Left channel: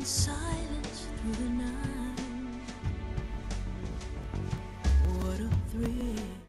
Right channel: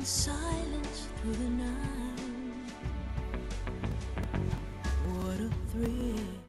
in silence through the night. What a thrill.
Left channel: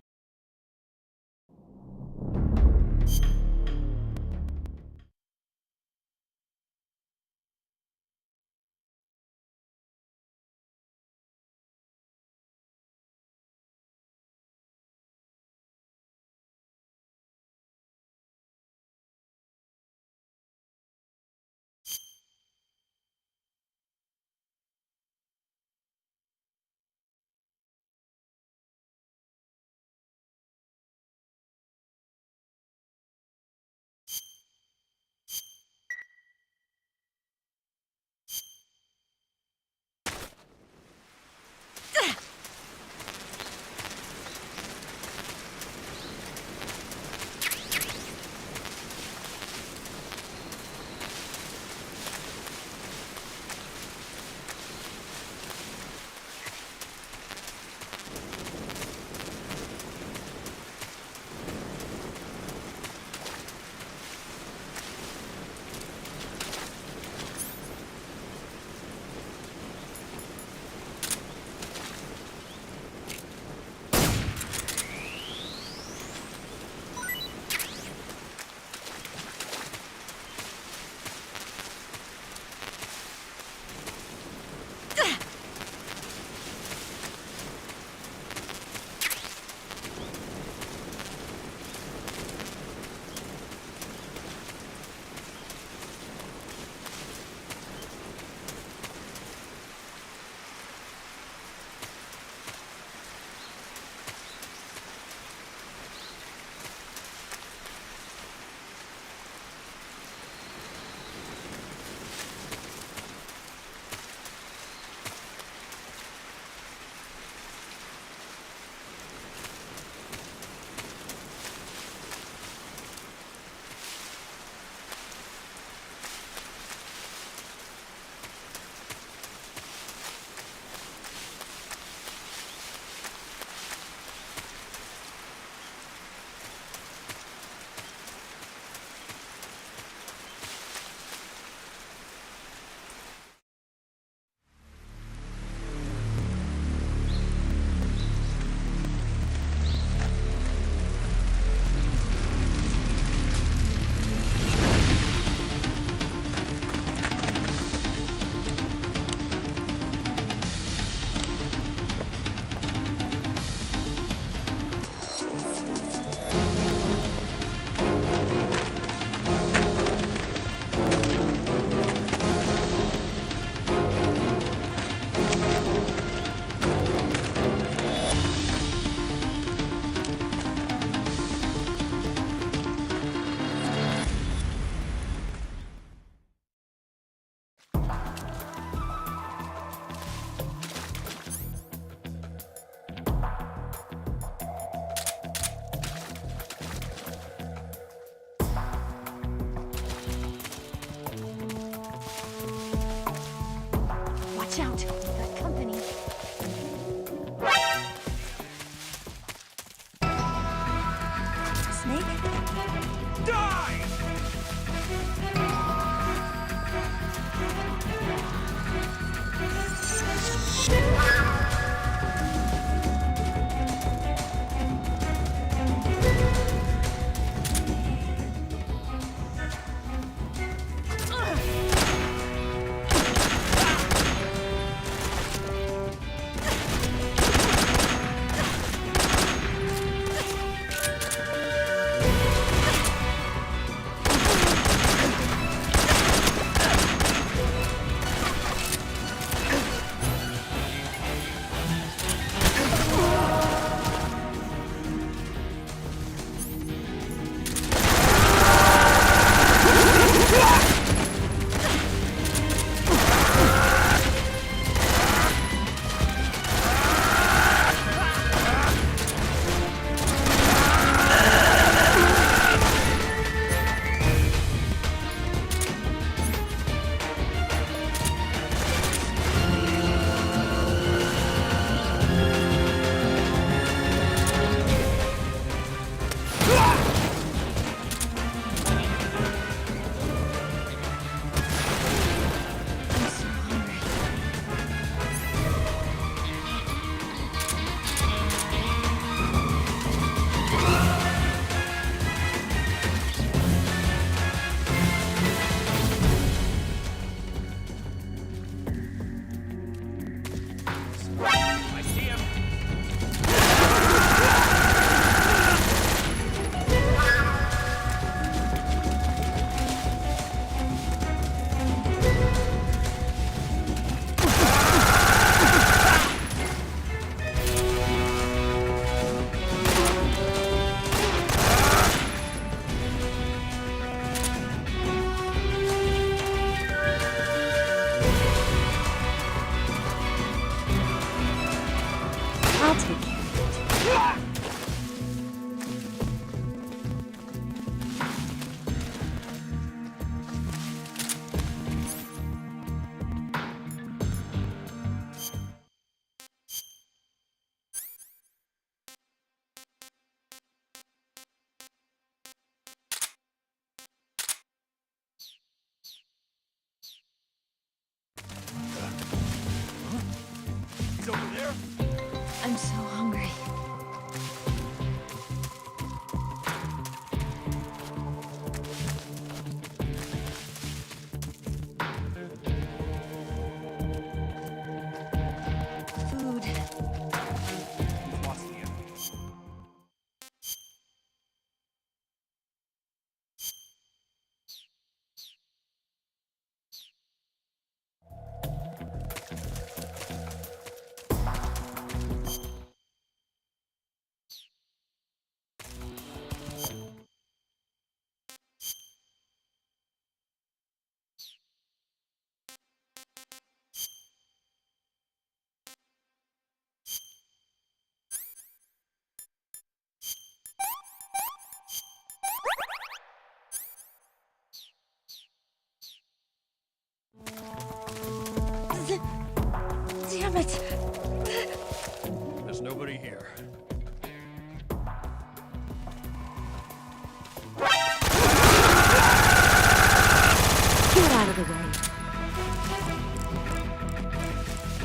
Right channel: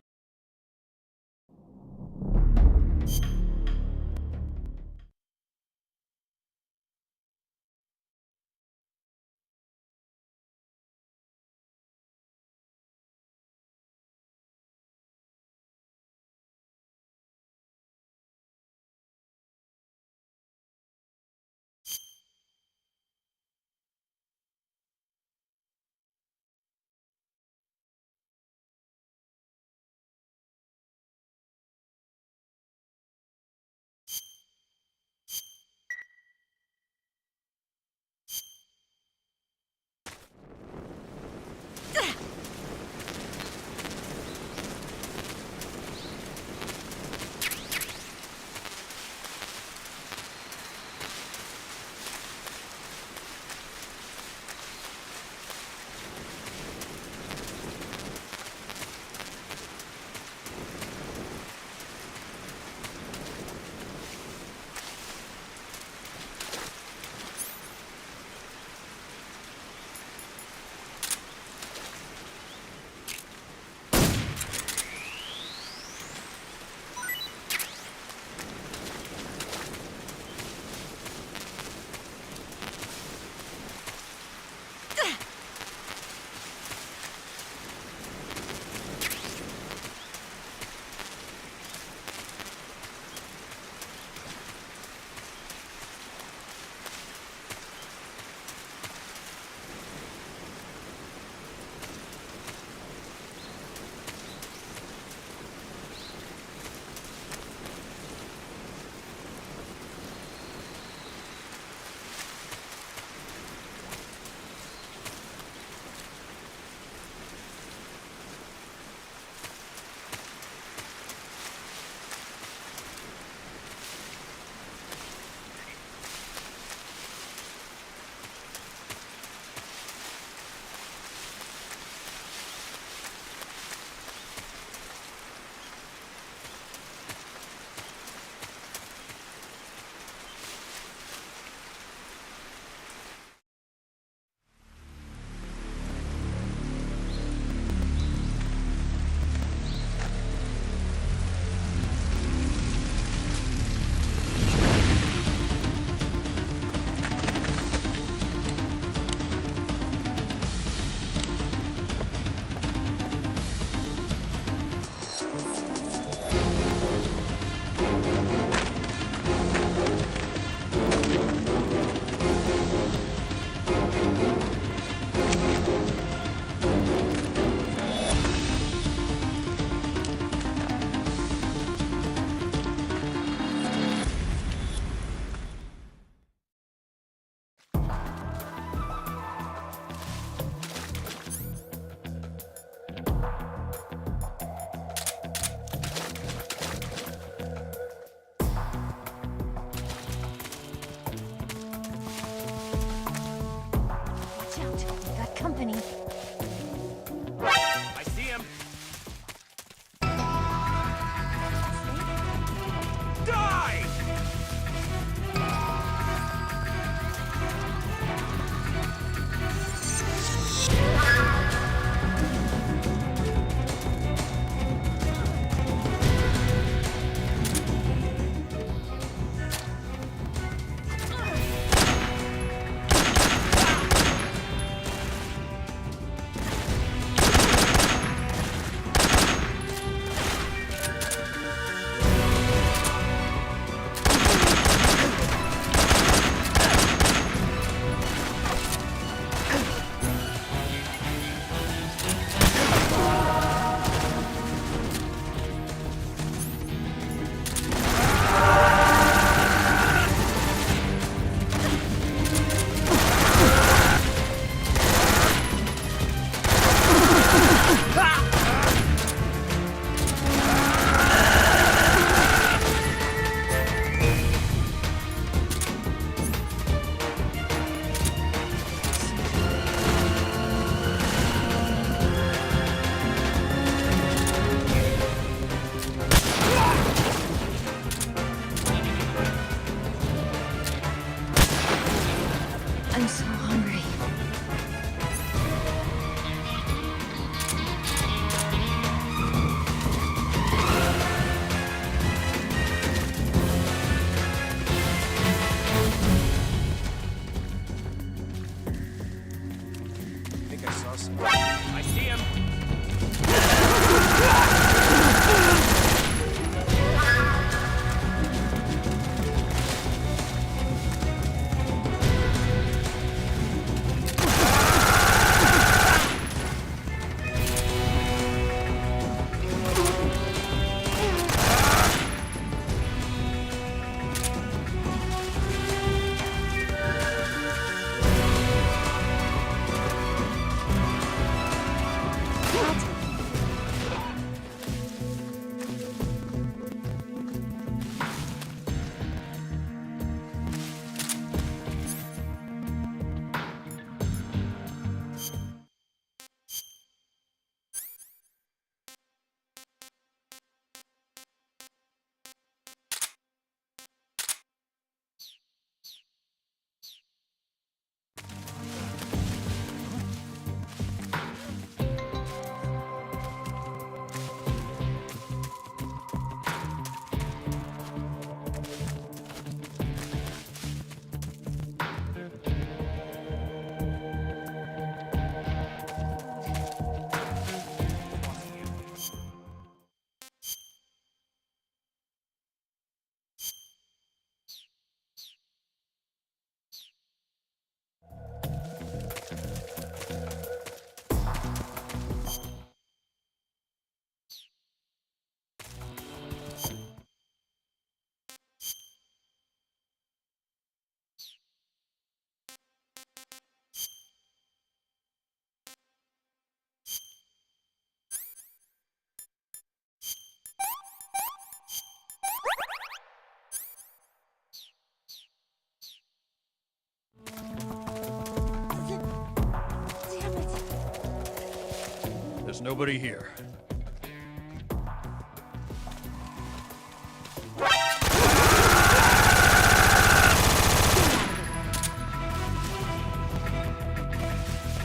There's nobody here.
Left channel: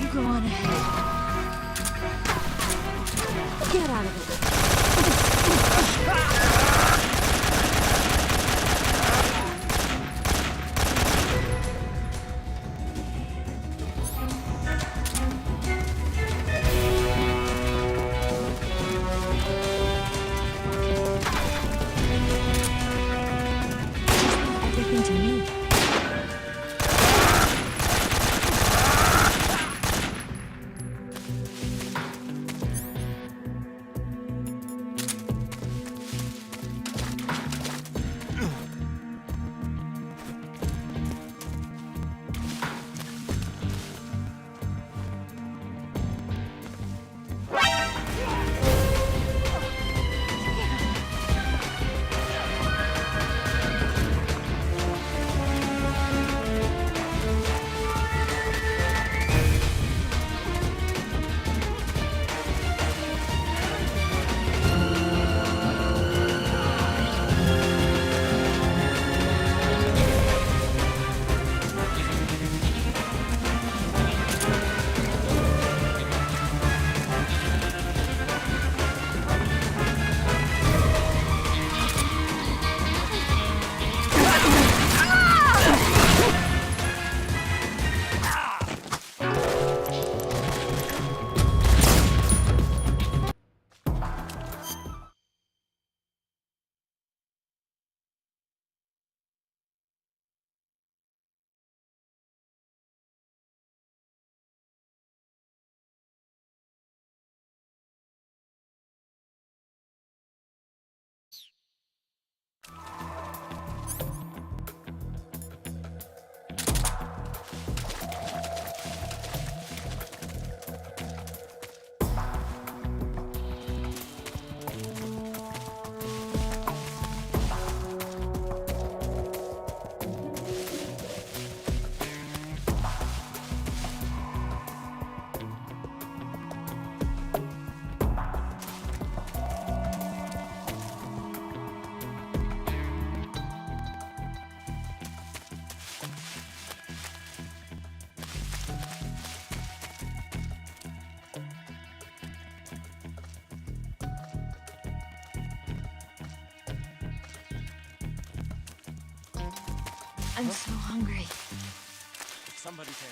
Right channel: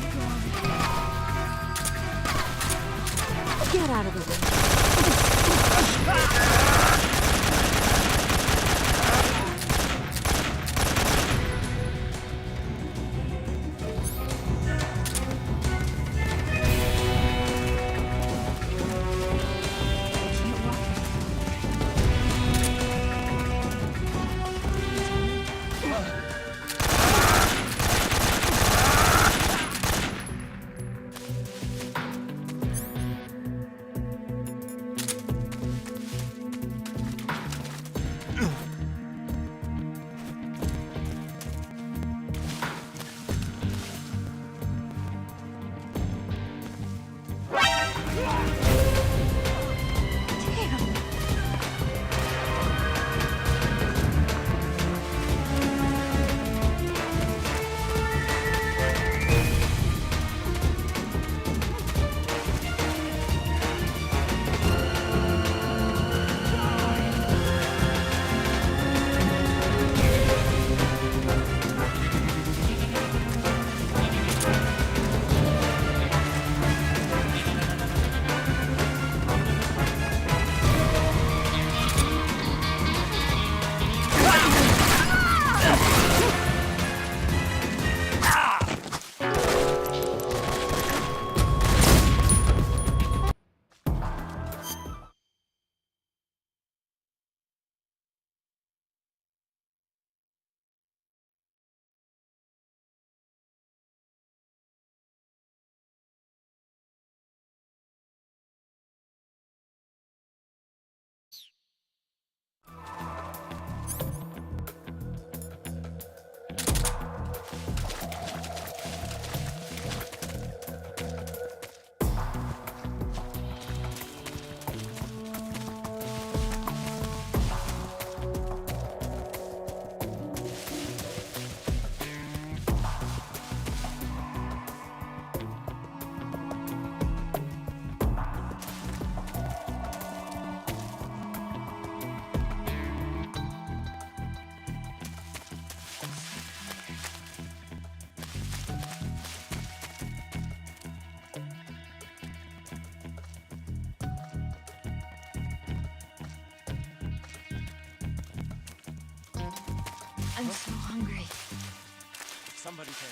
You go on ahead. I'm so hungry. Somebody's here.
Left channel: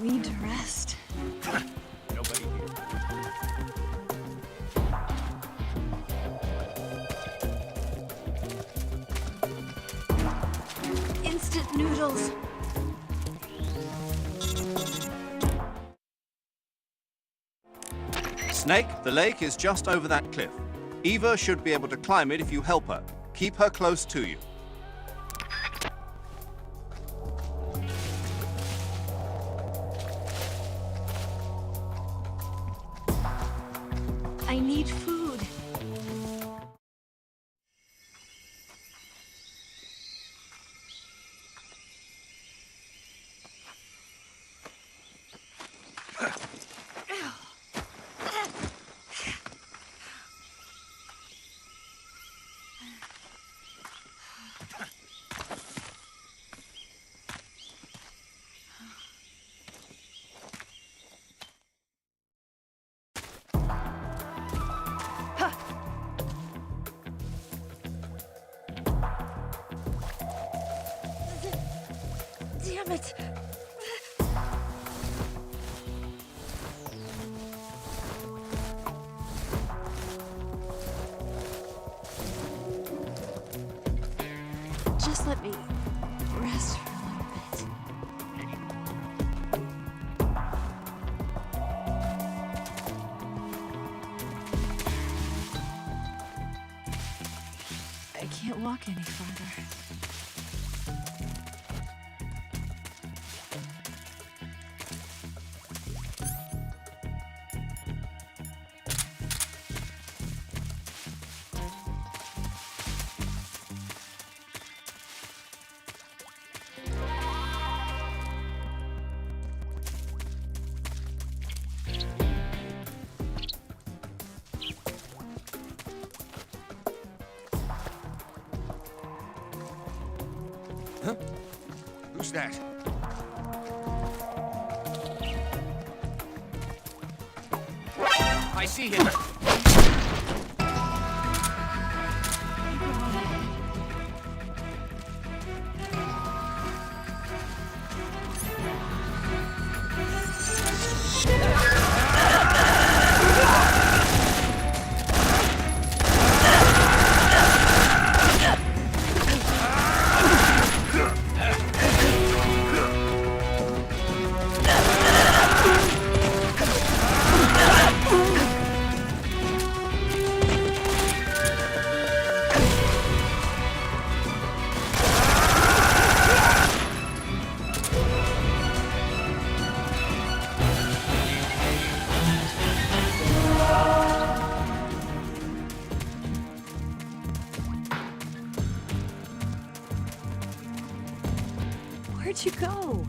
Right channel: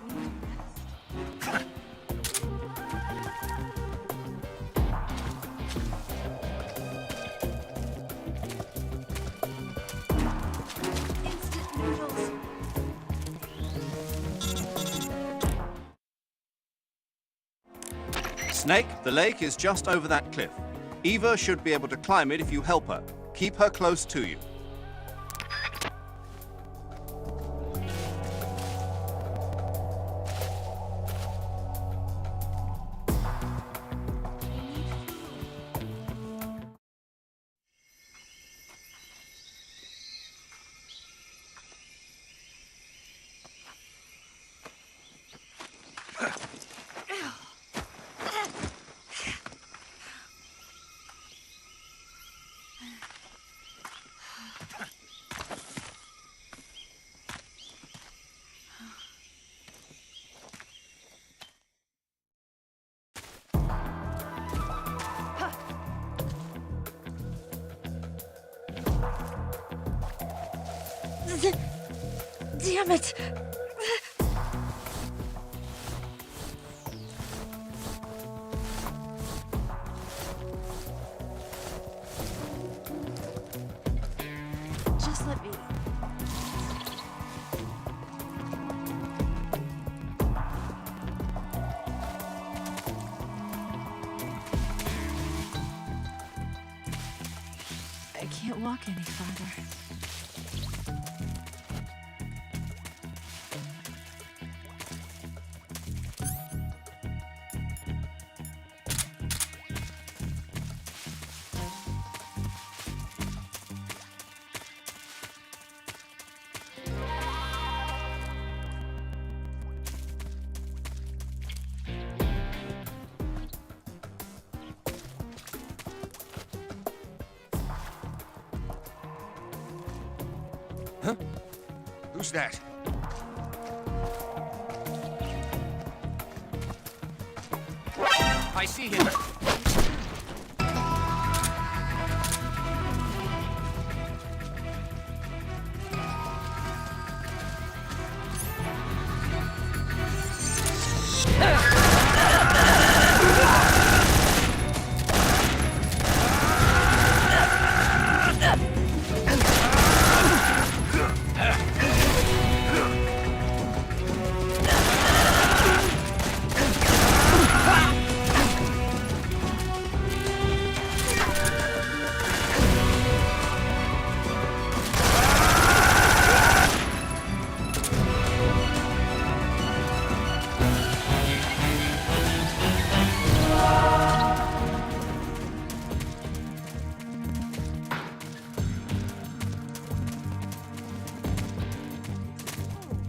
We need to rest. Nobody here. Instant noodles. Snake, the lake is just over that cliff. Eva should be able to climb it if you help her. Keep her close to you. I need food. Damn it! Just let me rest. I can't walk any farther. Who's that? I see him. Where'd you go?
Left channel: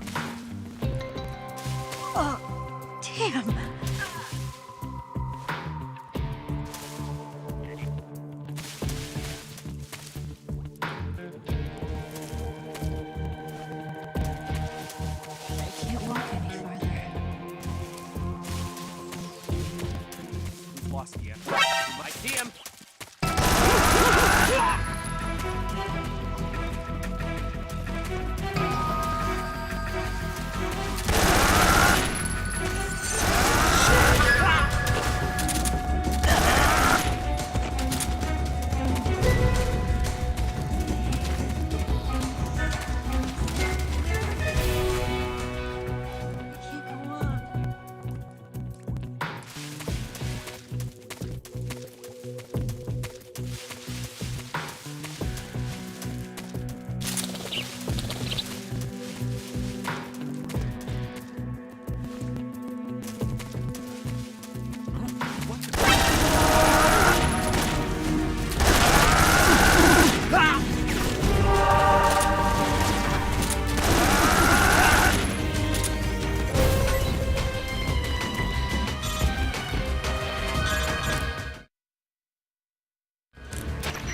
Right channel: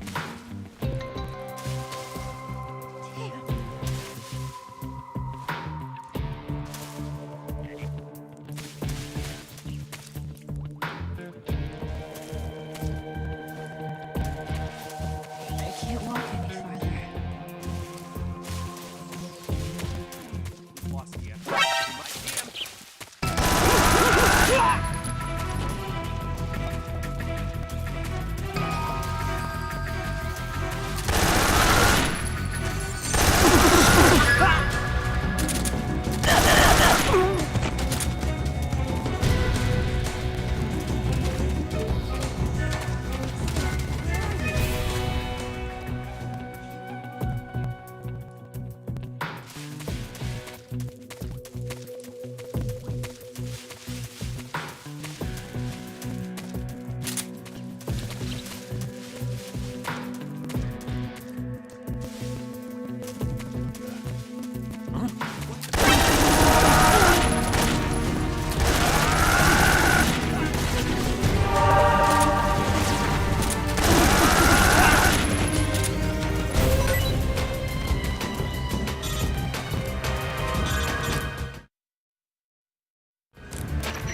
Oh, damn. I can't walk any farther. We've lost the enemy. You might see him.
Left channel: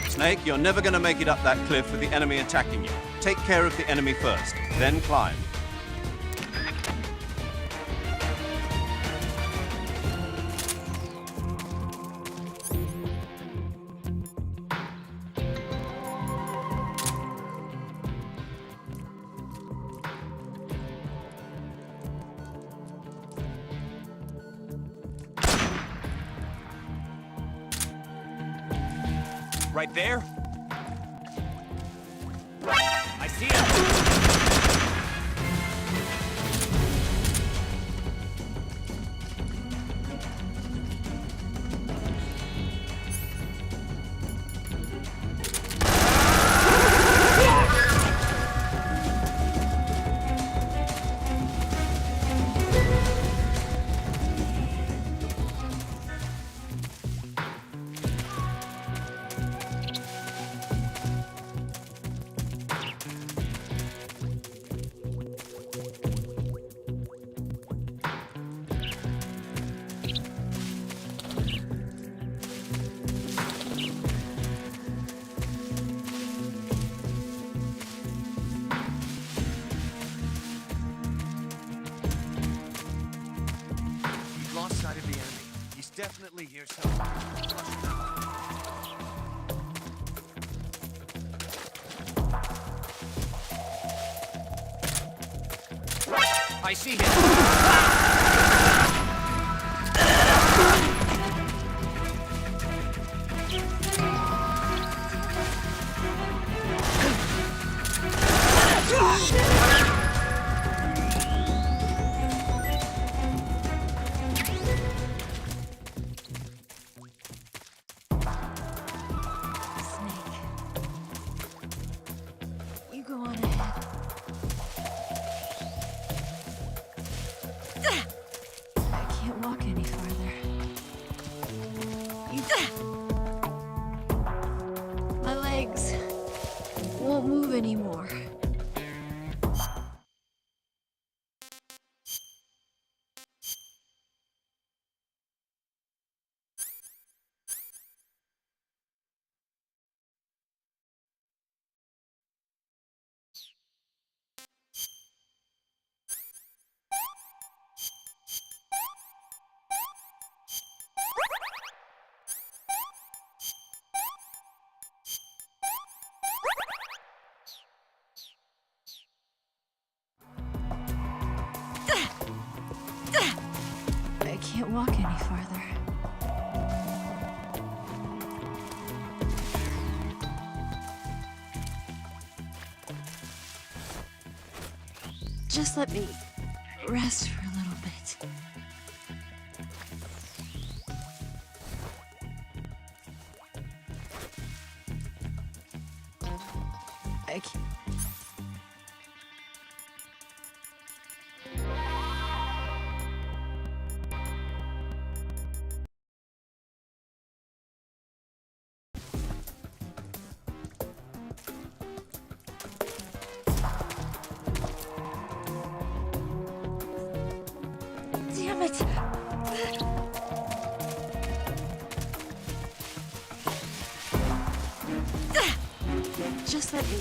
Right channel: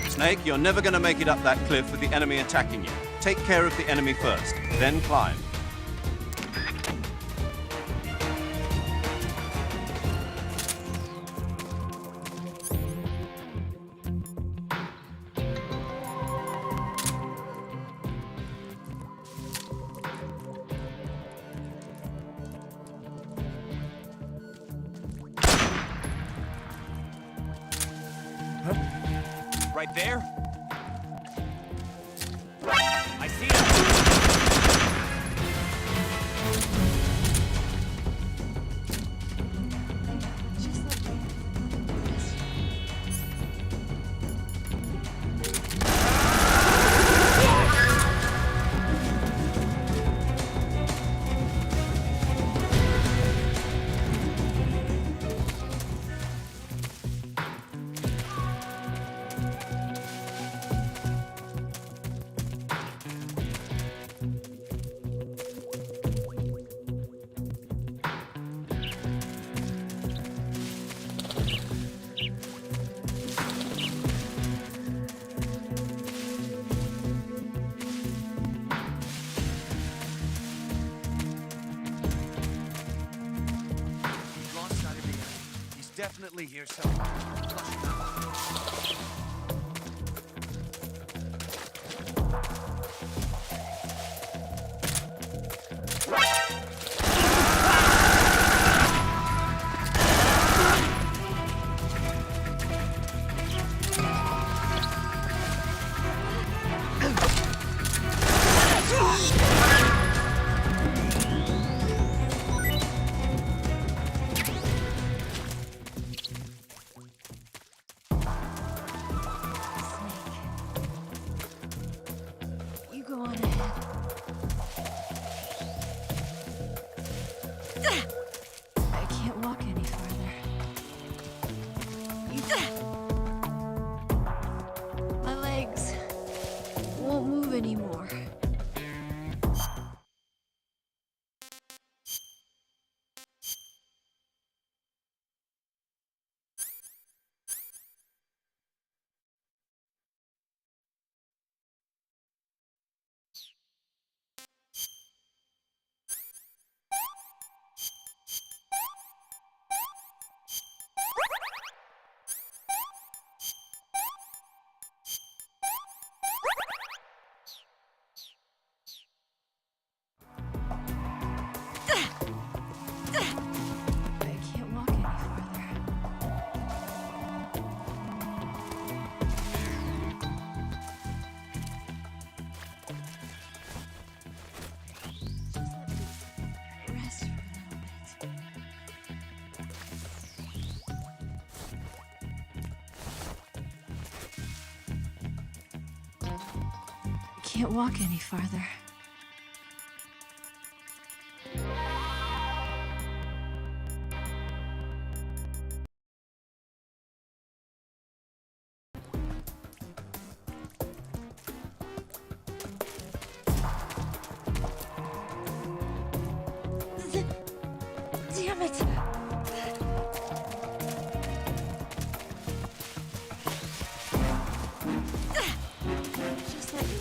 Snake, you're never going to make it up that cliff with the enemy attacking you. Take care of the enemy first, then climb. Right there? I see him! I see him. Snake. You go on ahead. any farther. Just let me rest for a little bit. I can't walk any farther. Just let me.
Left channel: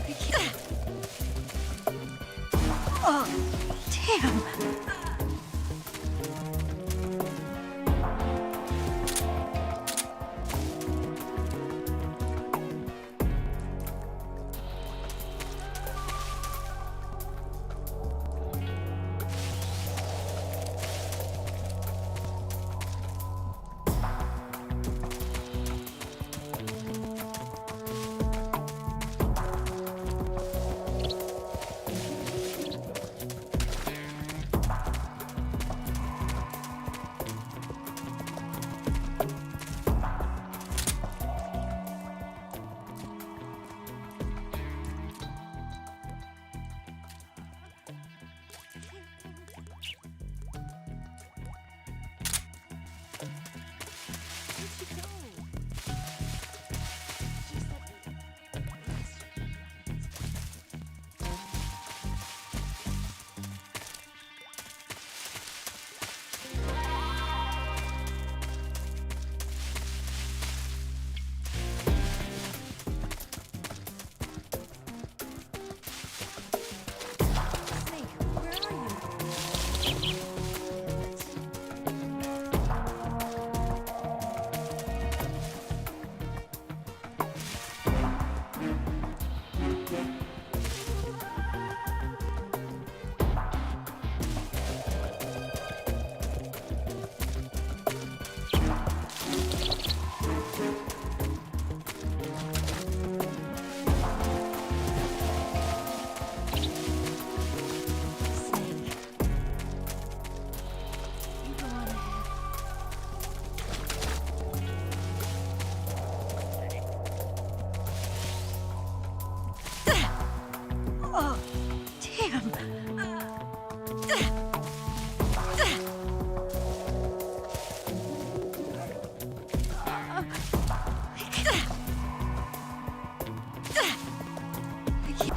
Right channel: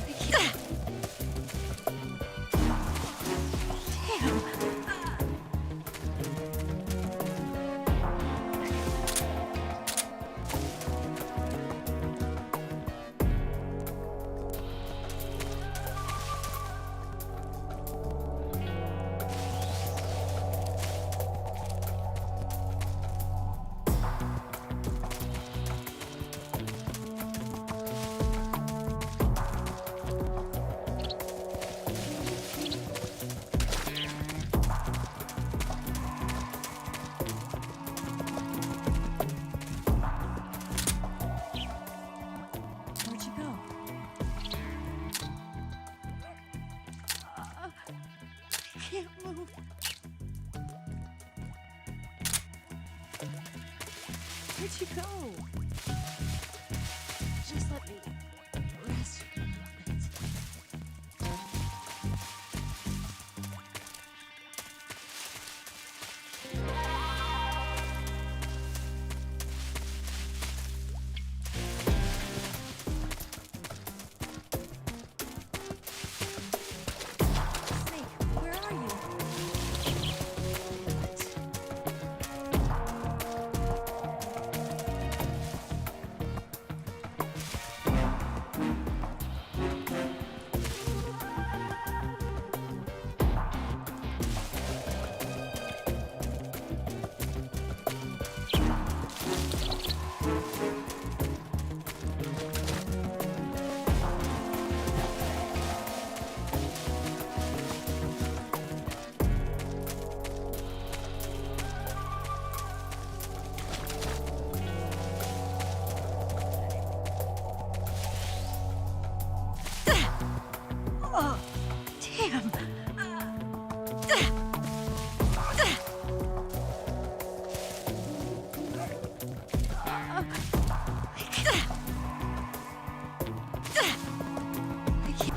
I can't. Oh, damn. Where'd you go? I can't move. Where'd you go? Just let me rest. Oh, damn. I can't.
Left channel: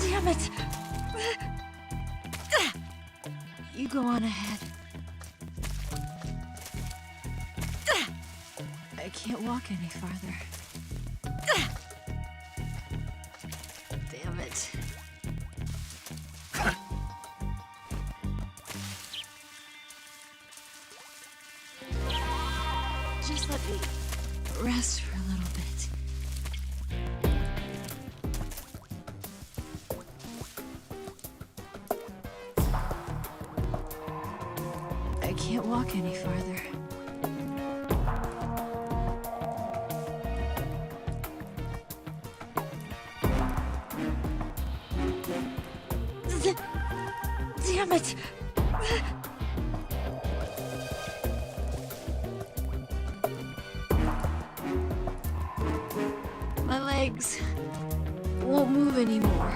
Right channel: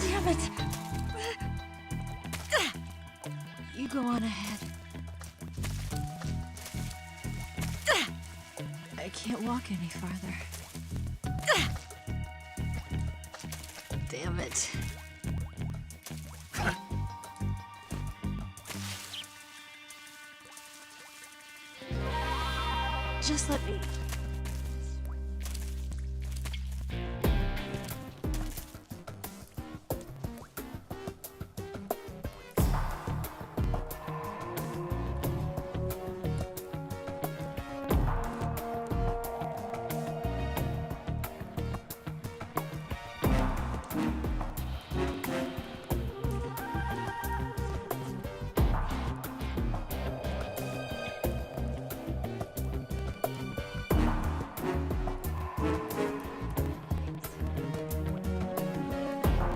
Damn it. You go on ahead. I can't walk any farther. Damn it. Just let me rest for a little bit. I can't walk any farther. Damn it! My legs won't move anymore.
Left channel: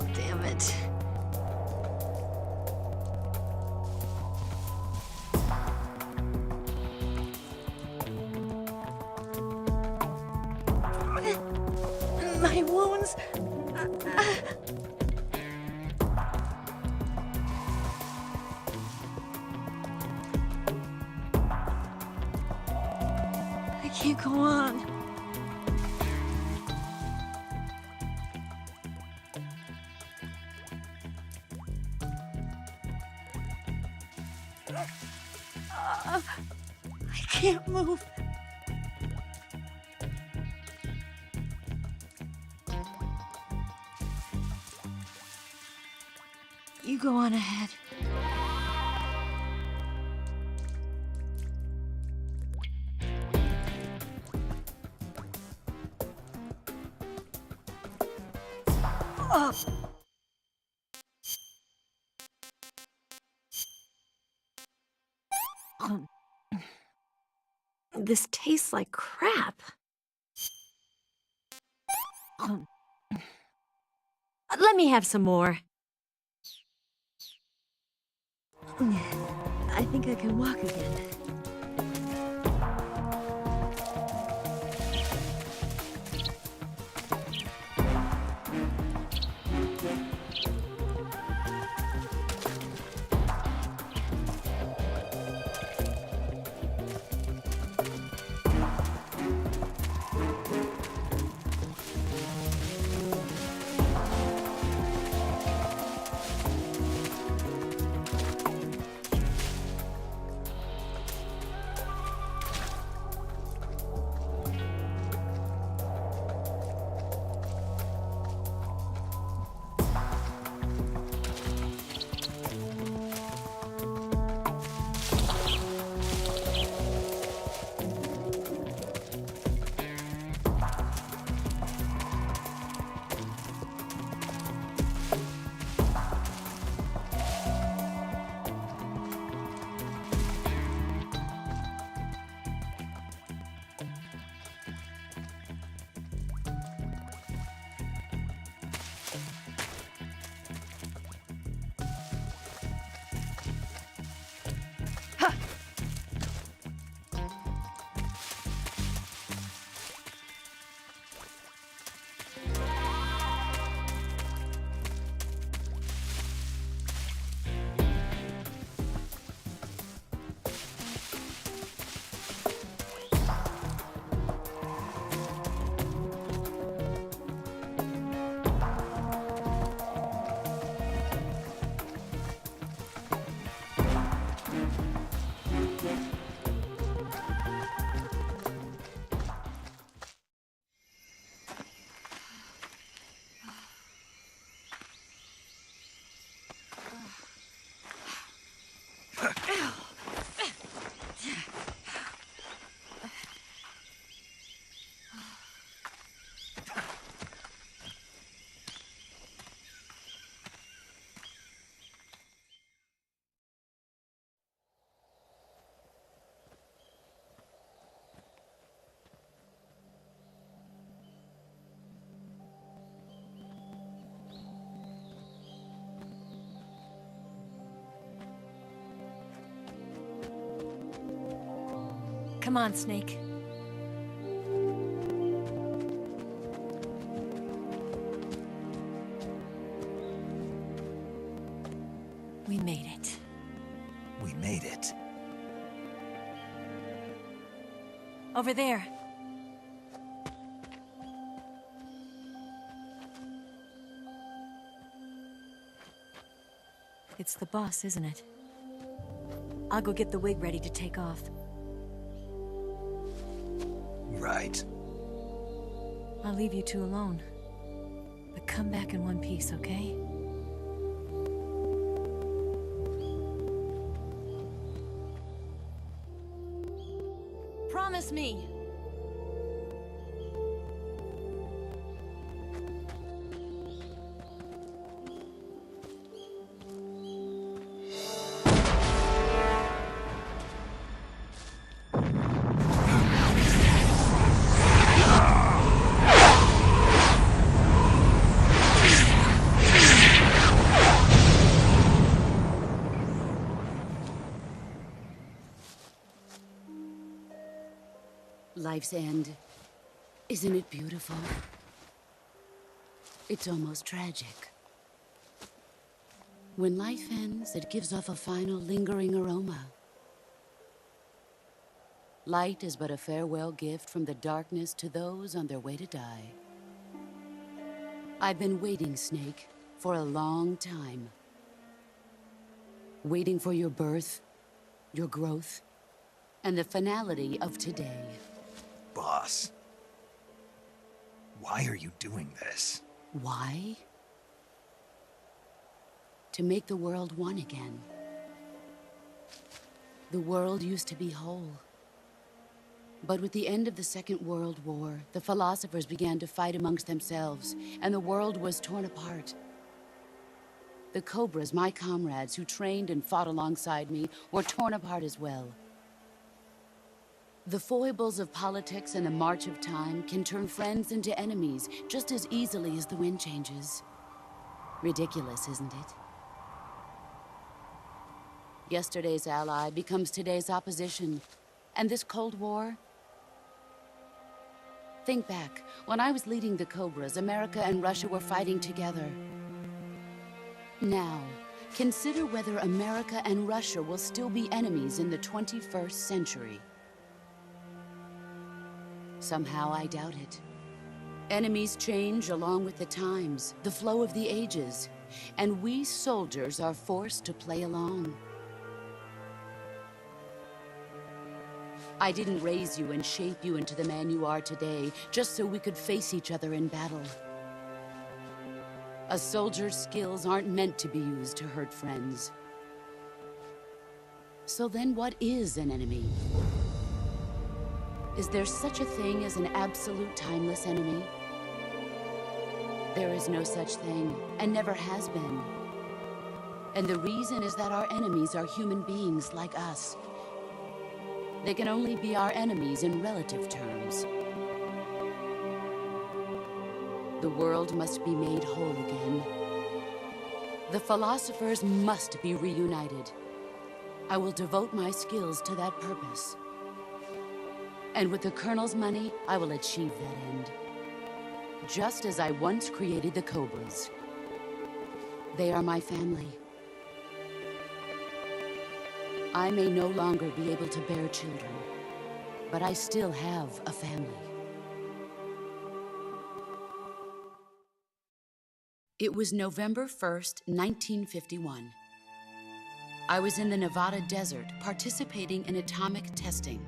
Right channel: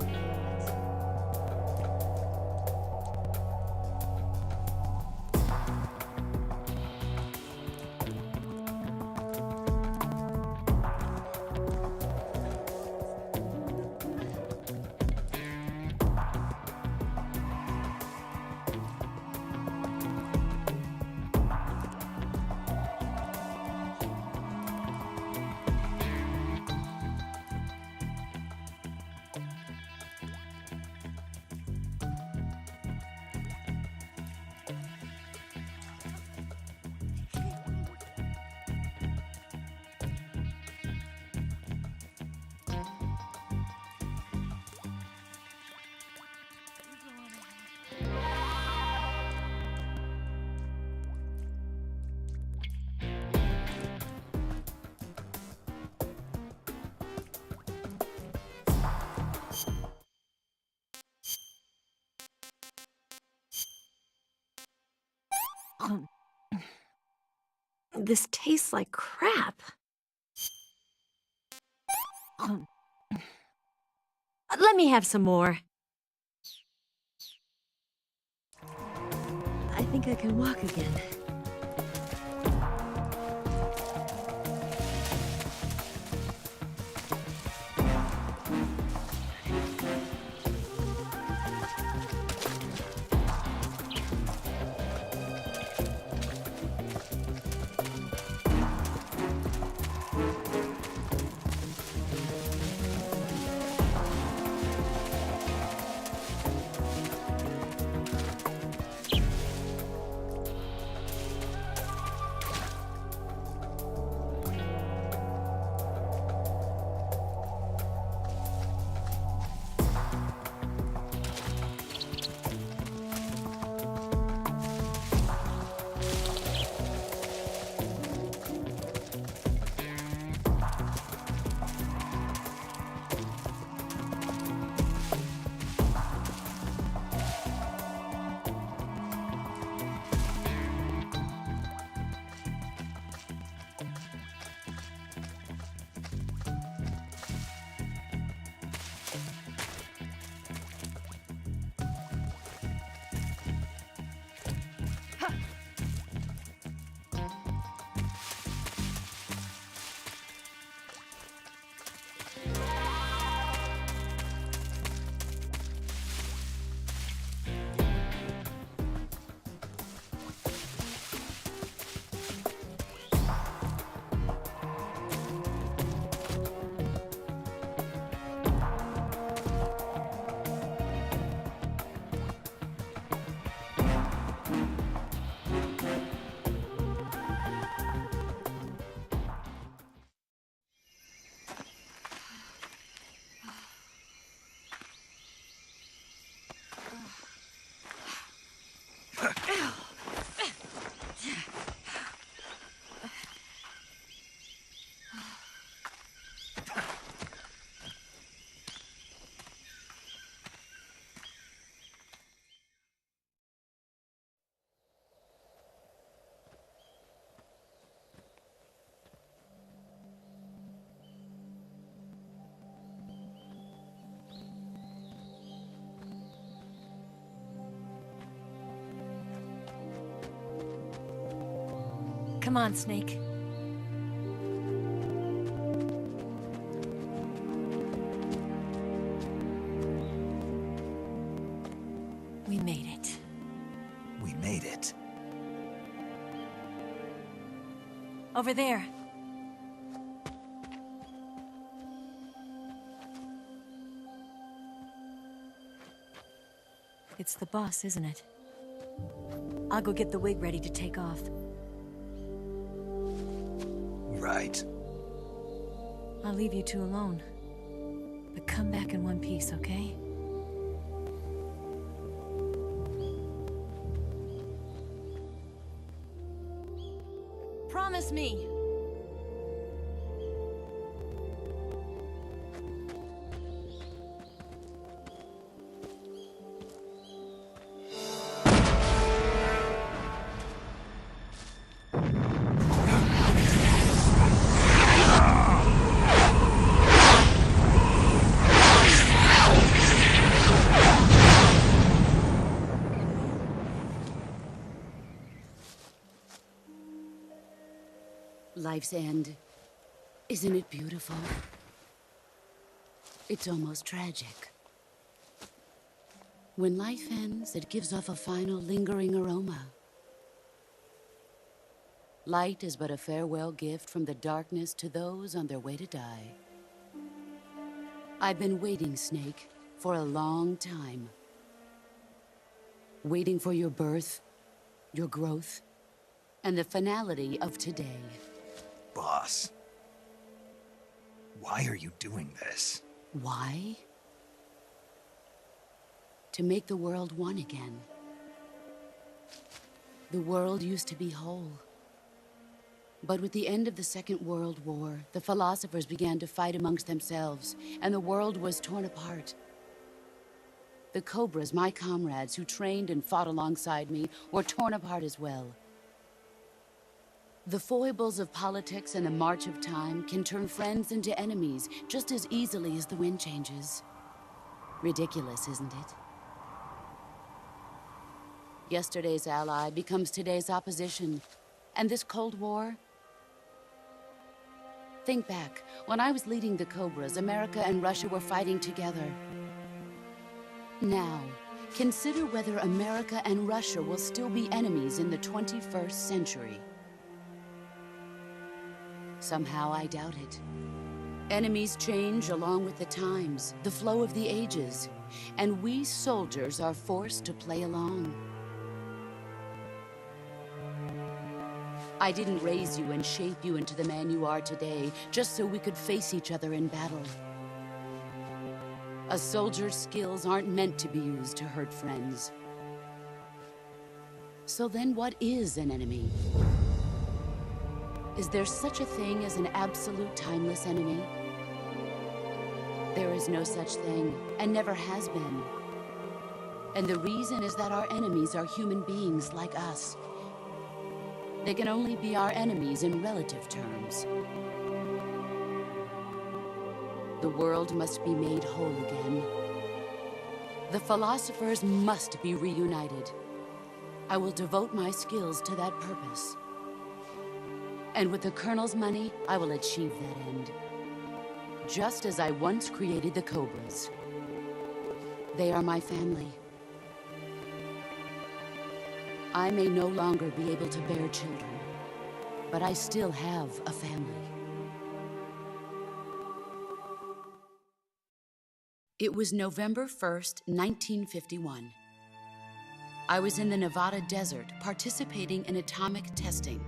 Damn it. My wounds. I can't go on. I can't move. You go on ahead. This tastes like crap. Let me have some more. I think I can walk again. Come on, Snake. We made it. We made it. Over there. It's the boss, isn't it? I'll go get the wig ready to take off. Right. I'll leave you two alone. But come back in one piece, okay? Promise me! Life's end. Isn't it beautiful? It's almost tragic. When life ends, it gives off a final lingering aroma. Light is but a farewell gift from the darkness to those on their way to die. I've been waiting, Snake, for a long time. Waiting for your birth, your growth, and the finality of today. Boss. Why are you doing this? Why? To make the world one again. The world used to be whole. But with the end of the Second World War, the philosophers began to fight amongst themselves, and the world was torn apart. The Cobras, my comrades who trained and fought alongside me, were torn apart as well. The foibles of politics and the march of time can turn friends into enemies just as easily as the wind changes. Ridiculous, isn't it? Yesterday's ally becomes today's opposition. And this Cold War? Think back. When I was leading the Cobras, America and Russia were fighting together. Now, consider whether America and Russia will still be enemies in the 21st century. Somehow I doubt it. Enemies change along with the times, the flow of the ages, and we soldiers are forced to play along. I didn't raise you and shape you into the man you are today just so we could face each other in battle. A soldier's skills aren't meant to be used to hurt friends. So then what is an enemy? Is there such a thing as an absolute timeless enemy? There is no such thing, and never has been. And the reason is that our enemies are human beings like us. They can only be our enemies in relative terms. The world must be made whole again. The philosophers must be reunited. I will devote my skills to that purpose. And with the Colonel's money, I will achieve that end. Just as I once created the Cobras. They are my family. I may no longer be able to bear children, but I still have a family. It was November 1st, 1951. I was in the Nevada desert participating in atomic testing.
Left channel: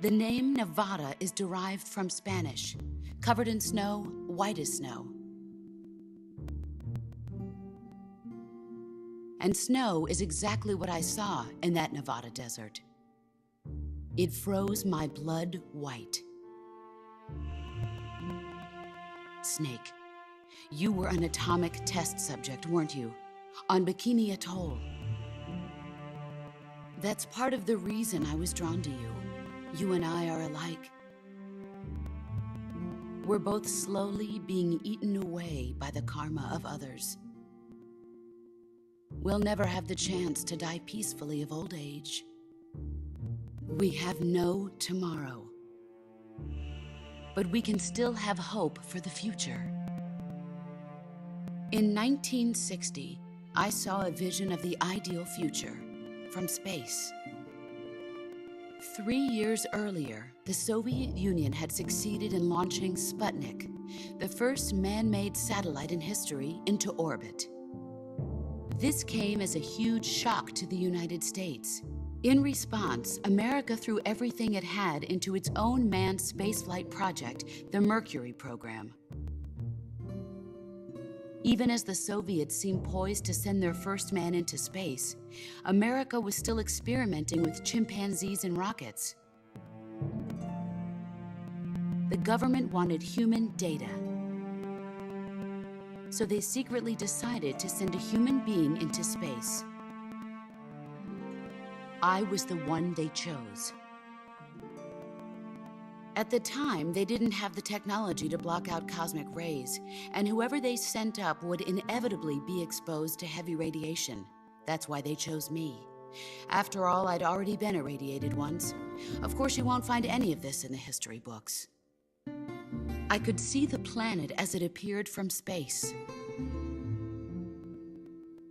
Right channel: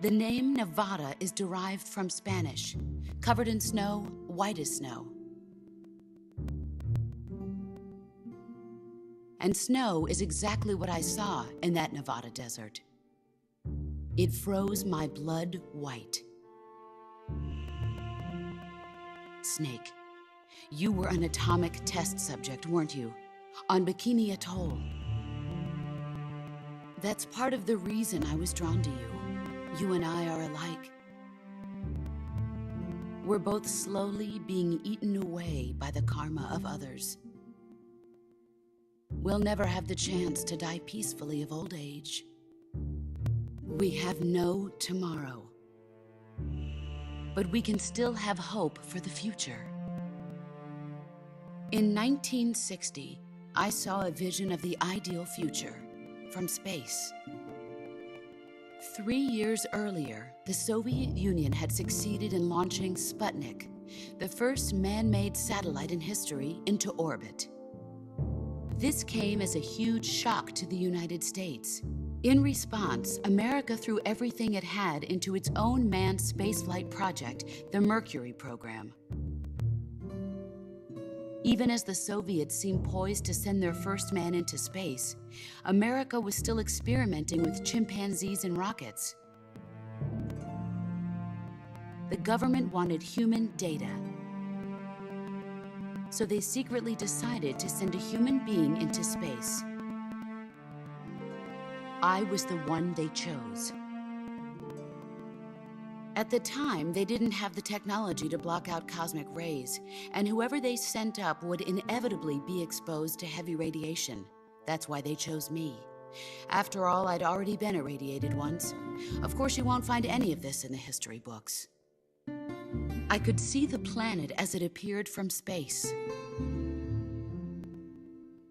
The name Nevada is derived from Spanish, covered in snow, white as snow. And snow is exactly what I saw in that Nevada desert. It froze my blood white. Snake, you were an atomic test subject, weren't you? On Bikini Atoll. That's part of the reason I was drawn to you. You and I are alike. We're both slowly being eaten away by the karma of others. We'll never have the chance to die peacefully of old age. We have no tomorrow. But we can still have hope for the future. In 1960, I saw a vision of the ideal future from space. 3 years earlier, the Soviet Union had succeeded in launching Sputnik, the first man-made satellite in history, into orbit. This came as a huge shock to the United States. In response, America threw everything it had into its own manned spaceflight project, the Mercury program. Even as the Soviets seemed poised to send their first man into space, America was still experimenting with chimpanzees and rockets. The government wanted human data. So they secretly decided to send a human being into space. I was the one they chose. At the time, they didn't have the technology to block out cosmic rays, and whoever they sent up would inevitably be exposed to heavy radiation. That's why they chose me. After all, I'd already been irradiated once. Of course, you won't find any of this in the history books. I could see the planet as it appeared from space.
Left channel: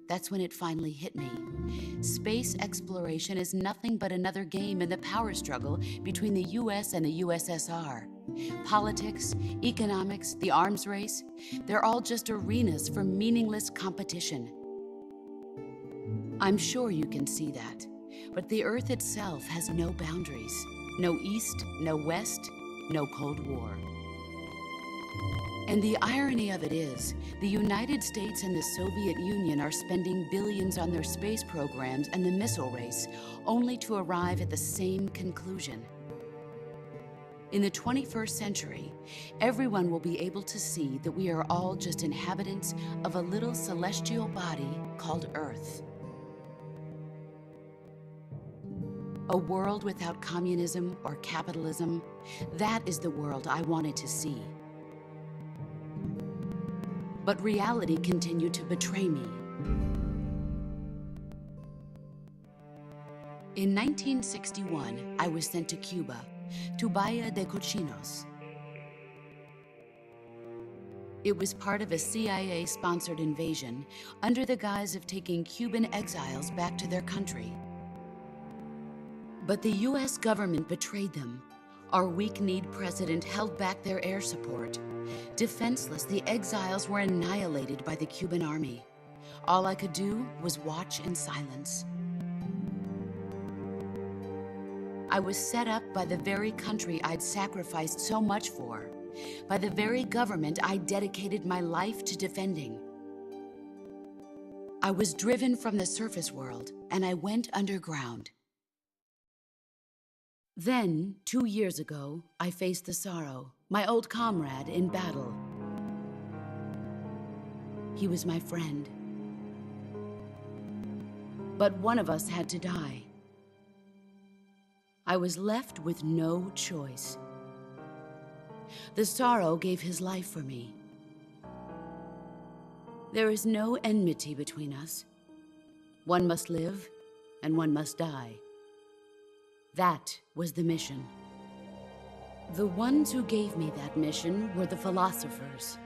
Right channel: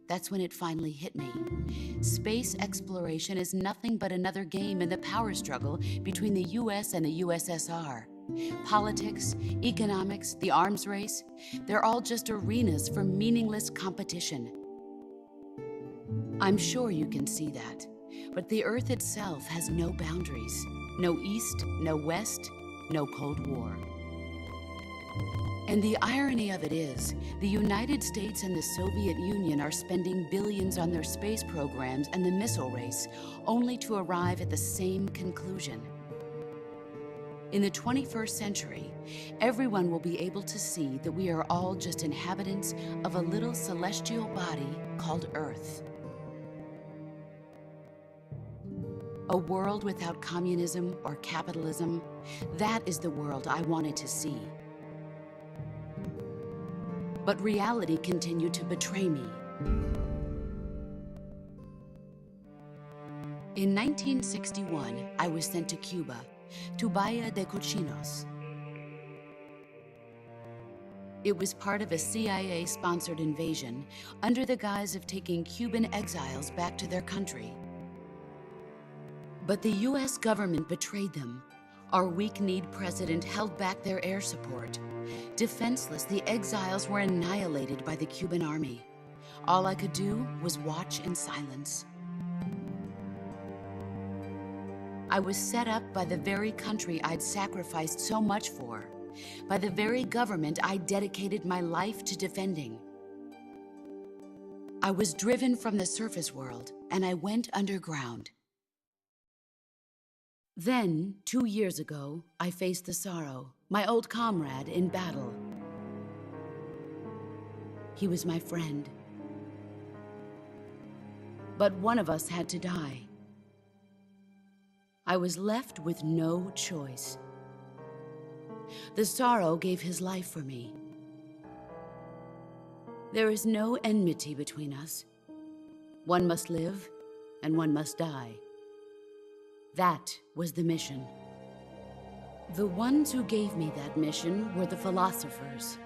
That's when it finally hit me. Space exploration is nothing but another game in the power struggle between the US and the USSR. Politics, economics, the arms race, they're all just arenas for meaningless competition. I'm sure you can see that, but the Earth itself has no boundaries. No East, no West, no Cold War. And the irony of it is, the United States and the Soviet Union are spending billions on their space programs and the missile race, only to arrive at the same conclusion. In the 21st century, everyone will be able to see that we are all just inhabitants of a little celestial body called Earth. A world without communism or capitalism, that is the world I wanted to see. But reality continued to betray me. In 1961, I was sent to Cuba, to Bahia de Cochinos. It was part of a CIA-sponsored invasion under the guise of taking Cuban exiles back to their country. But the US government betrayed them. Our weak-kneed president held back their air support. Defenseless, the exiles were annihilated by the Cuban army. All I could do was watch in silence. I was set up by the very country I'd sacrificed so much for, by the very government I dedicated my life to defending. I was driven from the surface world, and I went underground. Then, 2 years ago, I faced the Sorrow, my old comrade in battle. He was my friend. But one of us had to die. I was left with no choice. The Sorrow gave his life for me. There is no enmity between us. One must live, and one must die. That was the mission. The ones who gave me that mission were the philosophers.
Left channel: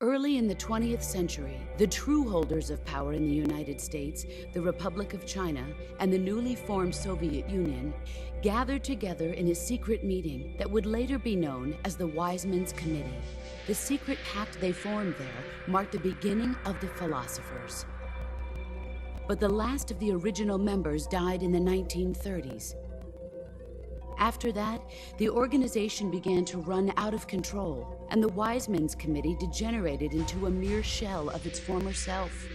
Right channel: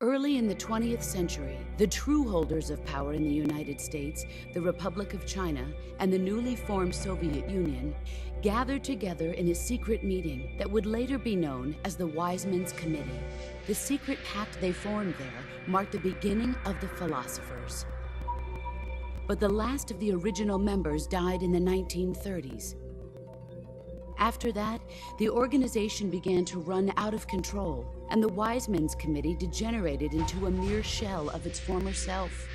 Early in the 20th century, the true holders of power in the United States, the Republic of China, and the newly formed Soviet Union gathered together in a secret meeting that would later be known as the Wiseman's Committee. The secret pact they formed there marked the beginning of the philosophers. But the last of the original members died in the 1930s. After that, the organization began to run out of control, and the Wiseman's Committee degenerated into a mere shell of its former self.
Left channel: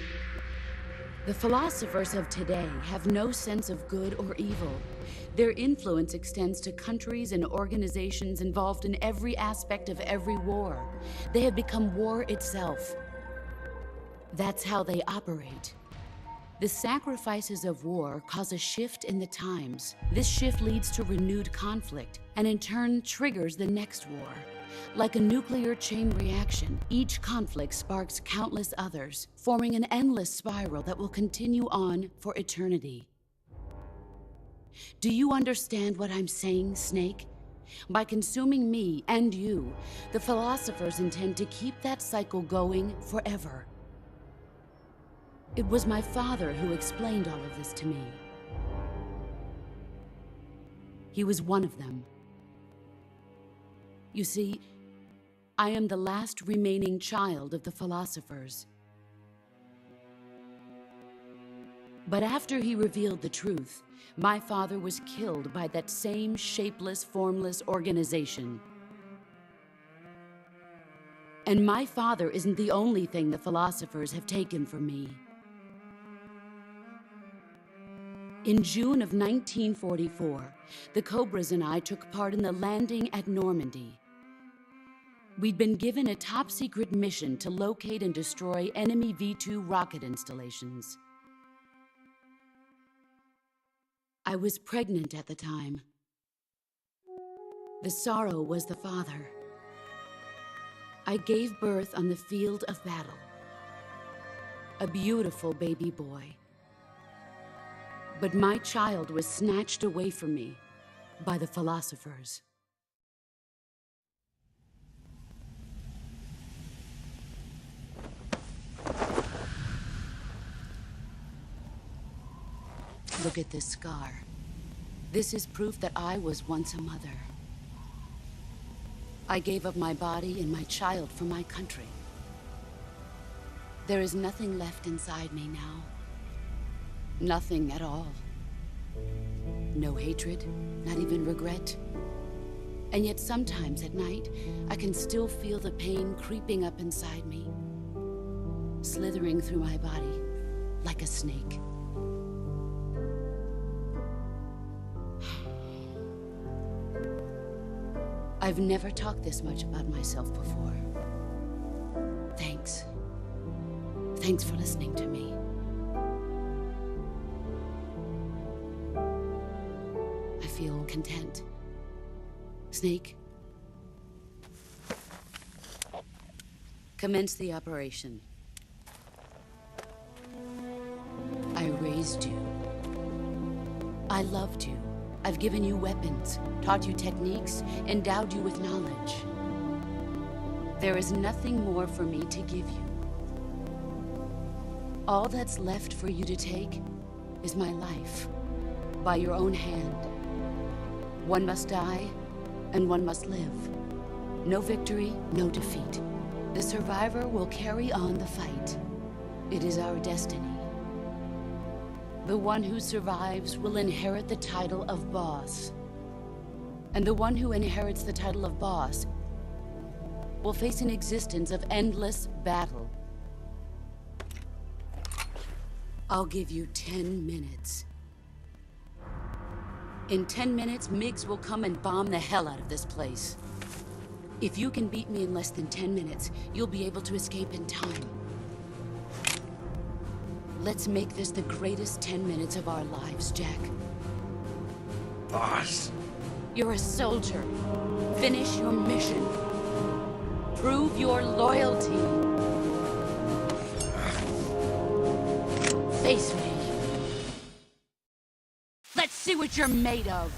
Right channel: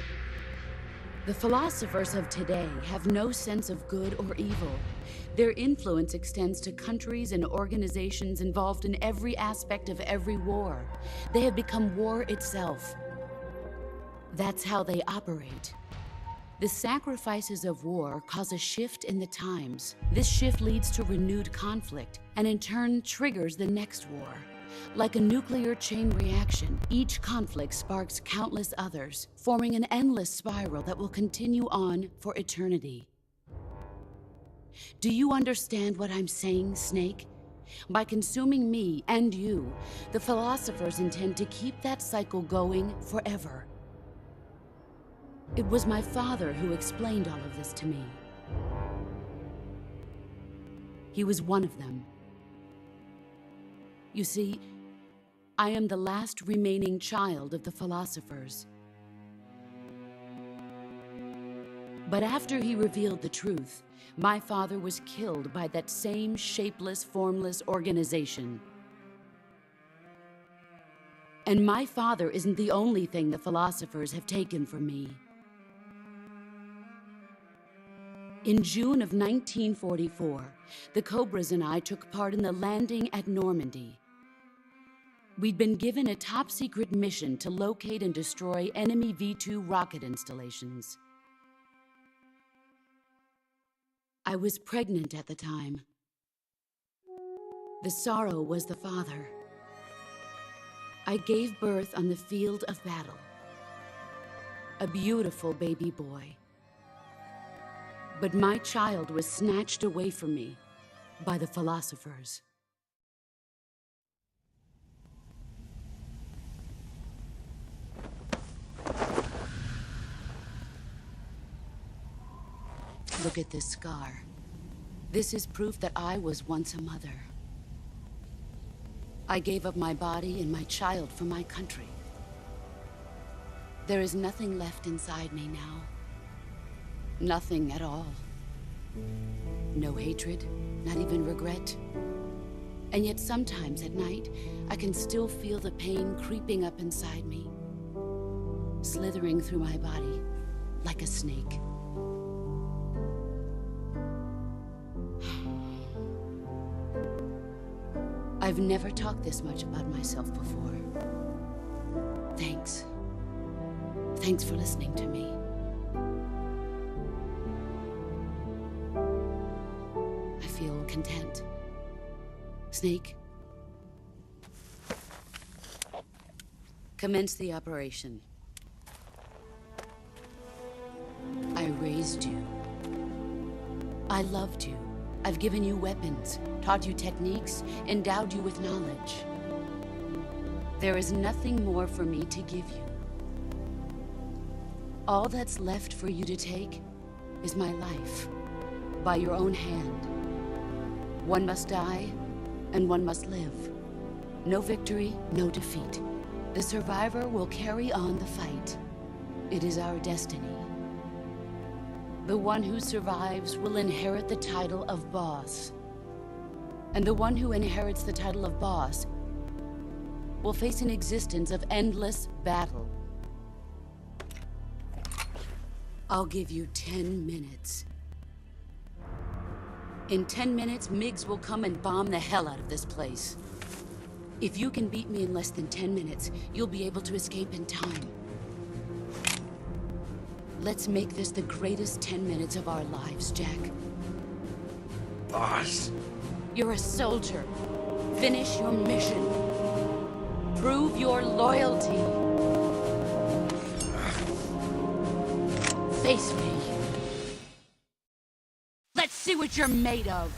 The philosophers of today have no sense of good or evil. Their influence extends to countries and organizations involved in every aspect of every war. They have become war itself. That's how they operate. The sacrifices of war cause a shift in the times. This shift leads to renewed conflict, and in turn triggers the next war. Like a nuclear chain reaction, each conflict sparks countless others, forming an endless spiral that will continue on for eternity. Do you understand what I'm saying, Snake? By consuming me and you, the philosophers intend to keep that cycle going forever. It was my father who explained all of this to me. He was one of them. You see, I am the last remaining child of the philosophers. But after he revealed the truth, my father was killed by that same shapeless, formless organization. And my father isn't the only thing the philosophers have taken from me. In June of 1944, the Cobras and I took part in the landing at Normandy. We'd been given a top-secret mission to locate and destroy enemy V-2 rocket installations. I was pregnant at the time. The Sorrow was the father. I gave birth on the field of battle. A beautiful baby boy. But my child was snatched away from me by the philosophers. Look at this scar. This is proof that I was once a mother. I gave up my body and my child for my country. There is nothing left inside me now. Nothing at all. No hatred, not even regret. And yet sometimes at night, I can still feel the pain creeping up inside me, slithering through my body like a snake. I've never talked this much about myself before. Thanks. Thanks for listening to me. I feel content. Snake, commence the operation. I raised you. I loved you. I've given you weapons, taught you techniques, endowed you with knowledge. There is nothing more for me to give you. All that's left for you to take is my life, by your own hand. One must die, and one must live. No victory, no defeat. The survivor will carry on the fight. It is our destiny. The one who survives will inherit the title of boss. And the one who inherits the title of boss will face an existence of endless battle. I'll give you 10 minutes. In 10 minutes, Miggs will come and bomb the hell out of this place. If you can beat me in less than 10 minutes, you'll be able to escape in time. Let's make this the greatest 10 minutes of our lives, Jack. Boss. You're a soldier. Finish your mission. Prove your loyalty. Face me. Let's see what you're made of.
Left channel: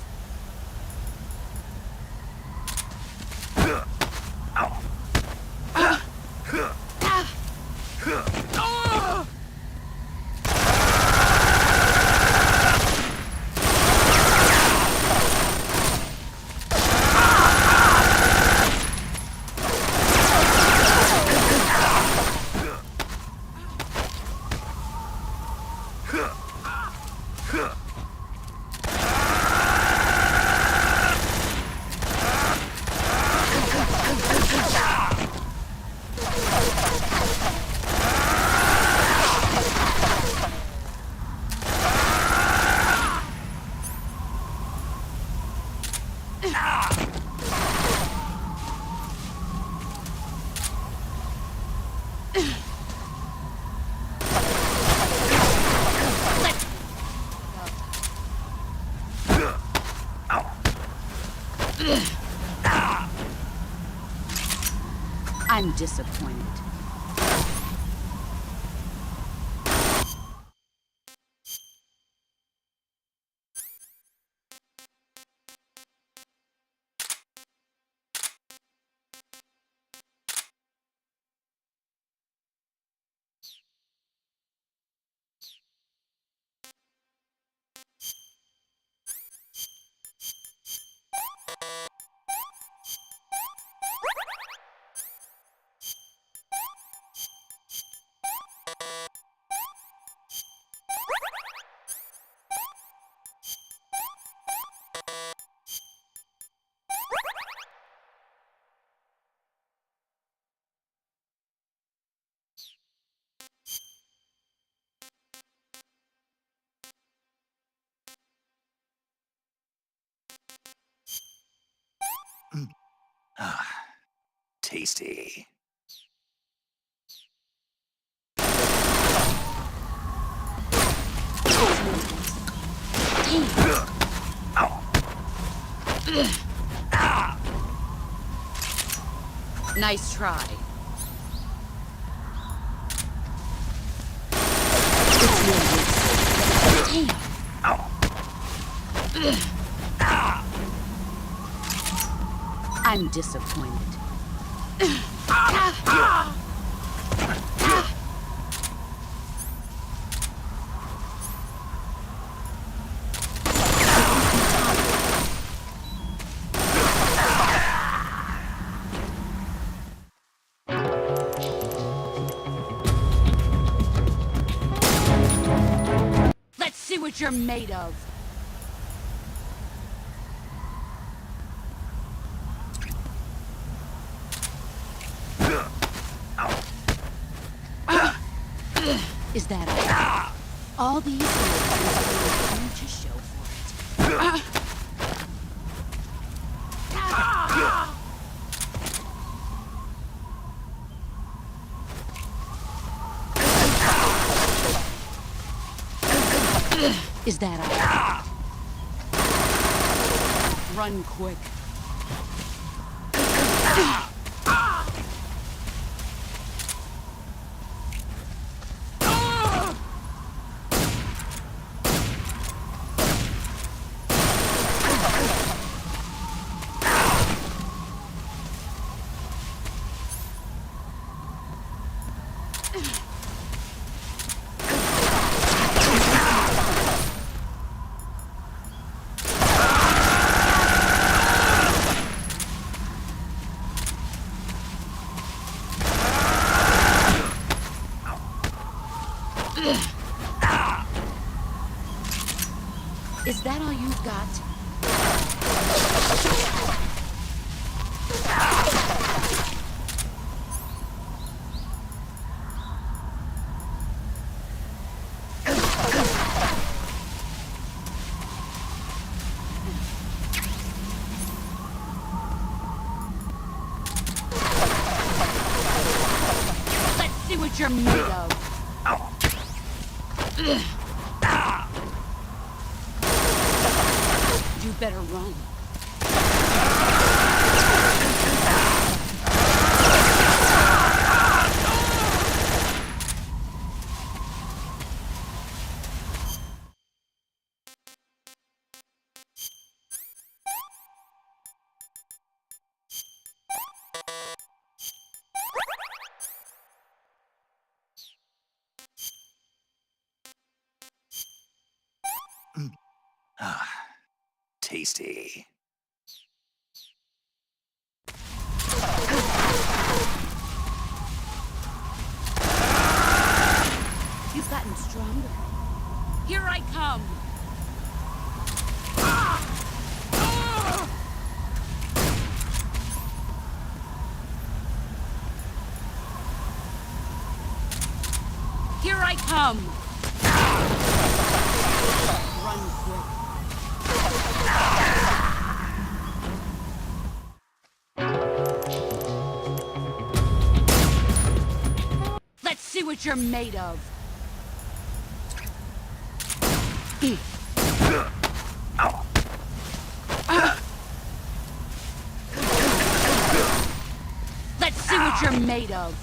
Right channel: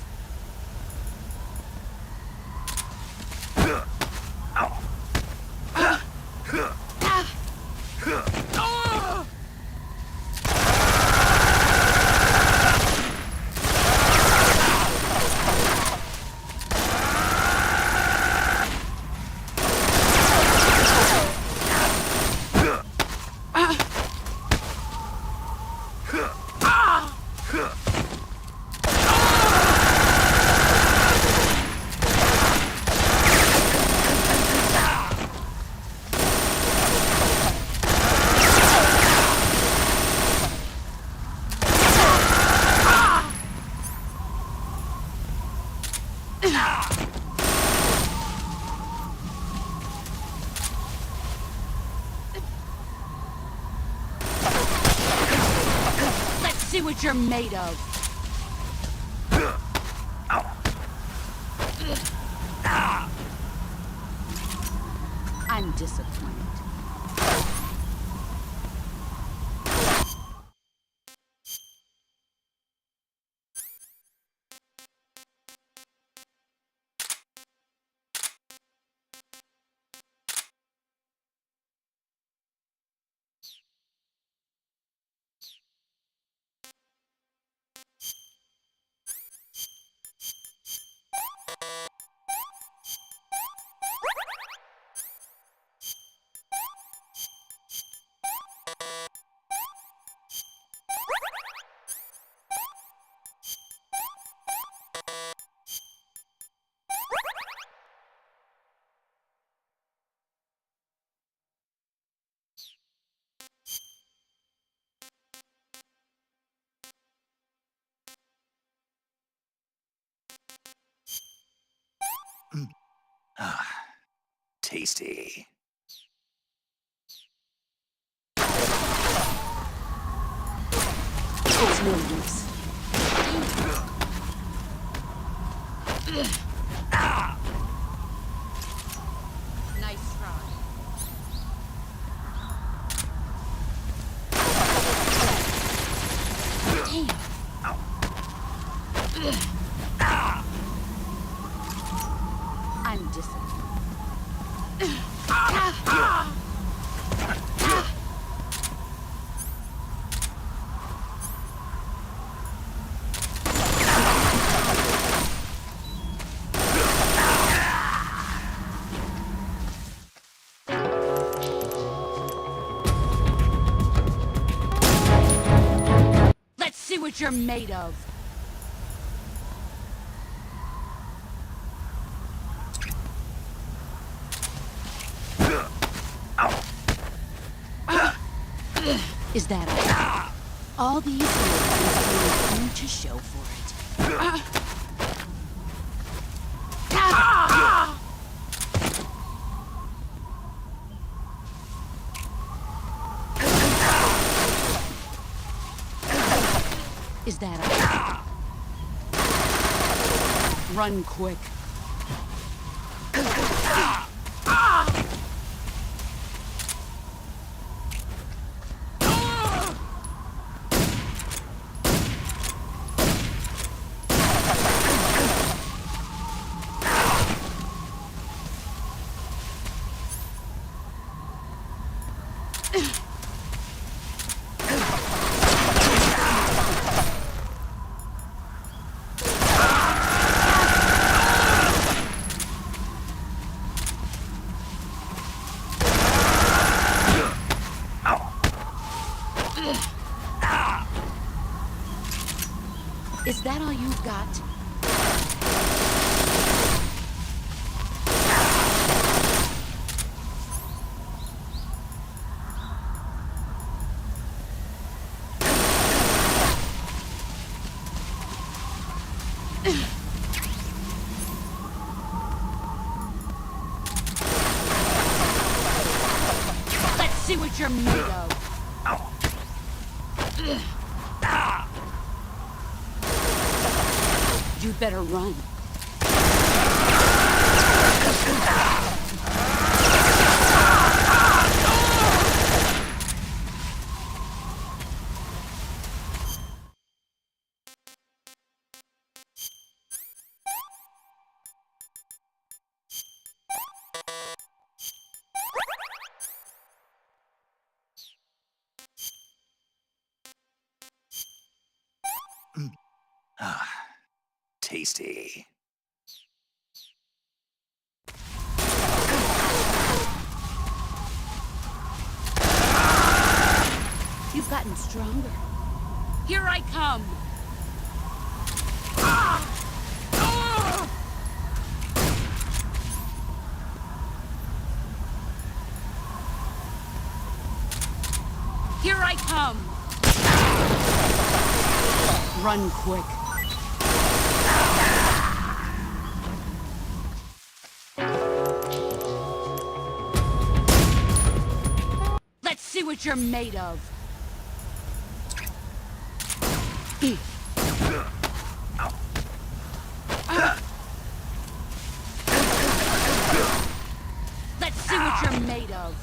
Let's see what you're made of. I'm disappointed. Tasty. Nice try. I'm disappointed. what you're made of. Is that all these years are to show for it? Is that all? Run quick. Is that all you've got? Let's see what you're made of. You better run. You've gotten stronger. Here I come! Here I come! Run quick. Let's see what you're made of. Let's see what you're made of.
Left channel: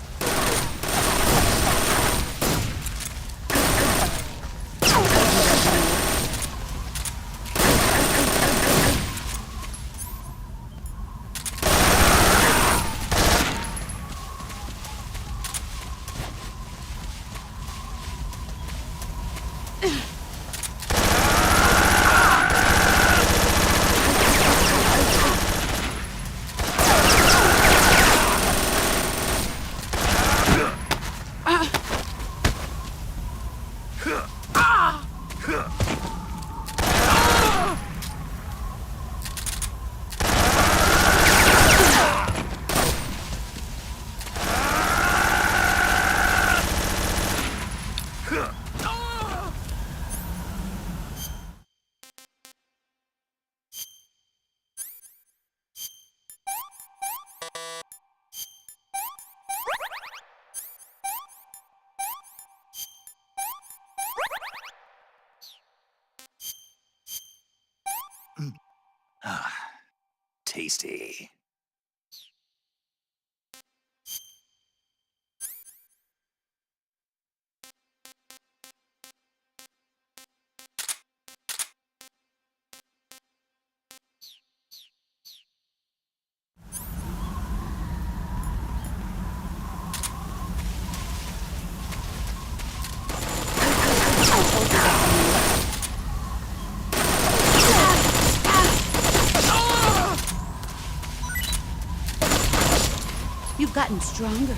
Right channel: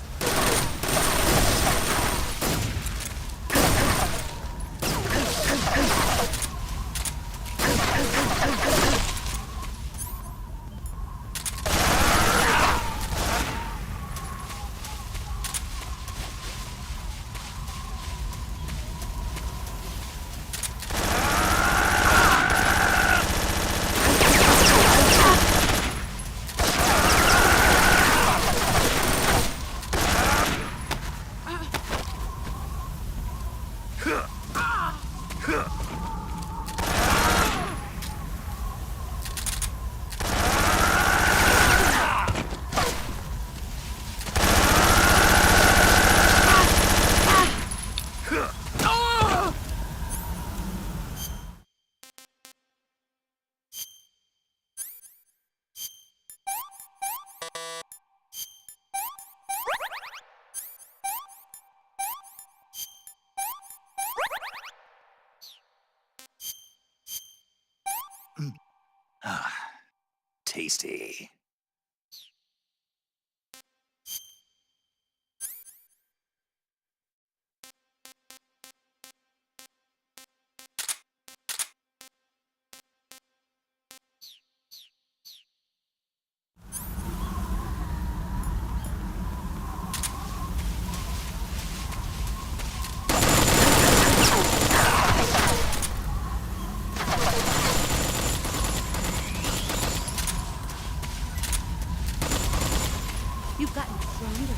You've gotten stronger.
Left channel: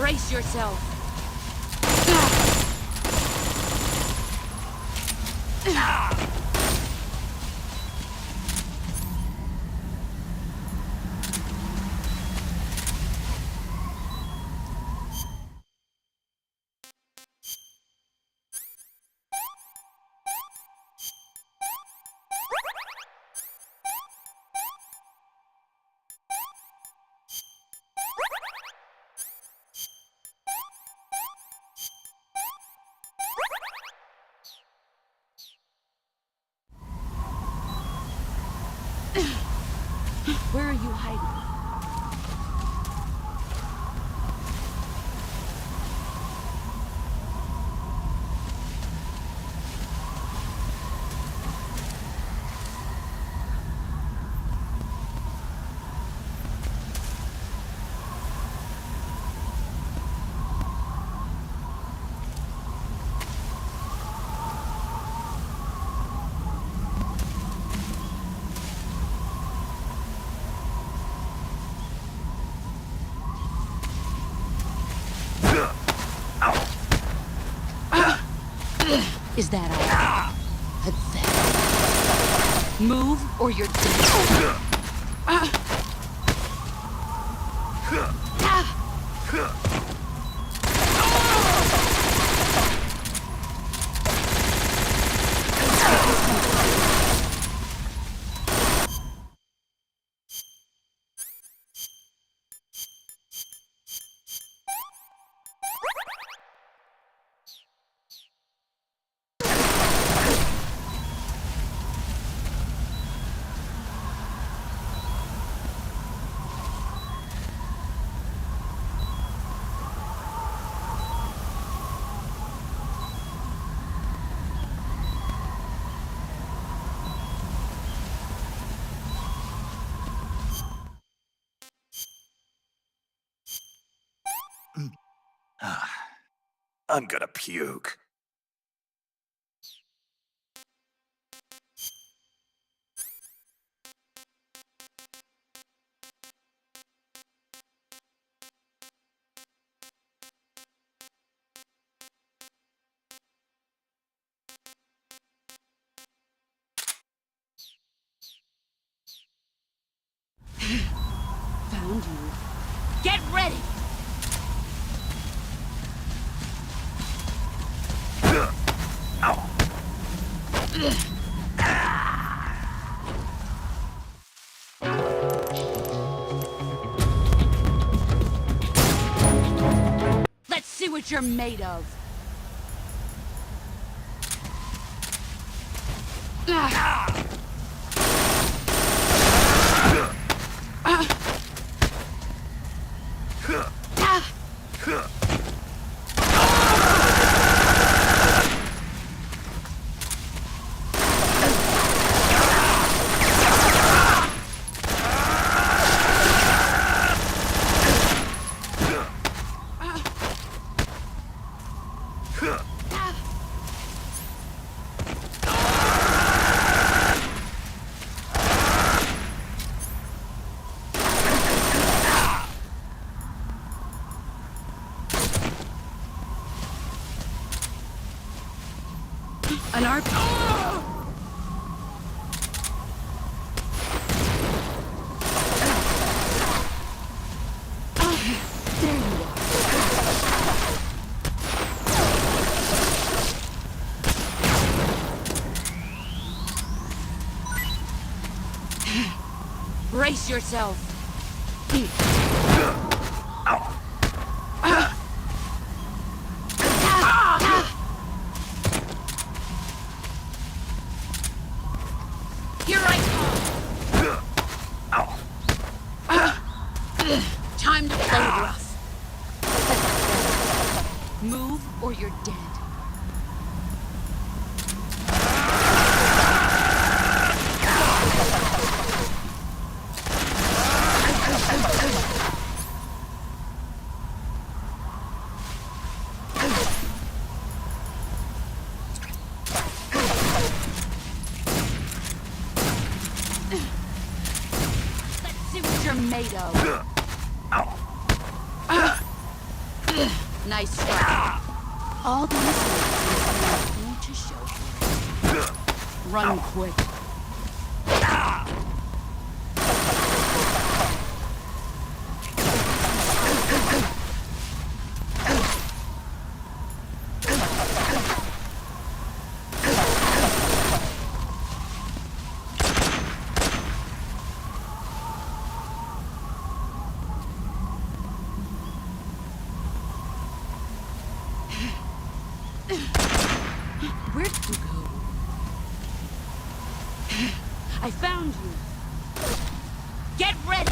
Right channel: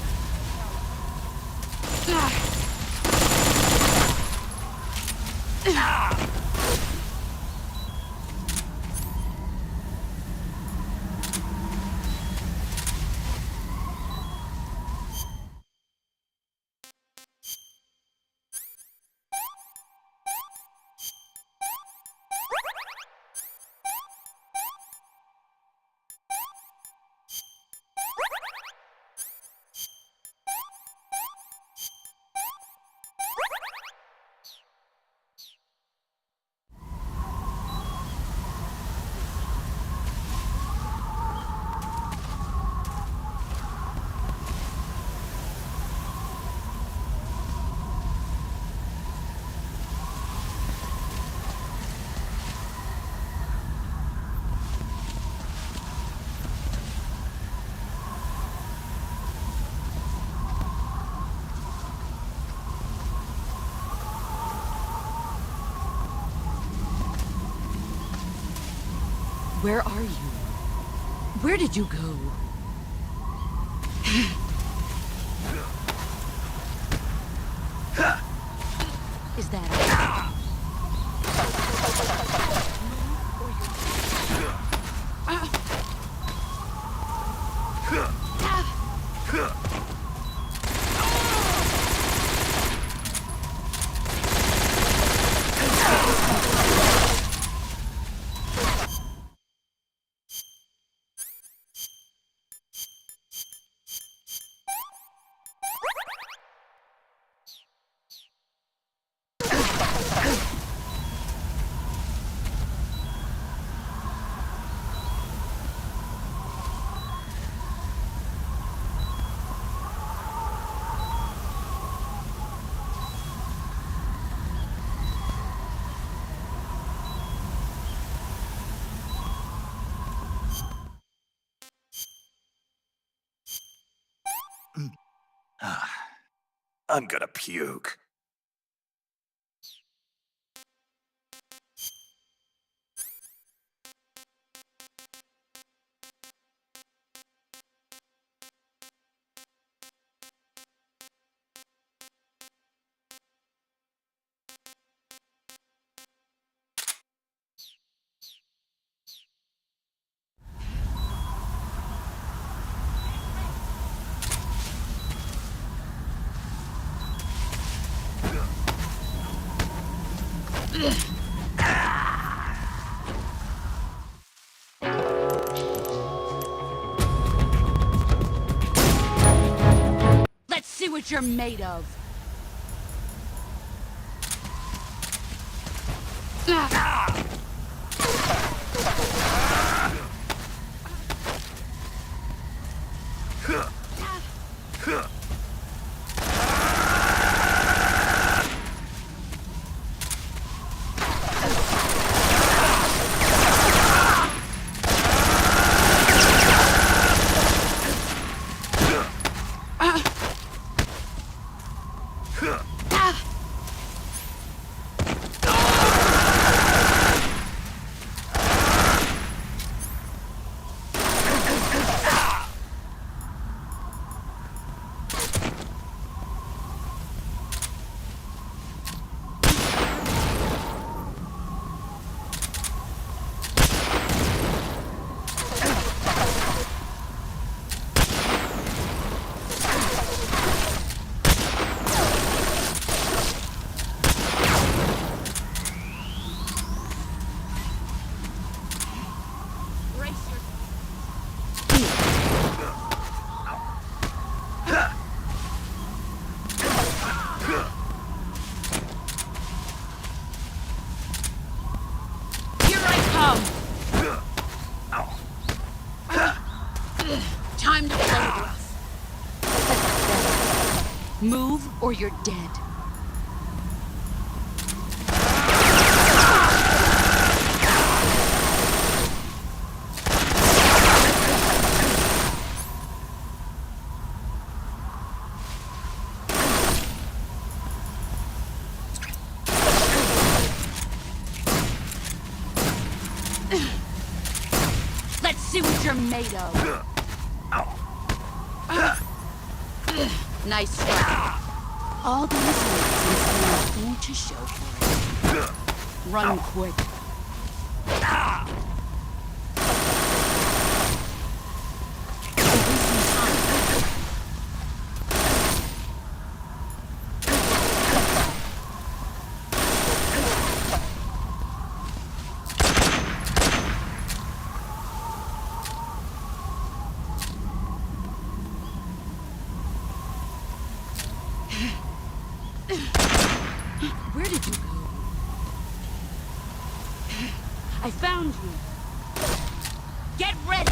Brace yourself. Where are you hiding? Where are you? Where did you go? Is that all? Pathetic. Move or you're dead. I'm gonna puke. Found you. Get ready! Let's see what you're made of. An RP. Brace yourself. Here I come. Time to play rough. Move or you're dead. Let's see what you're made of. Nice try. All these words and nothing to show for it. Run quick. Where did you go? I found you. Get ready!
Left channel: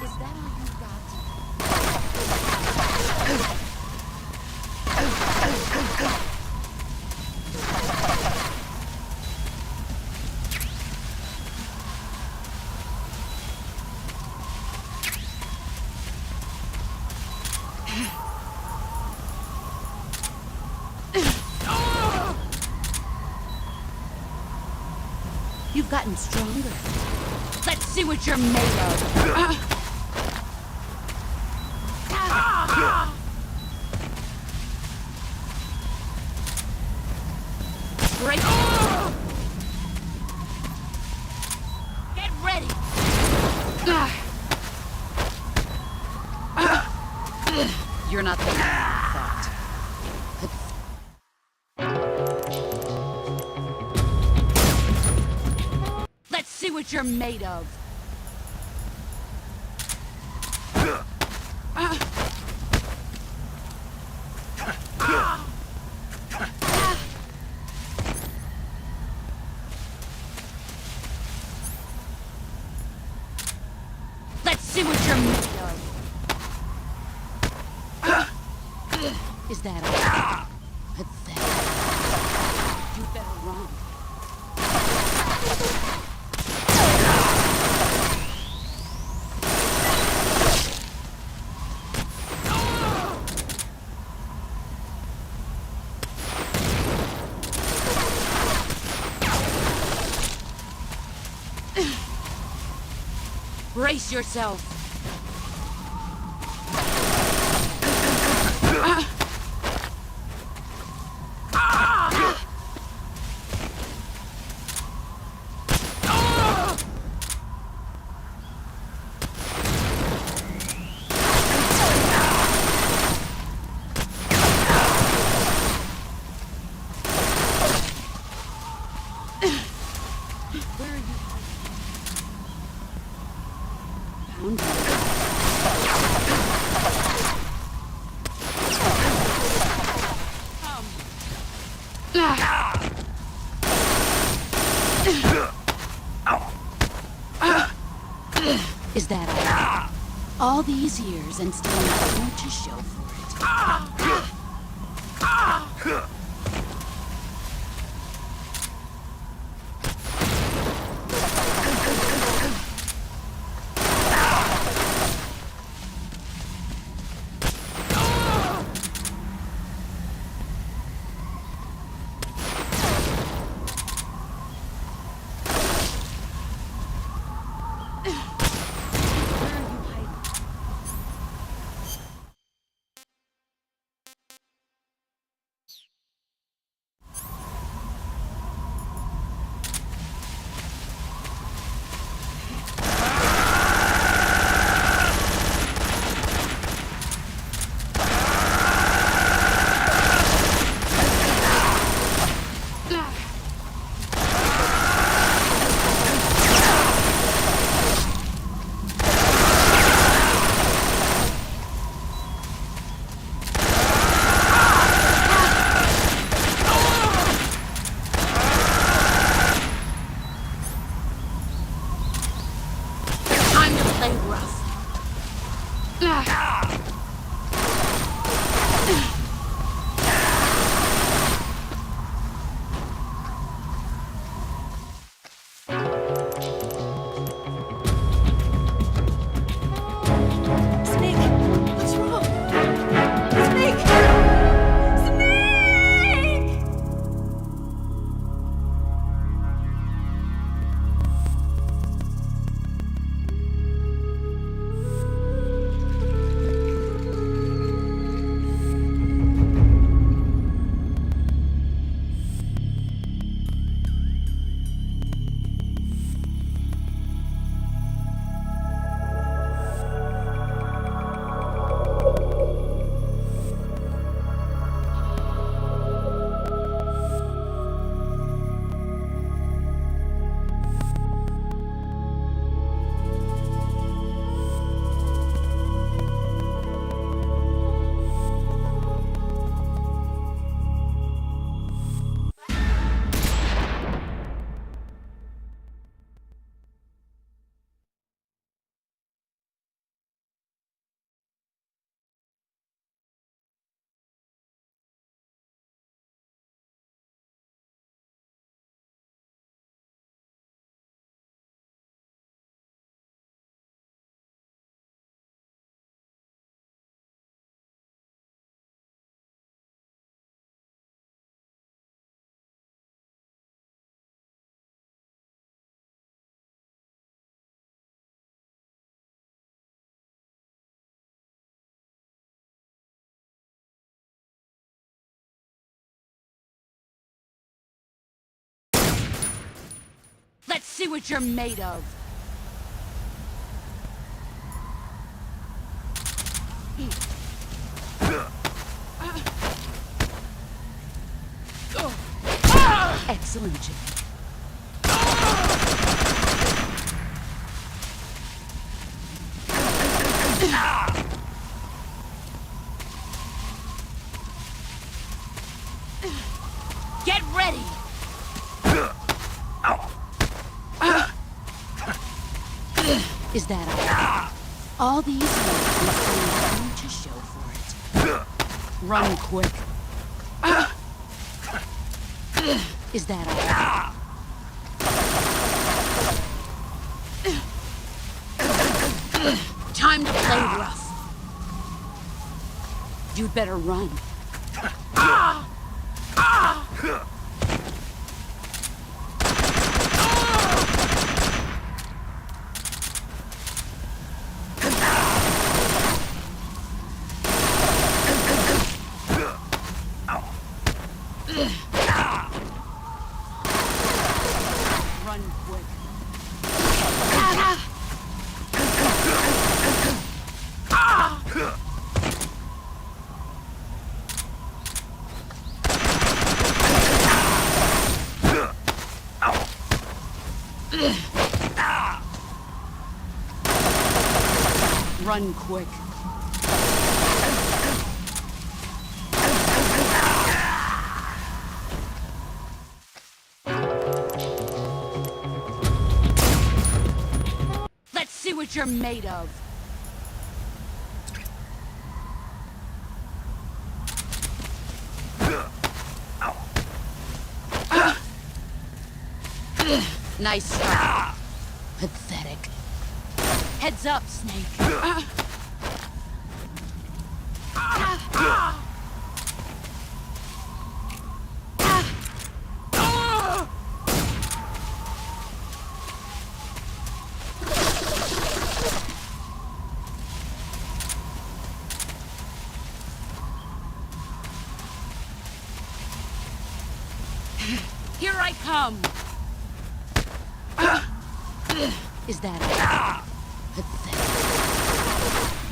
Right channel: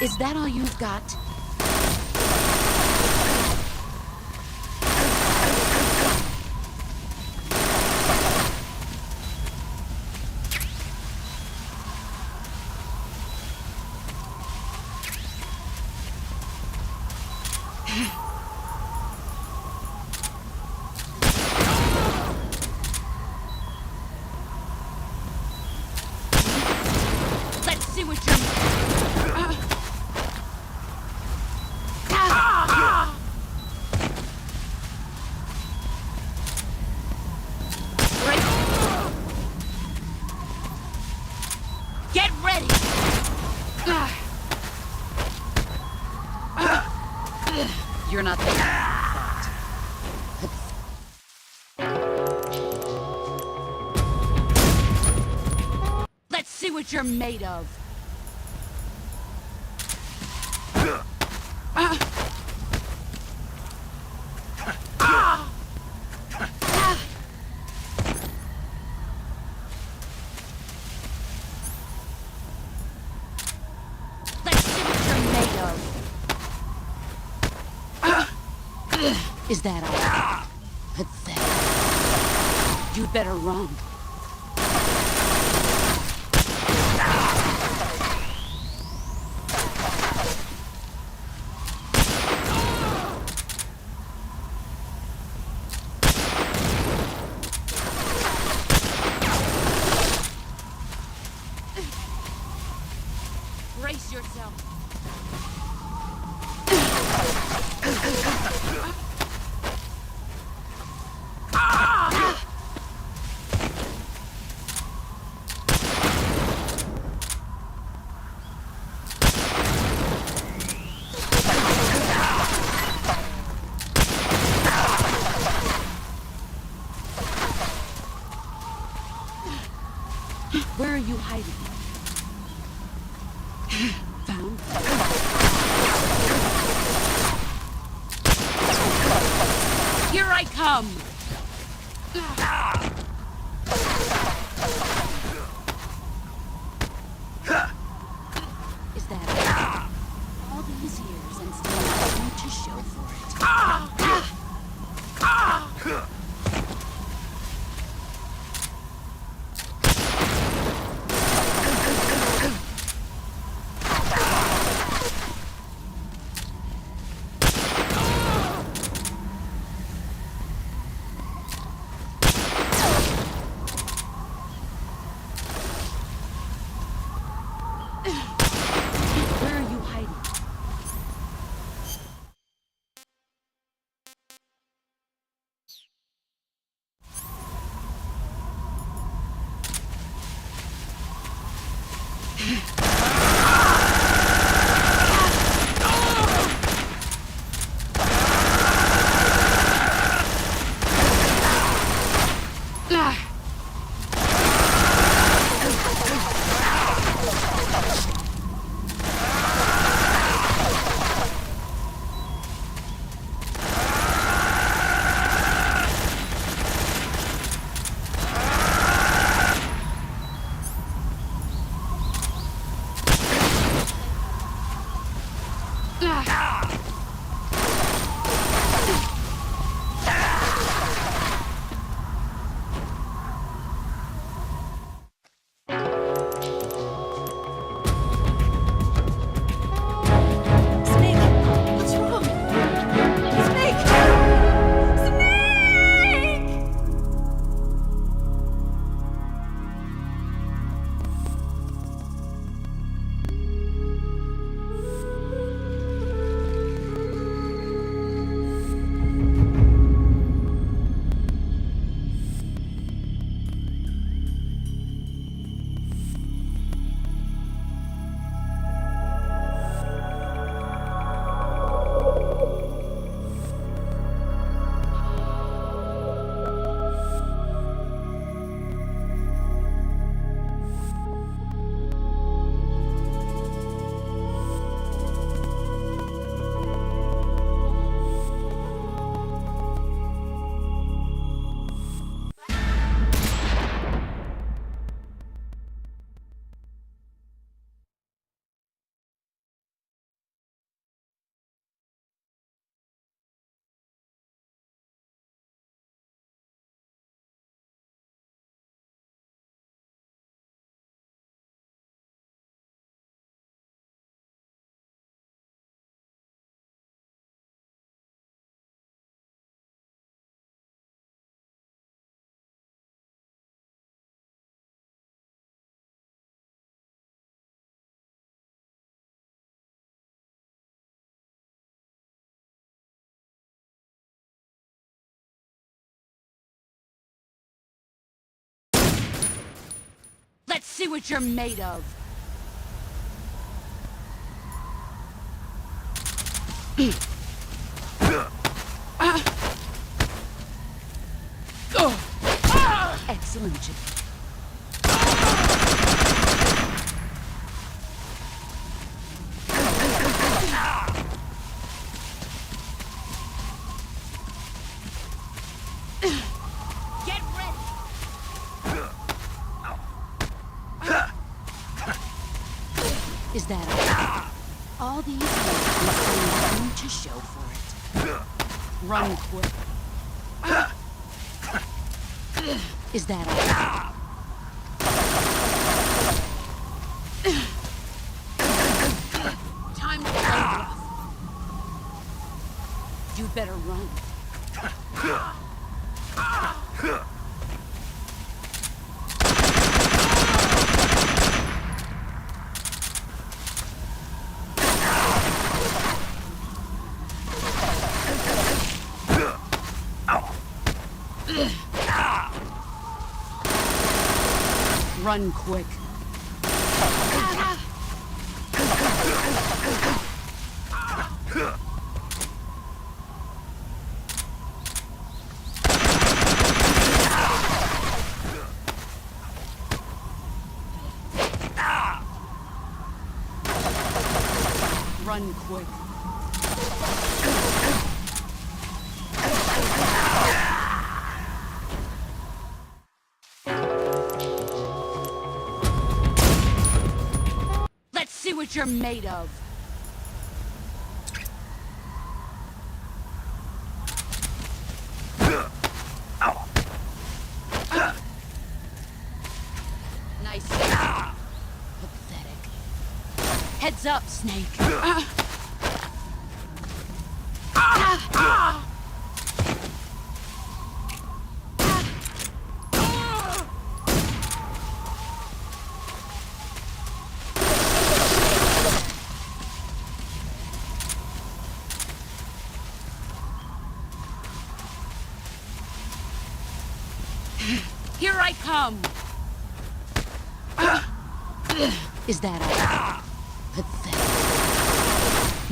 Is that all you've got? You've gotten stronger. Let's see what you're made of. Break. Get ready. You're not the man I thought. Let's see what you're made of. Let's see what you're made of. Is that all? Pathetic. You'd better run. Brace yourself. Where are you hiding? Found you. Here I come. Is that all these years and still nothing to show for it? Where are you hiding? Let's see what you're made of. Excellent, Jake. Get ready! Is that all these years have nothing to show for it? Run quick. Is that all? Time to play rough. You'd better run. Run quick. Run quick. Let's see what you're made of. Nice. Pathetic. Heads up, Snake. Here I come. Is that all? Pathetic.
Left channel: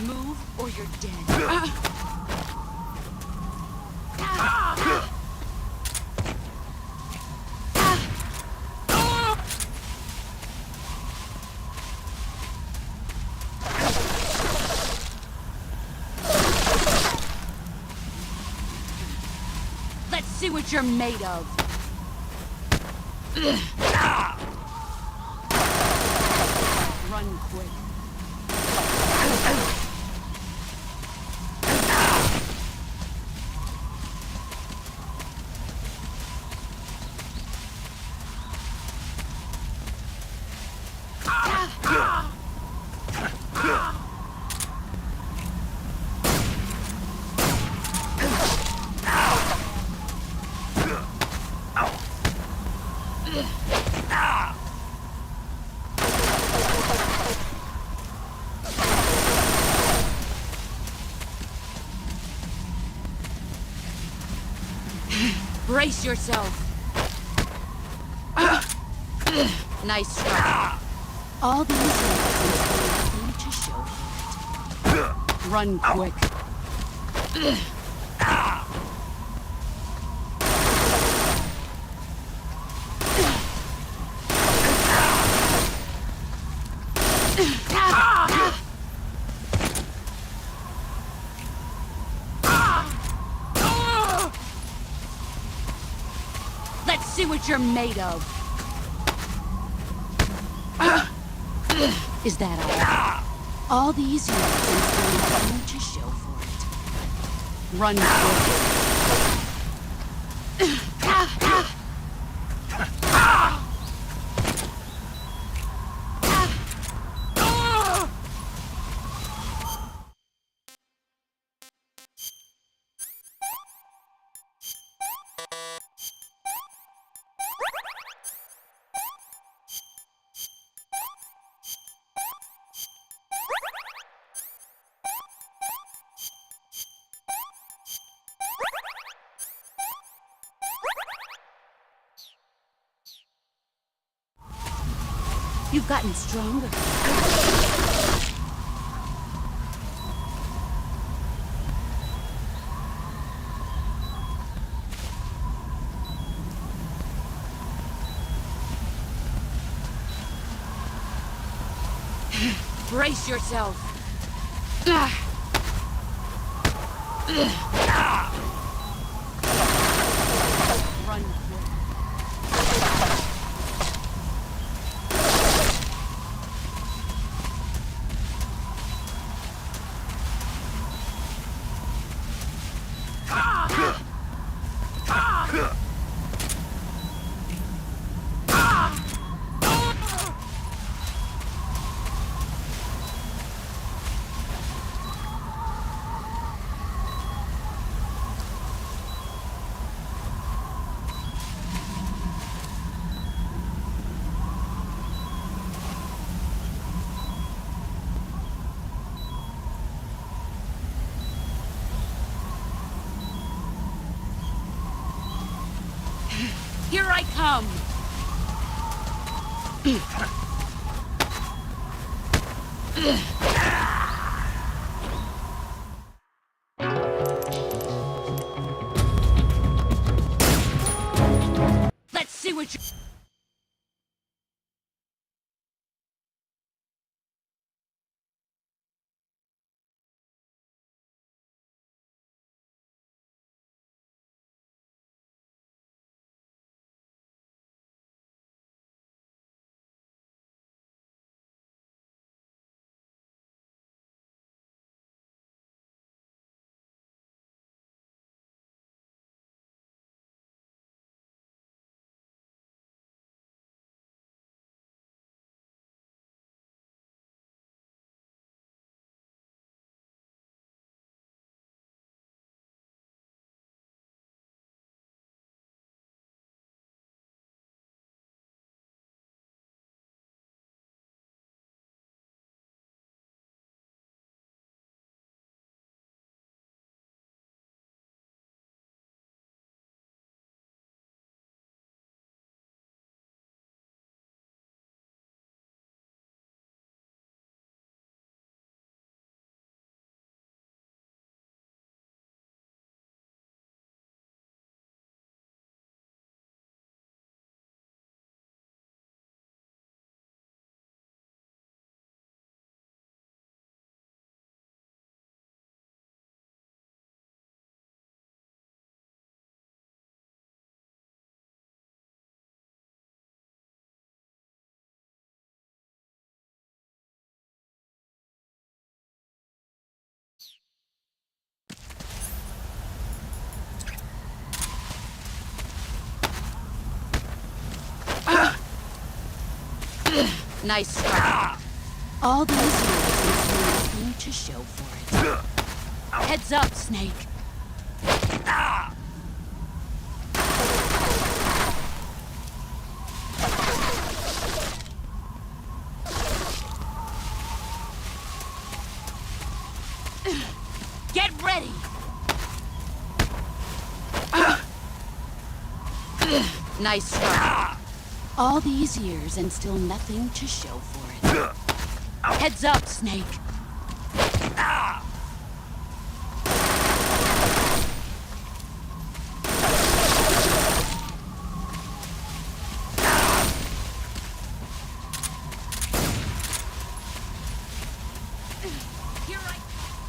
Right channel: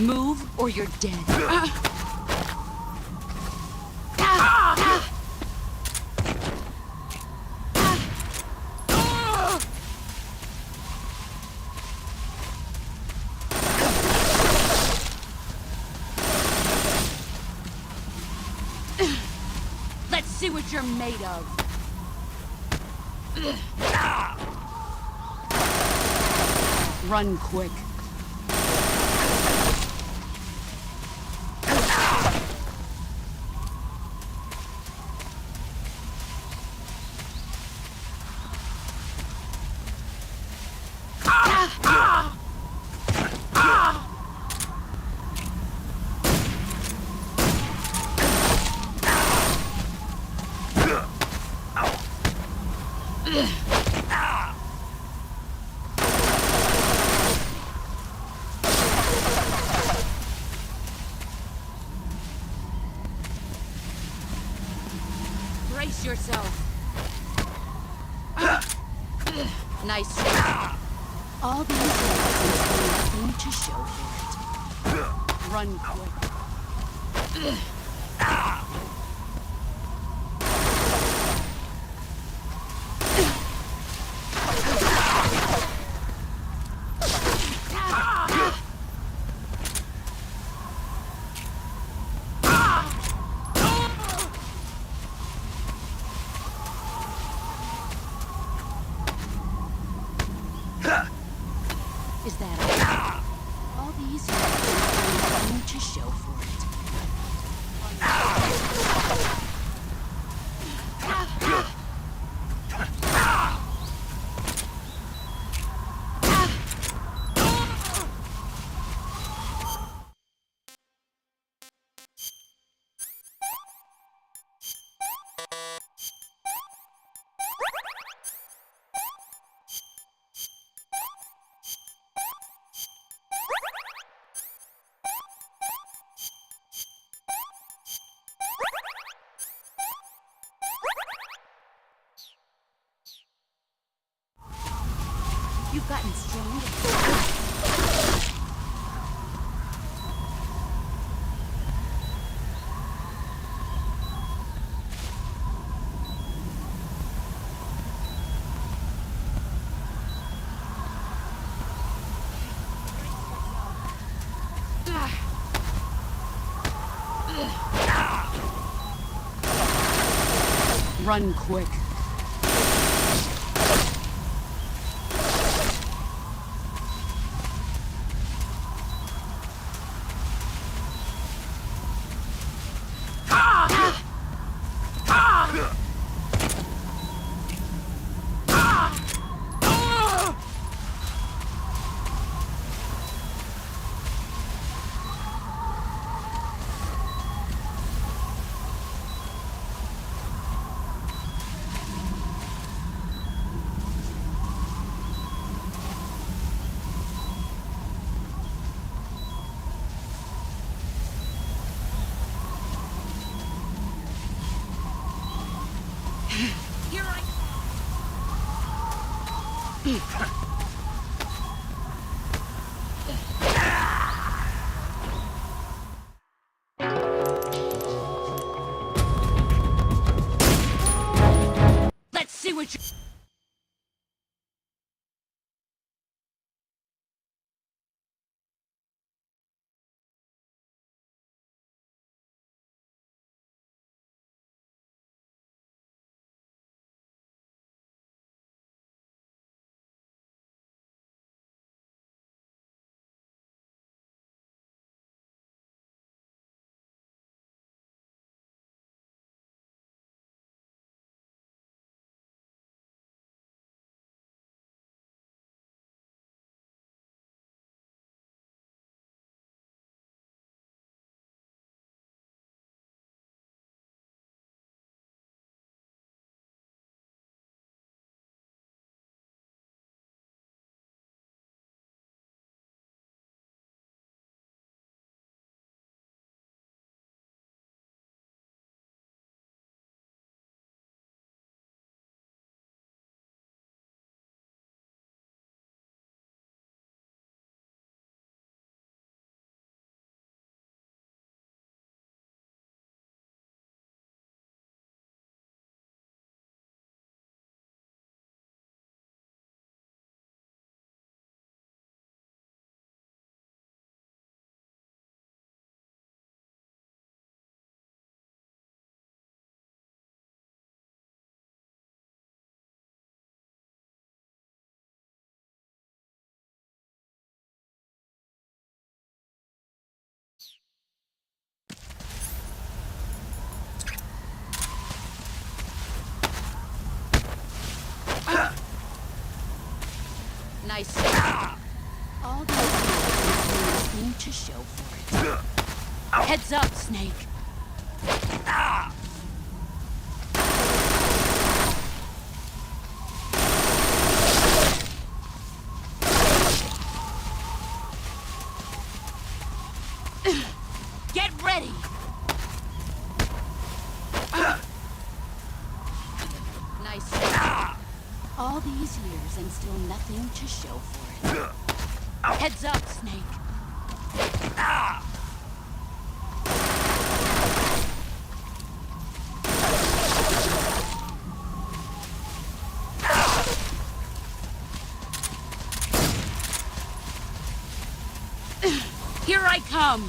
Move or you're dead. Let's see what you're made of. Run quick. Brace yourself. Nice try. All these years have nothing to show for it. Run quick. Let's see what you're made of. Is that all? All these years have nothing to show for it. Run quick. You've gotten stronger. Brace yourself. Run quick. Here I come! Let's see what you... Nice start. All these years and nothing to show for it. Heads up, Snake. Get ready! Nice start. All these years and still nothing to show for it. Heads up, Snake. Here I come.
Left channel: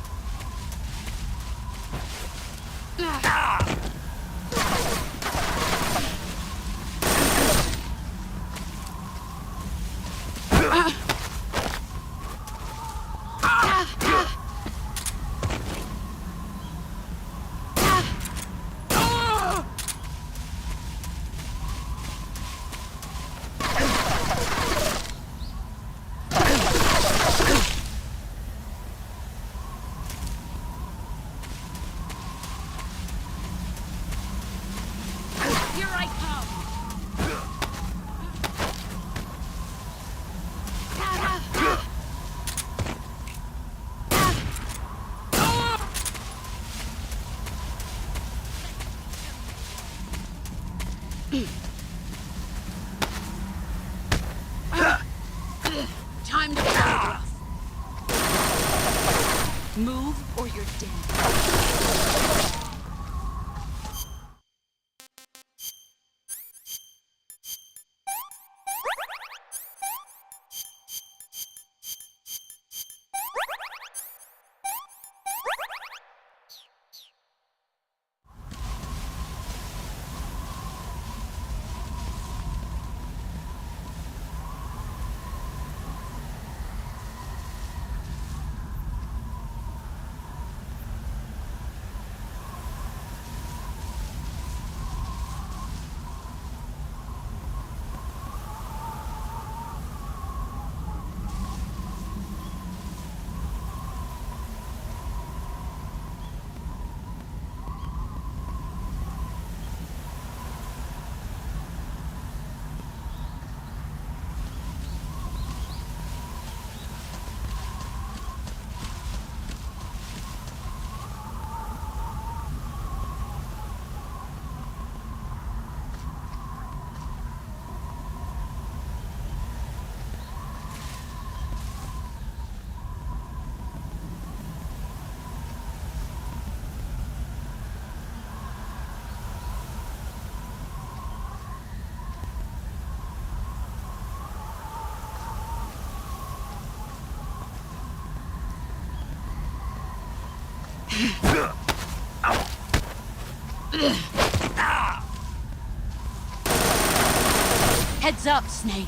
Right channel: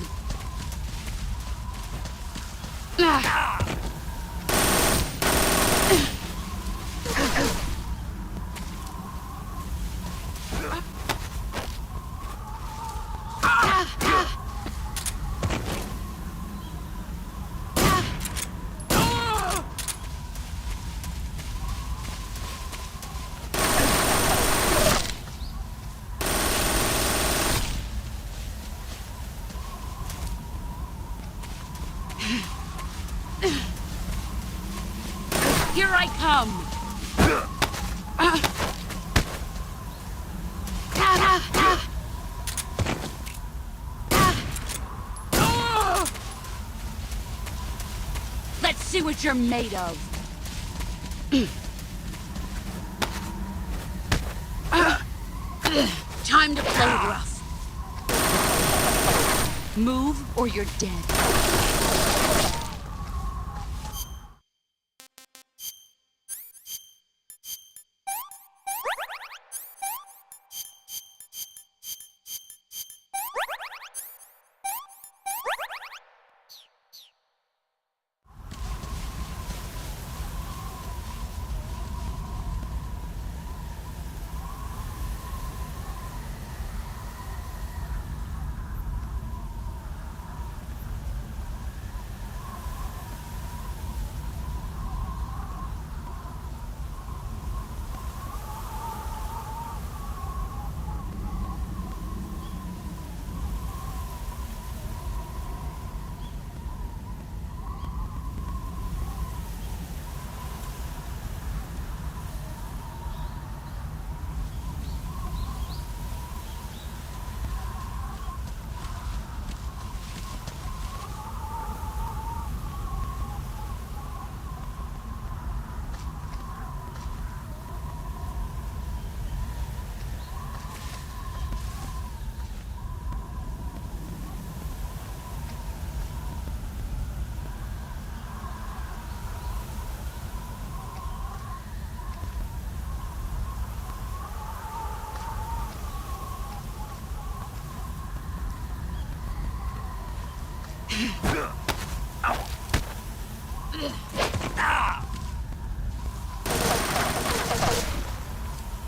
Here I come! Let's see what you're made of. Time to play rough. Move or you're dead. Heads up, Snake.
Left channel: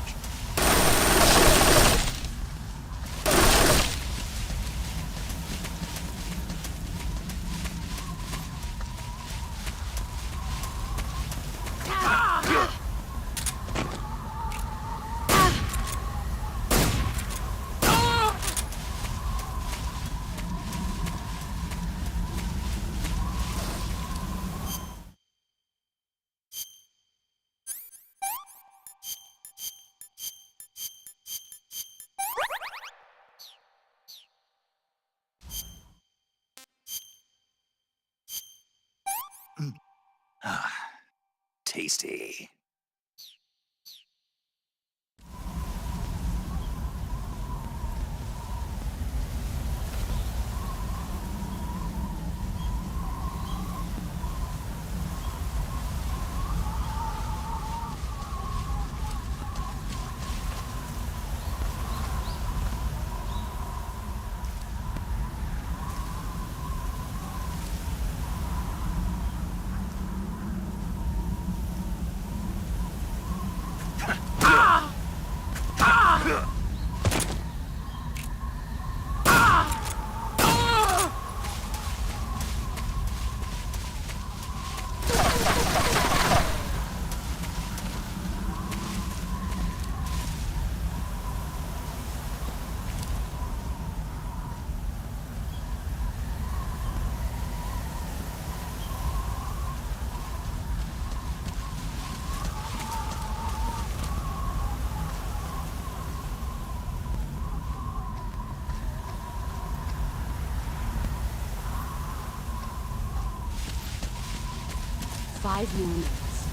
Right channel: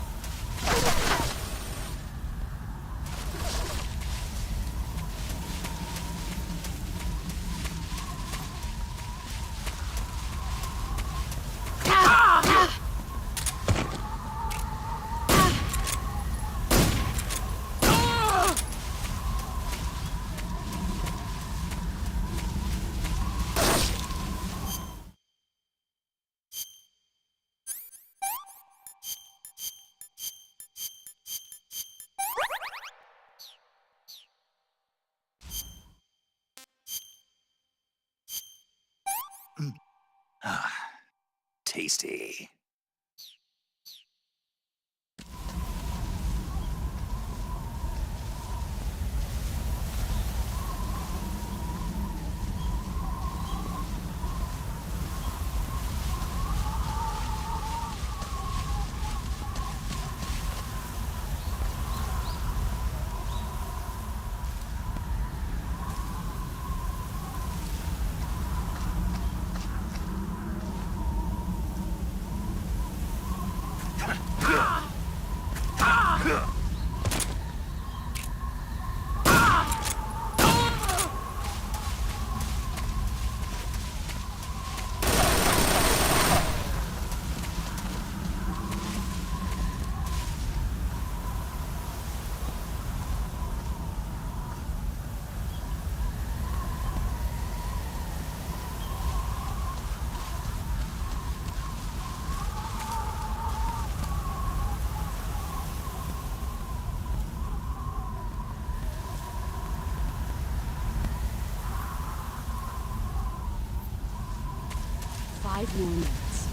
Five more minutes.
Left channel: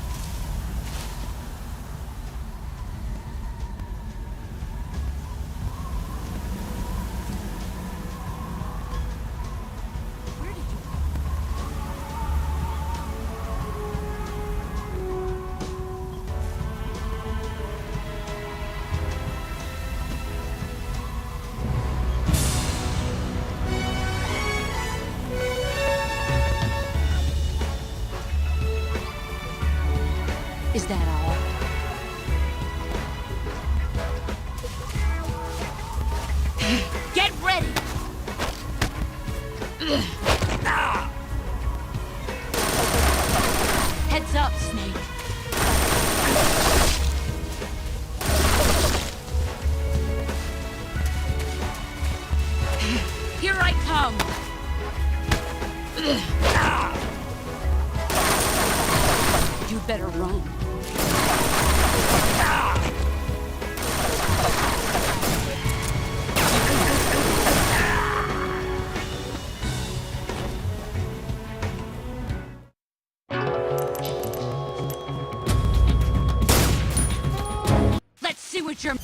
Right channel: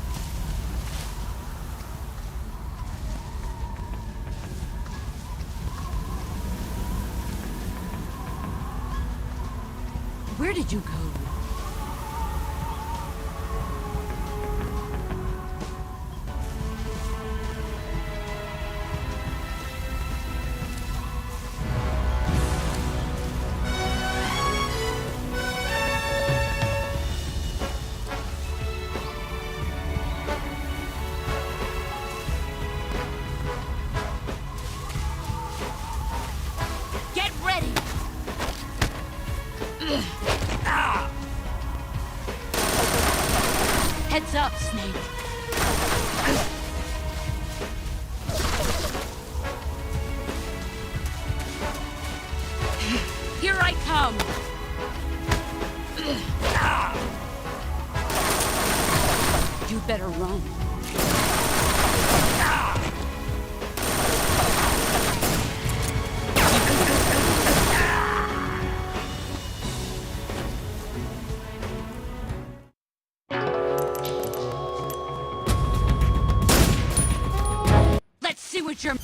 Where did you go? Is that all? Get ready! Heads up, Snake. Here I come! You better run. Let's see what you're...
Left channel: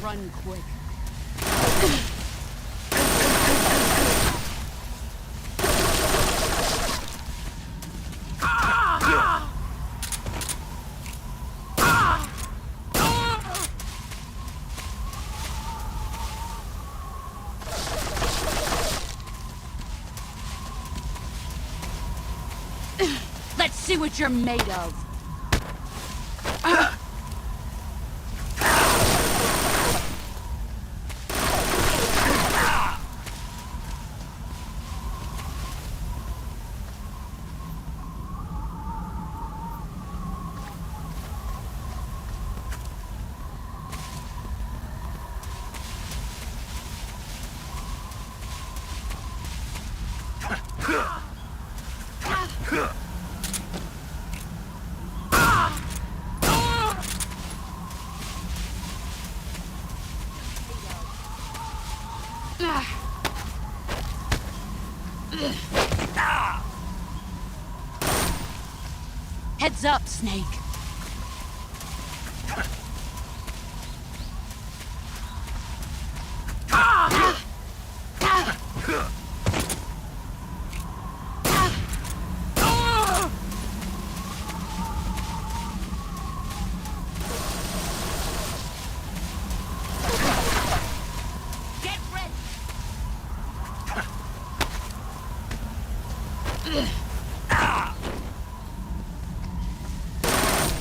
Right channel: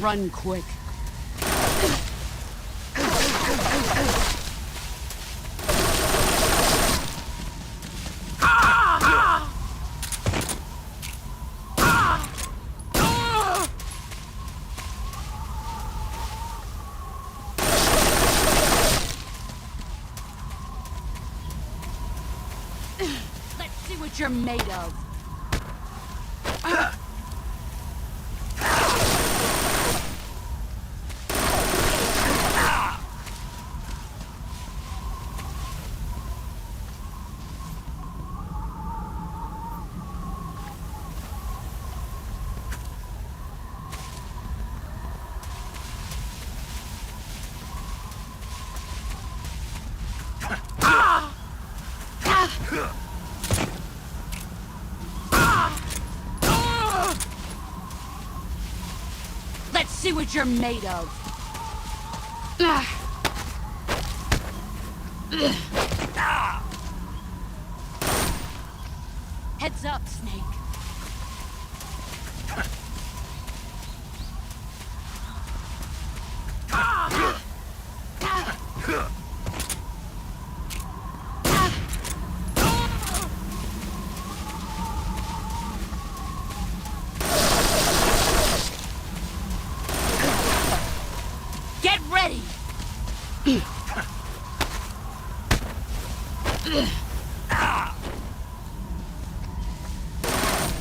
Run quick. Let's see what you're made of. Let's see what you're made of. Heads up, Snake. Get ready.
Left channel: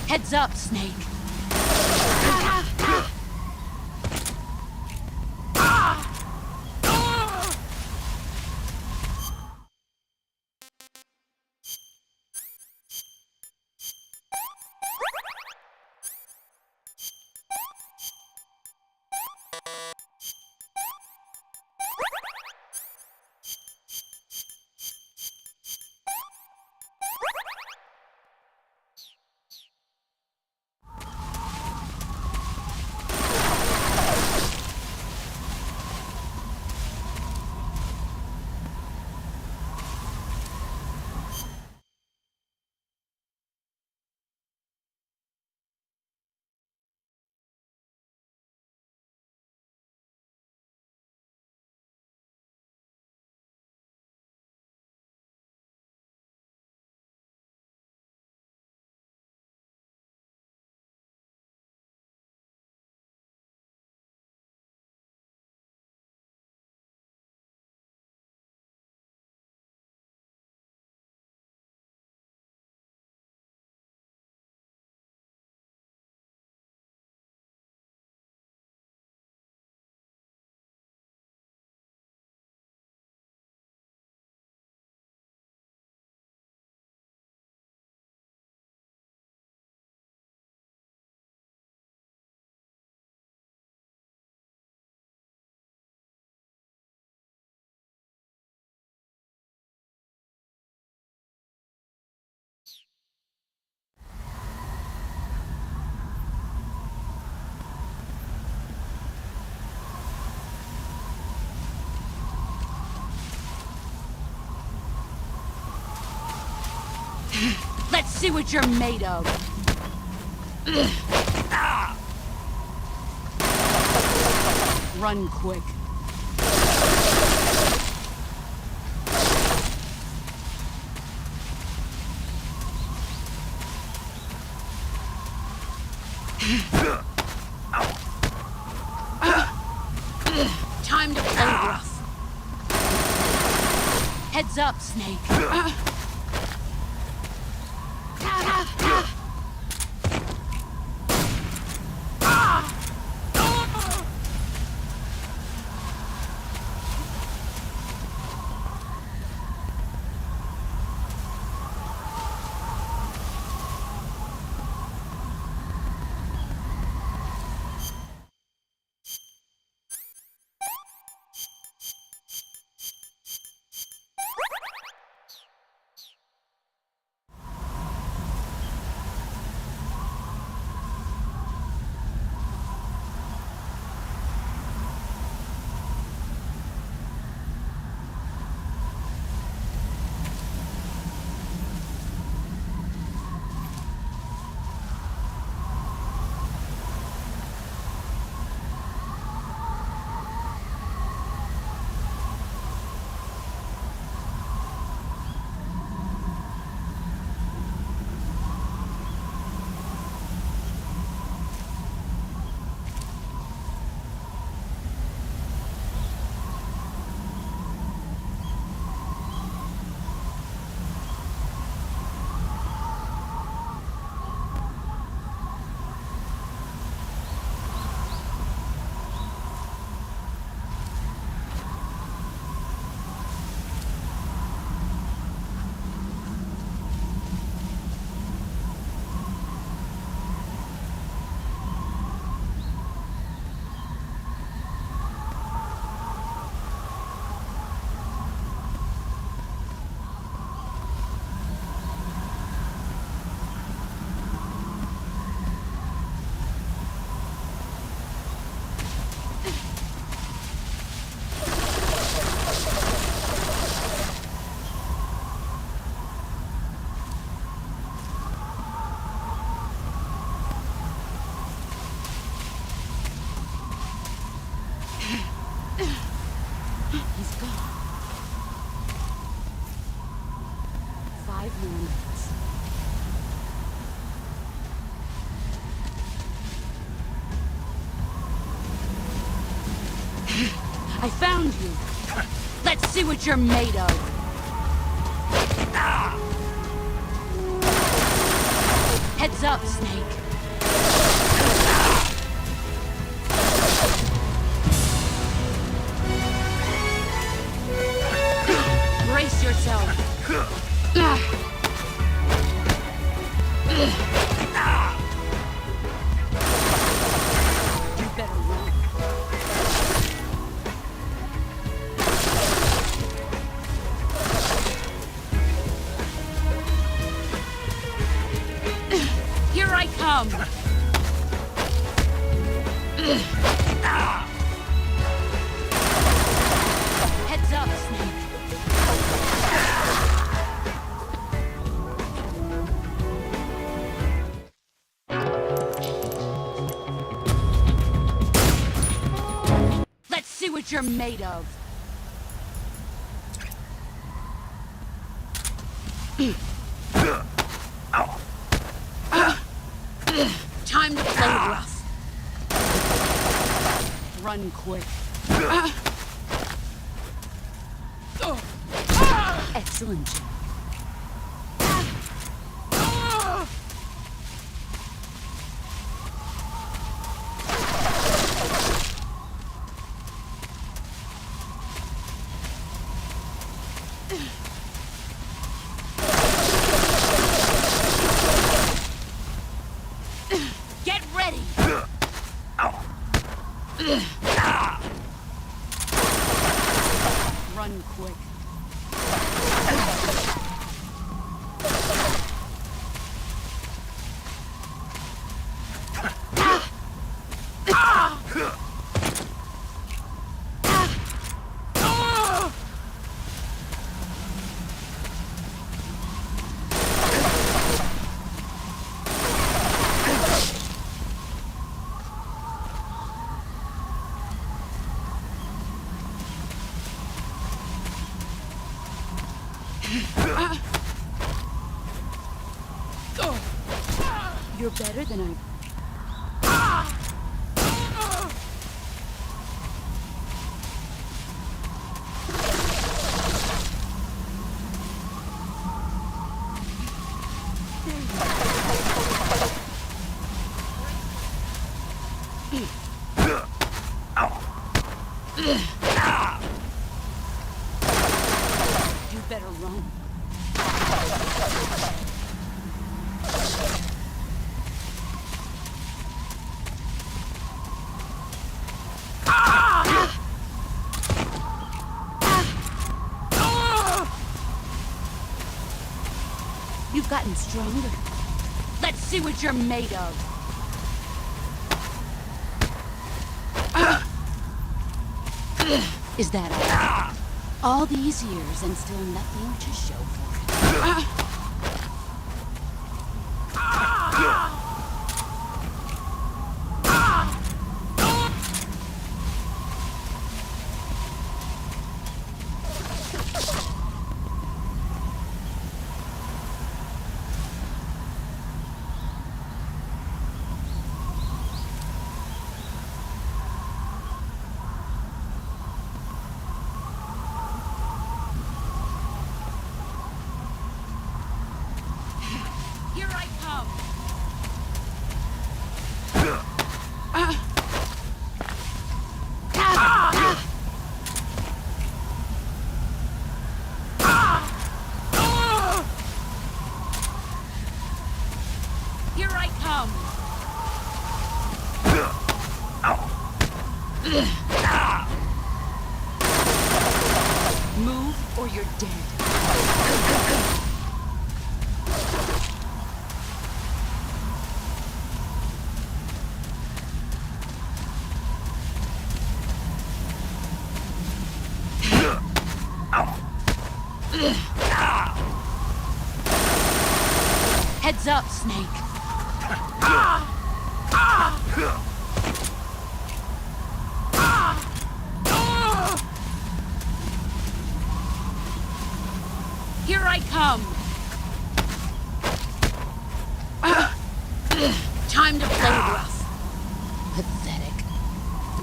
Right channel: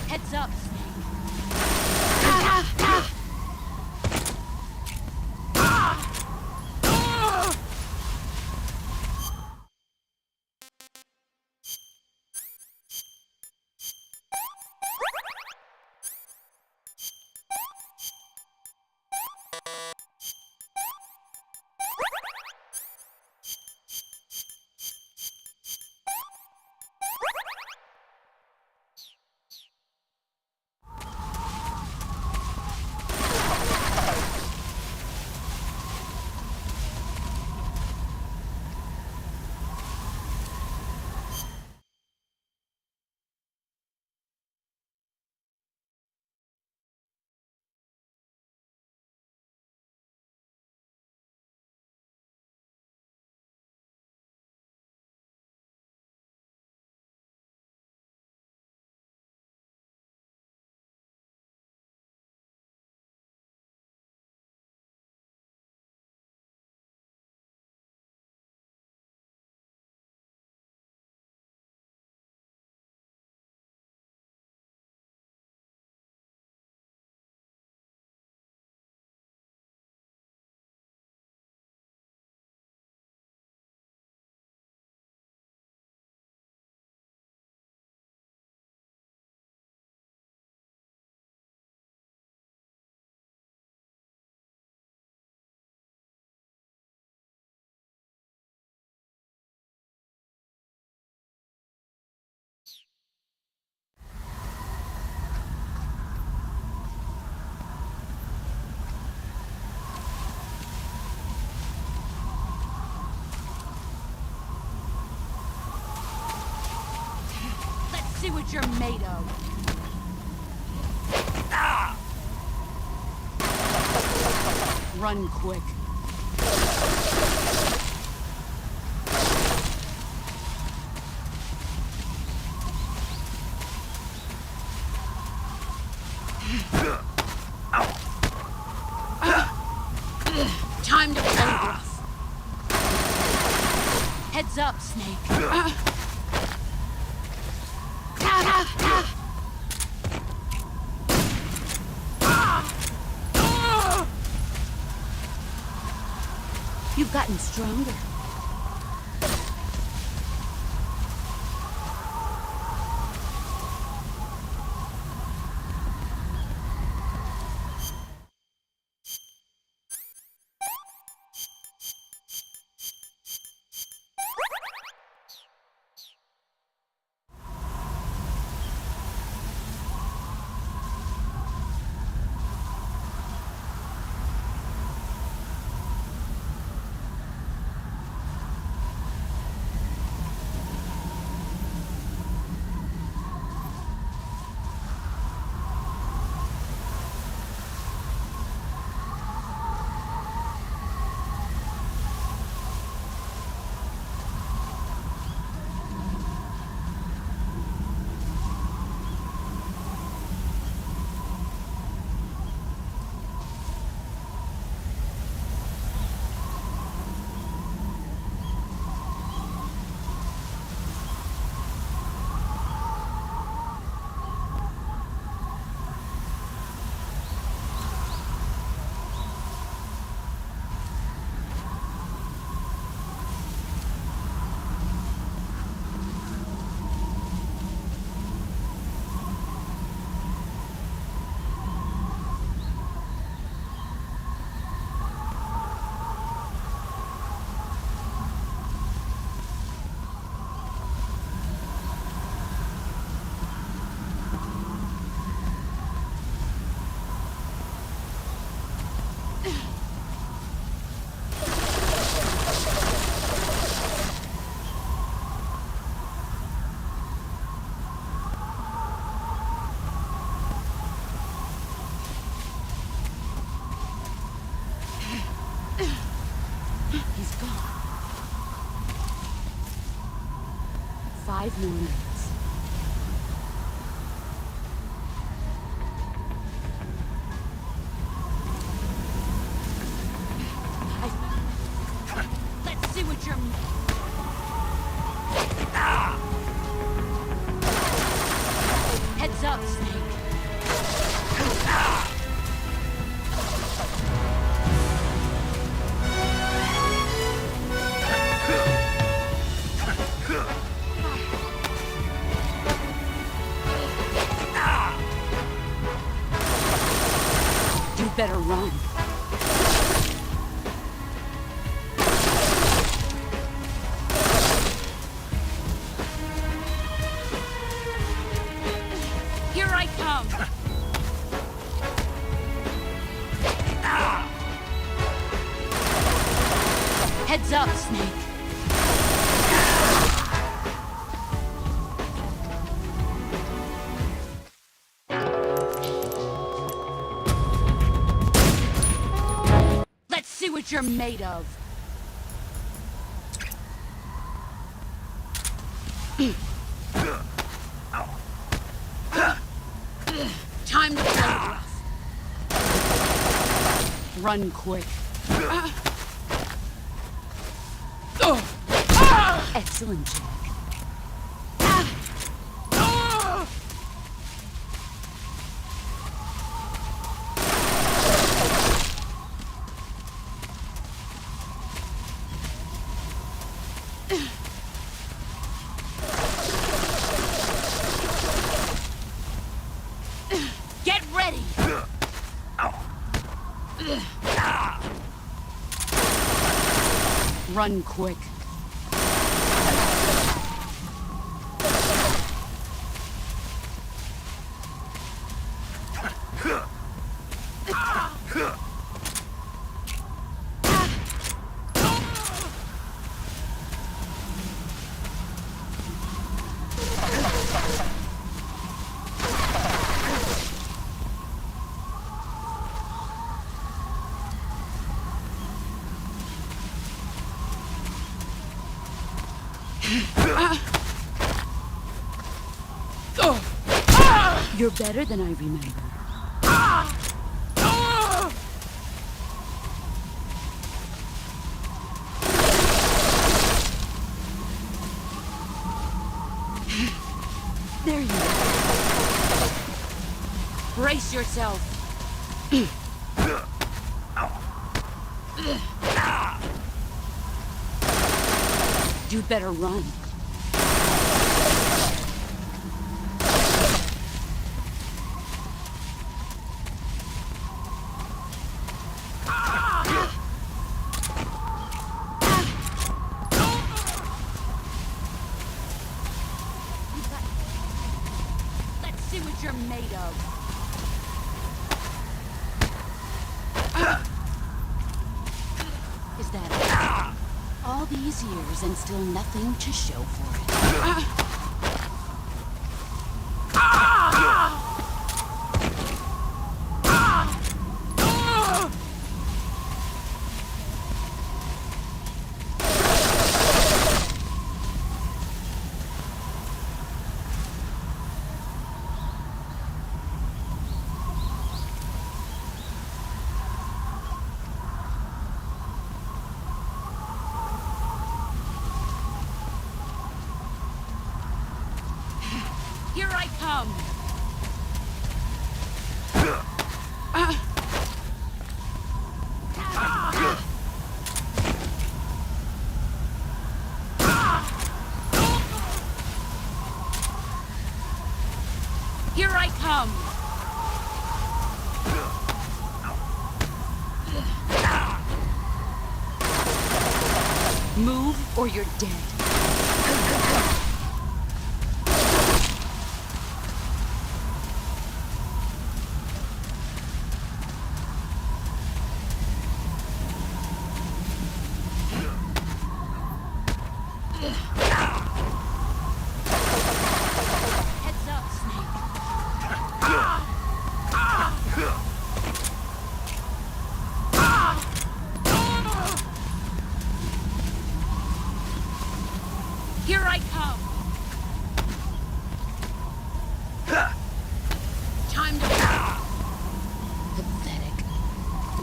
Heads up, Snake. Let's see what you're made of. Run quick. Time to play rough. Heads up, Snake. You've gotten stronger. Normans. I found you. Let's see what you're made of. Heads up, Snake. Brace yourself. You better run. Here I come! Heads up, Snake. Let's see what you're made of. Time to play rough. Run quick. Excellent, Jack. Get ready! Run quick. You're better than I remember. There you go. Brace yourself. You better run. You've gotten stronger. Let's see what you're made of. Is that all these years and still nothing to show for it? Here I come! Here I come! Move or you're dead. Heads up, Snake.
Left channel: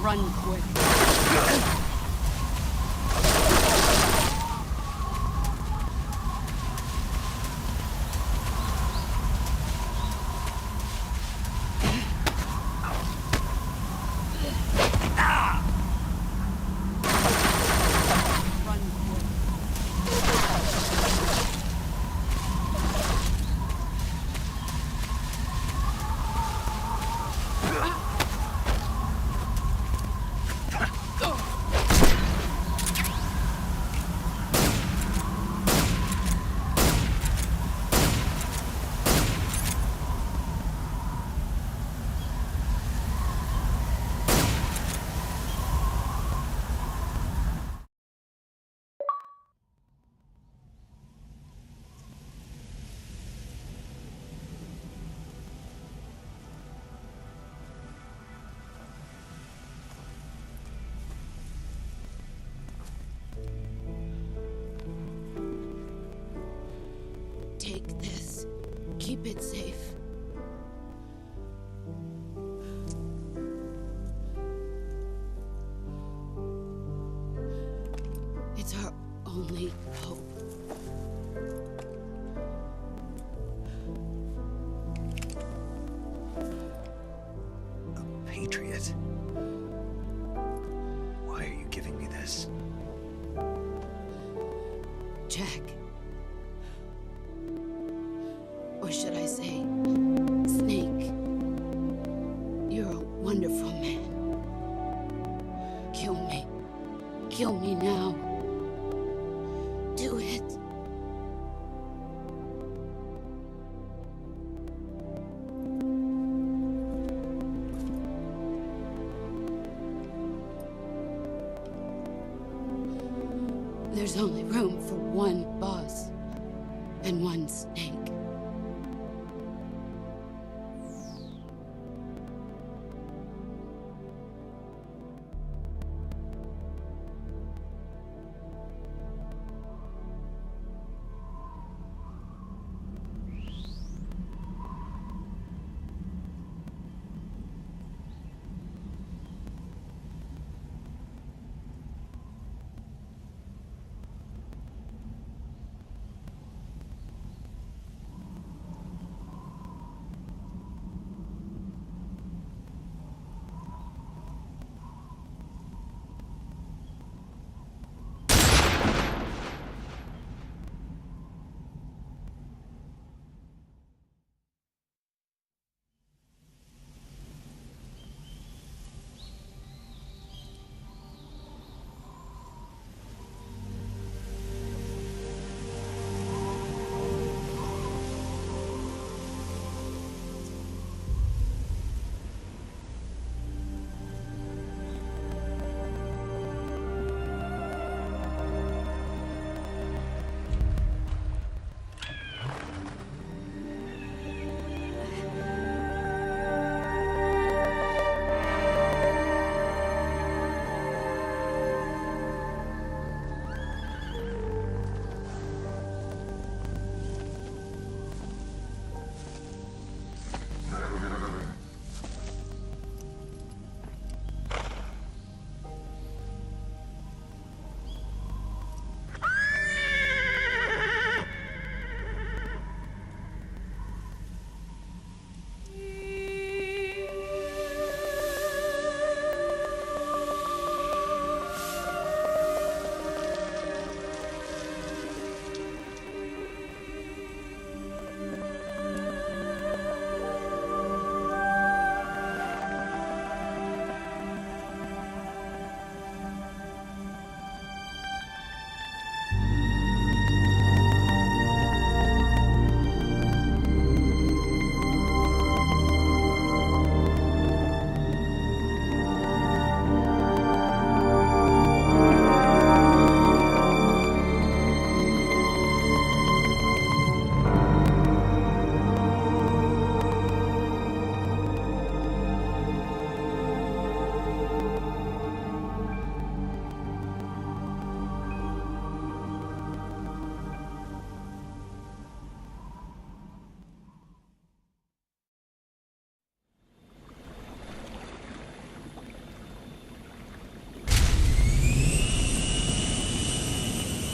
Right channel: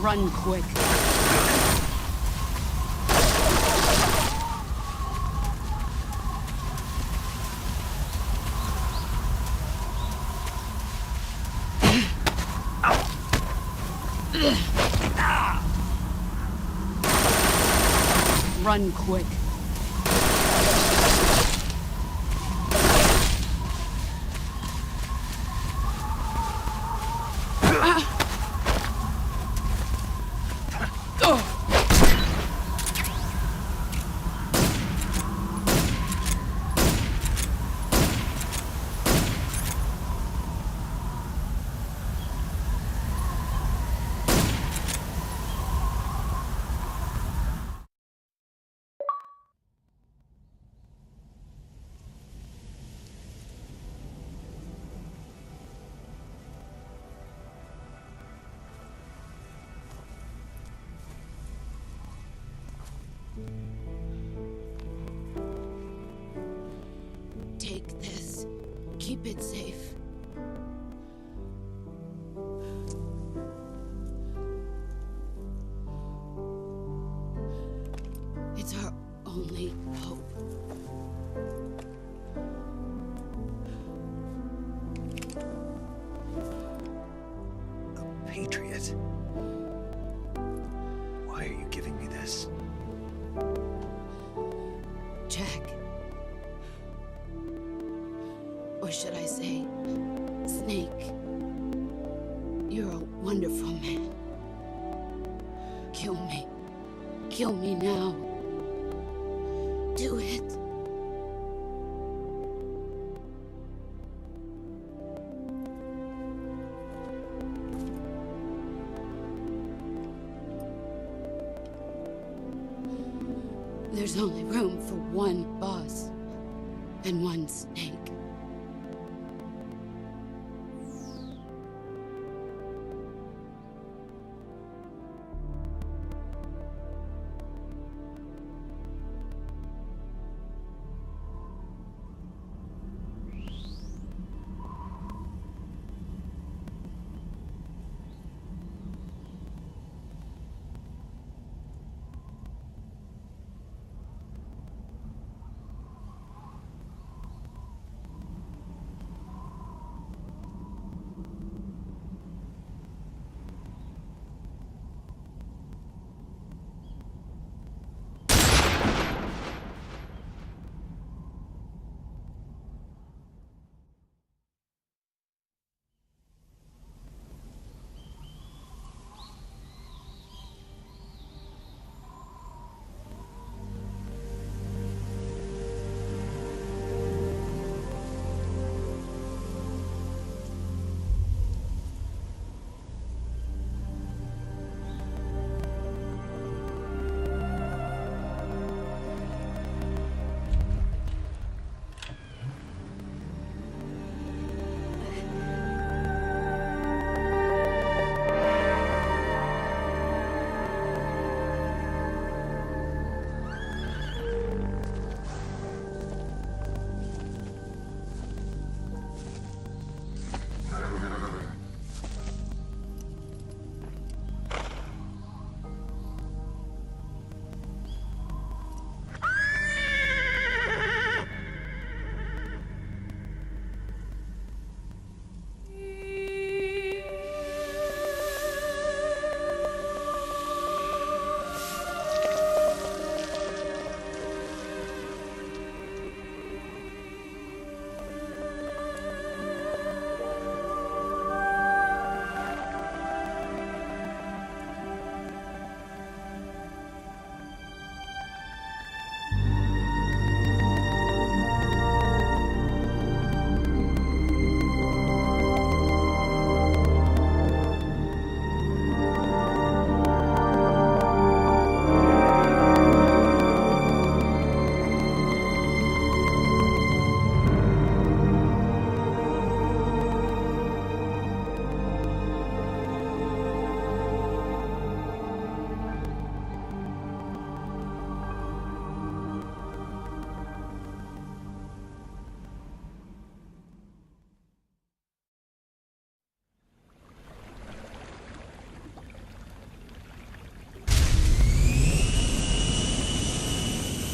Run quick. Run quick. Take this. Keep it safe. It's our only hope. A patriot? Why are you giving me this? Jack. Or should I say, Snake. You're a wonderful man. Kill me. Kill me now. Do it. There's only room for one boss and one Snake.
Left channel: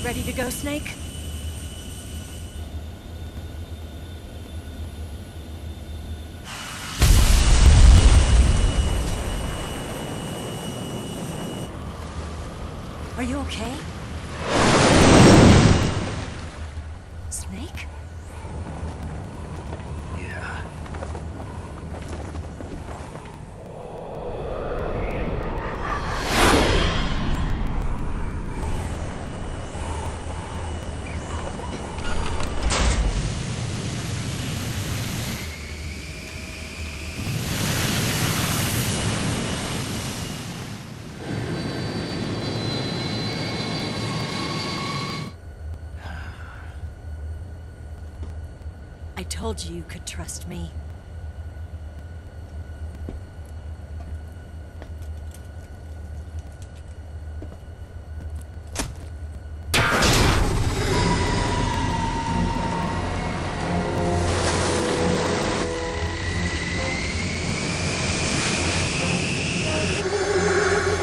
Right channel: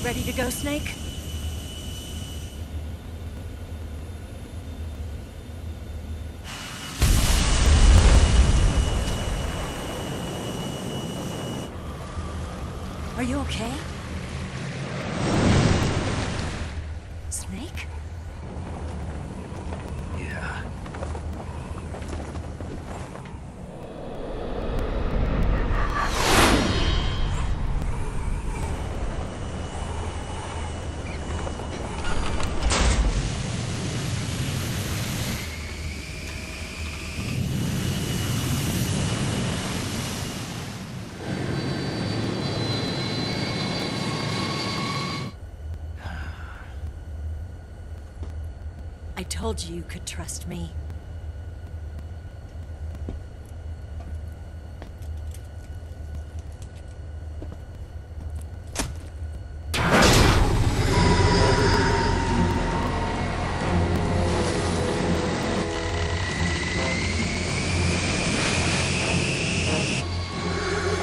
Ready to go, Snake? Are you okay? Snake? Yeah. I told you you could trust me.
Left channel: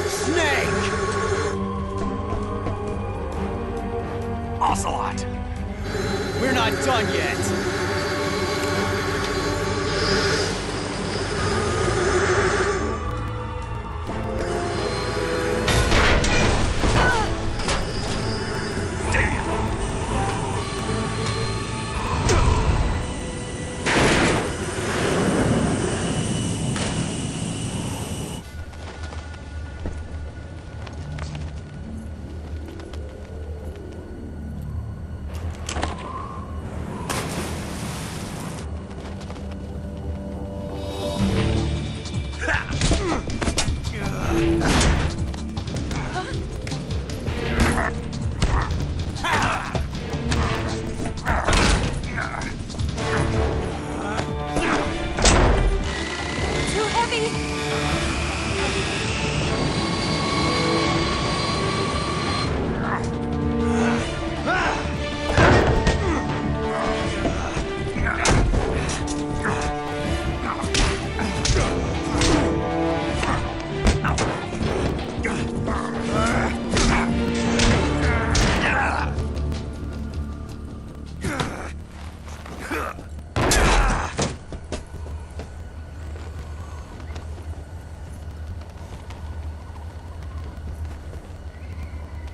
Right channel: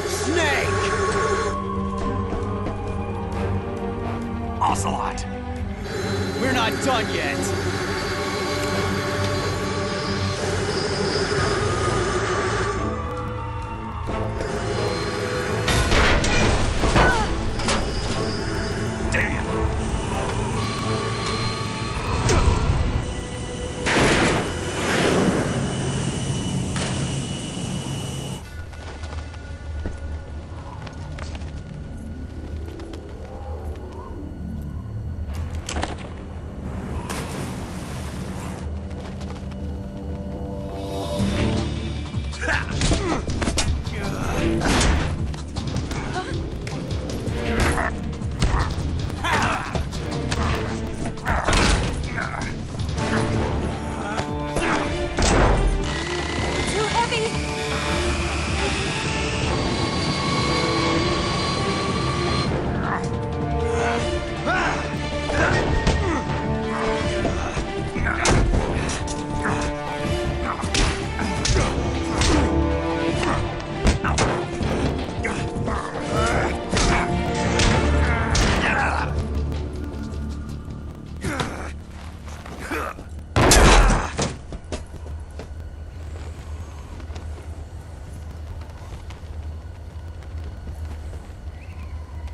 Snake! Ocelot! We're not done yet! Too heavy!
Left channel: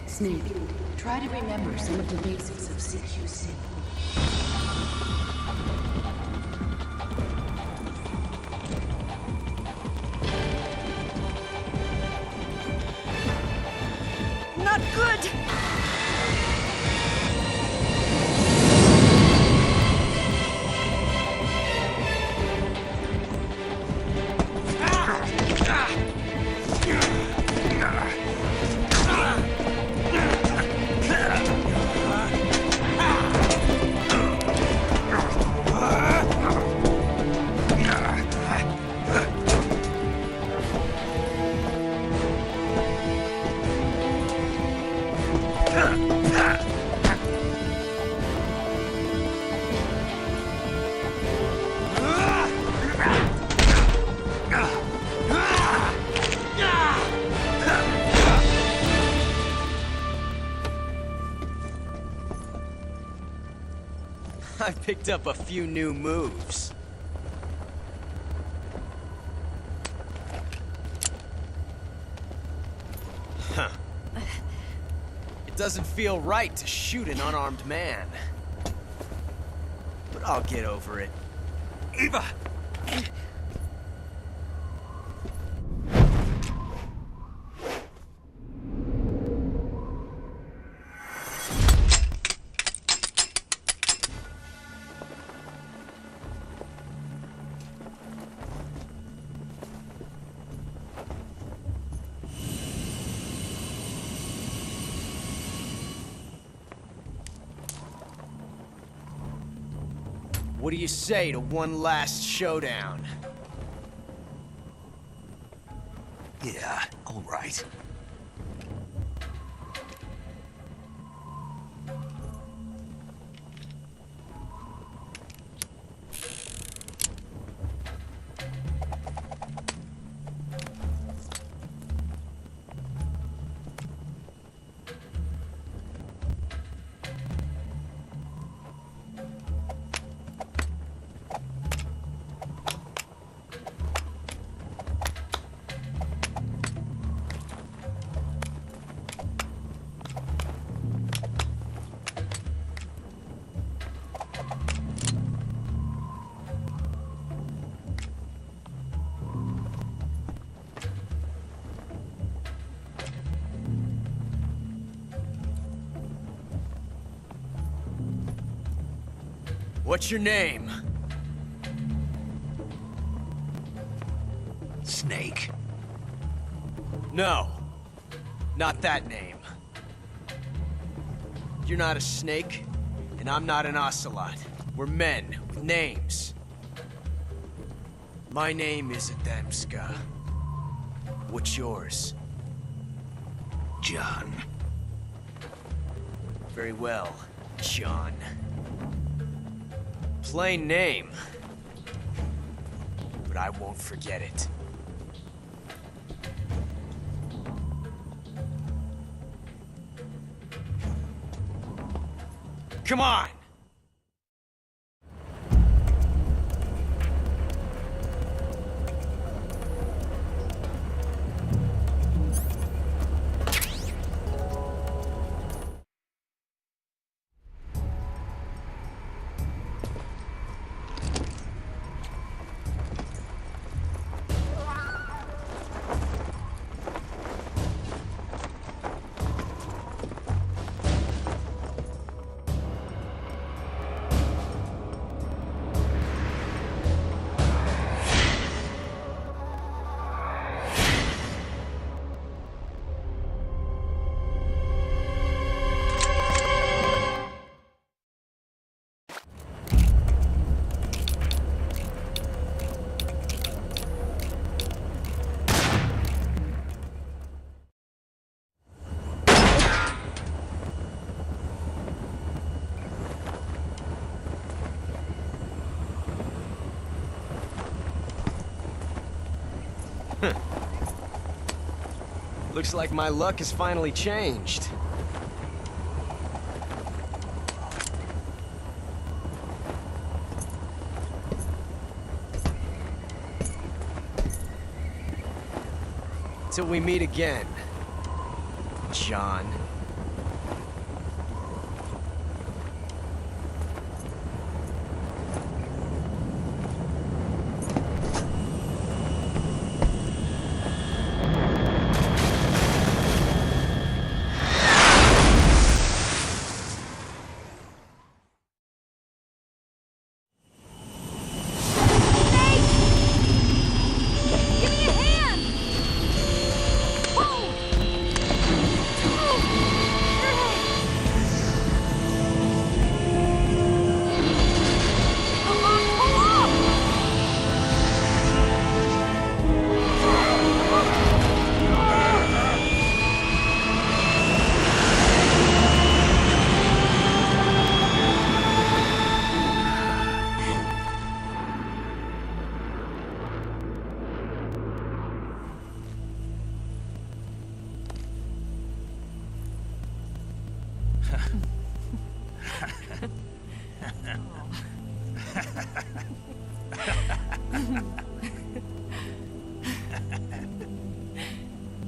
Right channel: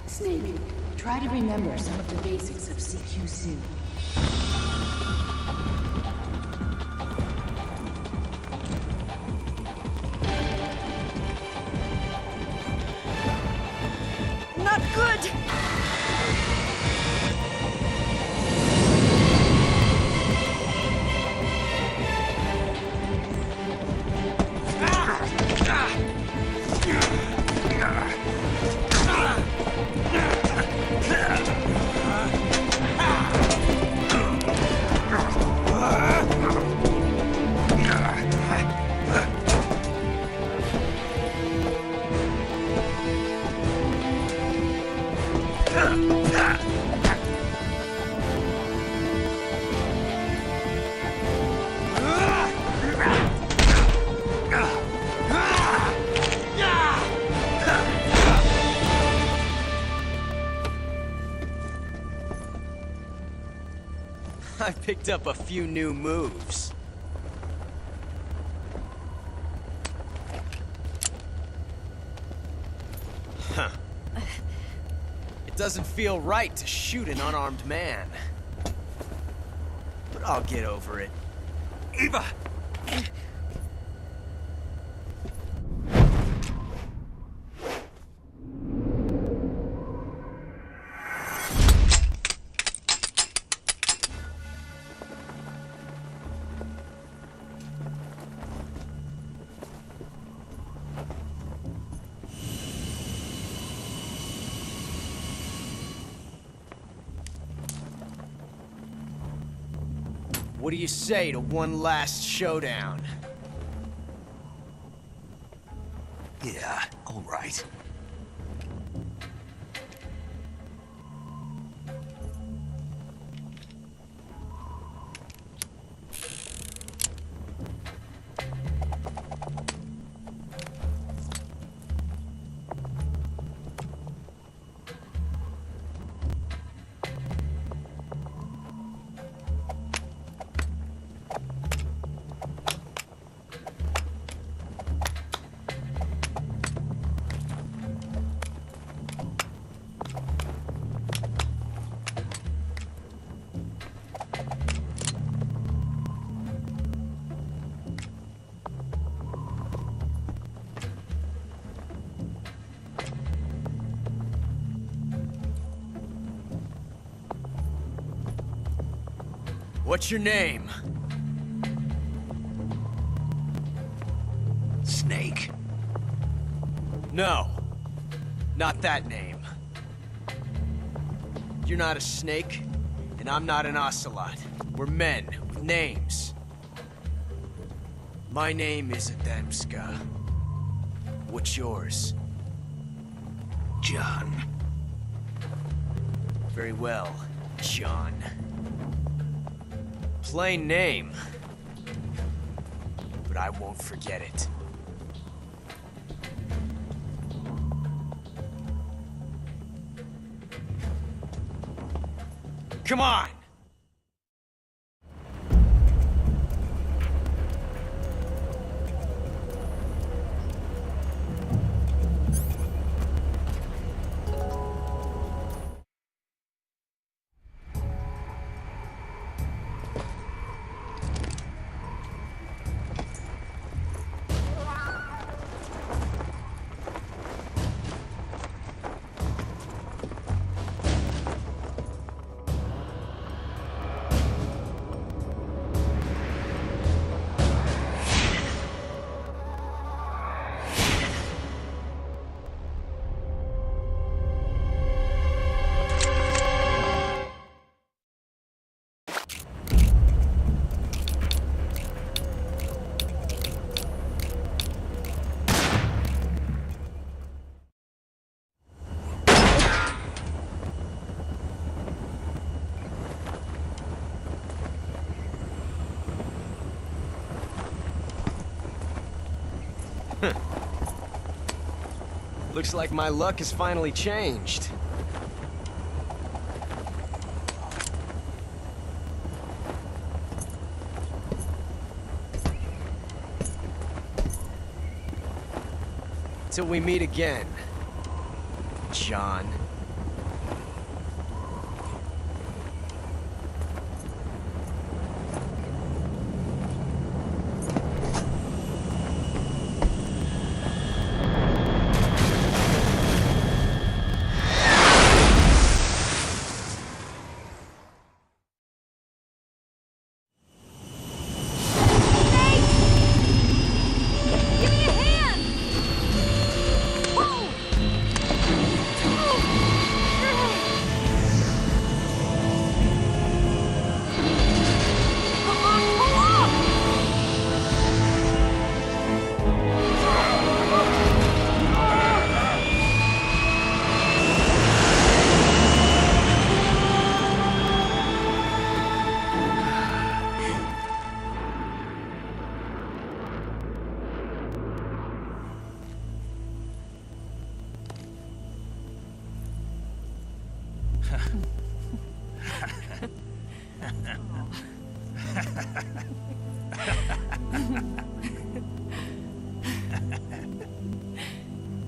Snake, try to remember some of the basics of CQC. Not good! I picked up a few new moves. Huh. It doesn't feel right to shoot an unarmed man. But I'll get over it. Eva! What do you say to one last showdown? Yeah, all right. What's your name? Snake. No. Not that name. You're not a snake, and I'm not an ocelot. We're men with names. My name is Adamska. What's yours? John. Very well, John. Plain name. But I won't forget it. Come on! Looks like my luck has finally changed. Till we meet again, John.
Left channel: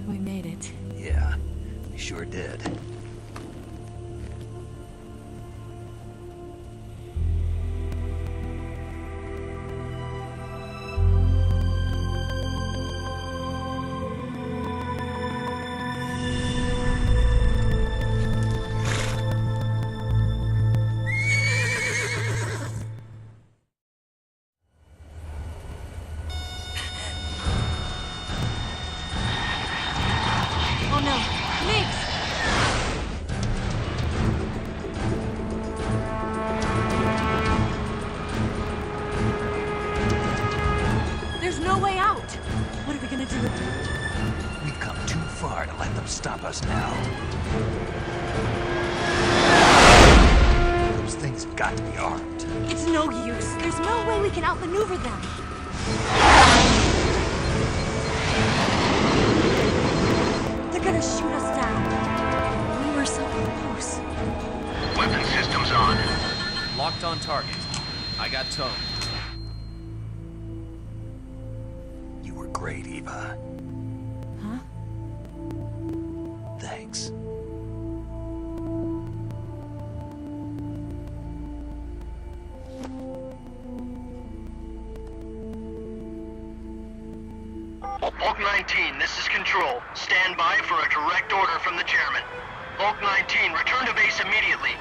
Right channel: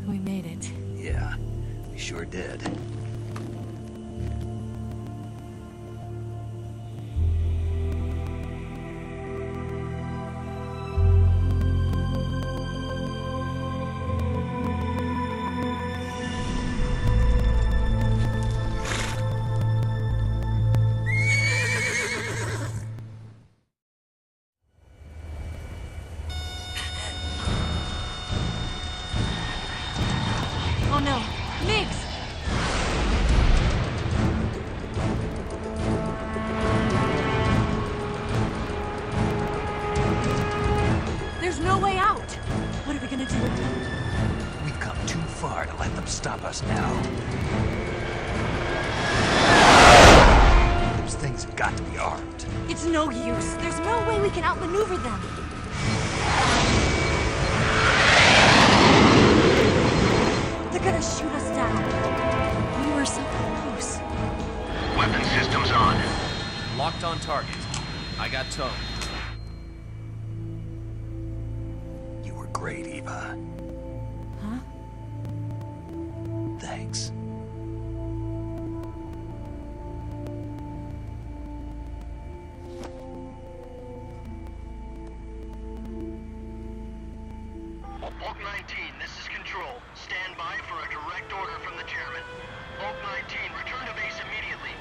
We made it. Yeah, we sure did. Oh no, Migs! There's no way out! What are we gonna do? We've come too far to let them stop us now. Those things have got to be armed. It's no use. There's no way we can outmaneuver them. They're gonna shoot us down. We were so close. Weapon systems on. Locked on target. I got towed. You were great, Eva. Huh? Thanks. Bulk 19, this is Control. Stand by for a direct order from the chairman. Bulk 19, return to base immediately.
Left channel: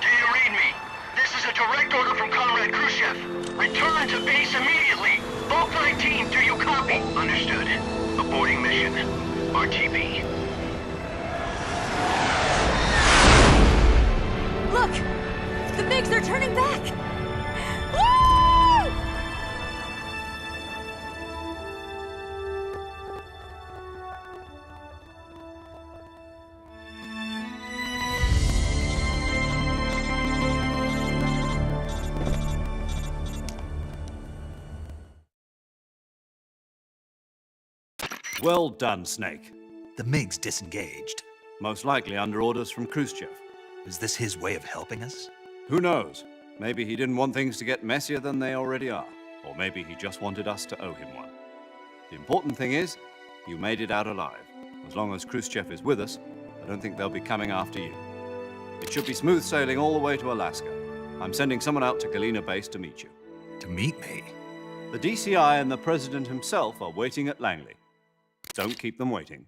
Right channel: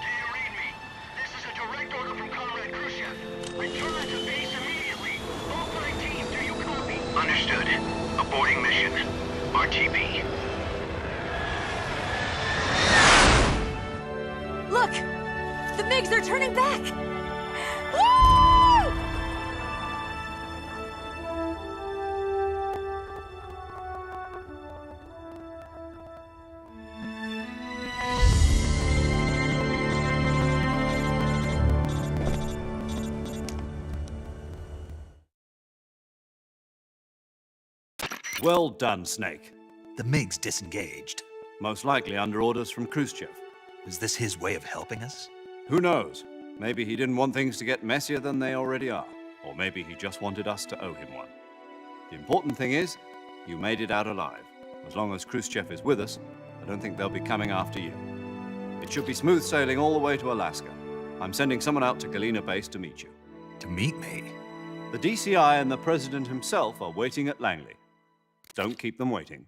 Do you read me? This is a direct order from Comrade Khrushchev. Return to base immediately. Bulk 19, do you copy? Understood. Aborting mission. RTB. Look! The MiGs are turning back! Woo! Well done, Snake. The MiGs disengaged. Most likely under orders from Khrushchev. Is this his way of helping us? Who knows? Maybe he didn't want things to get messier than they already are. Or maybe he just wanted us to owe him one. The important thing is, you made it out alive. As long as Khrushchev is with us, I don't think they'll be coming after you. It should be smooth sailing all the way to Alaska. I'm sending someone out to Galena Base to meet you. To meet me? The DCI and the President himself are waiting at Langley. Don't keep them waiting.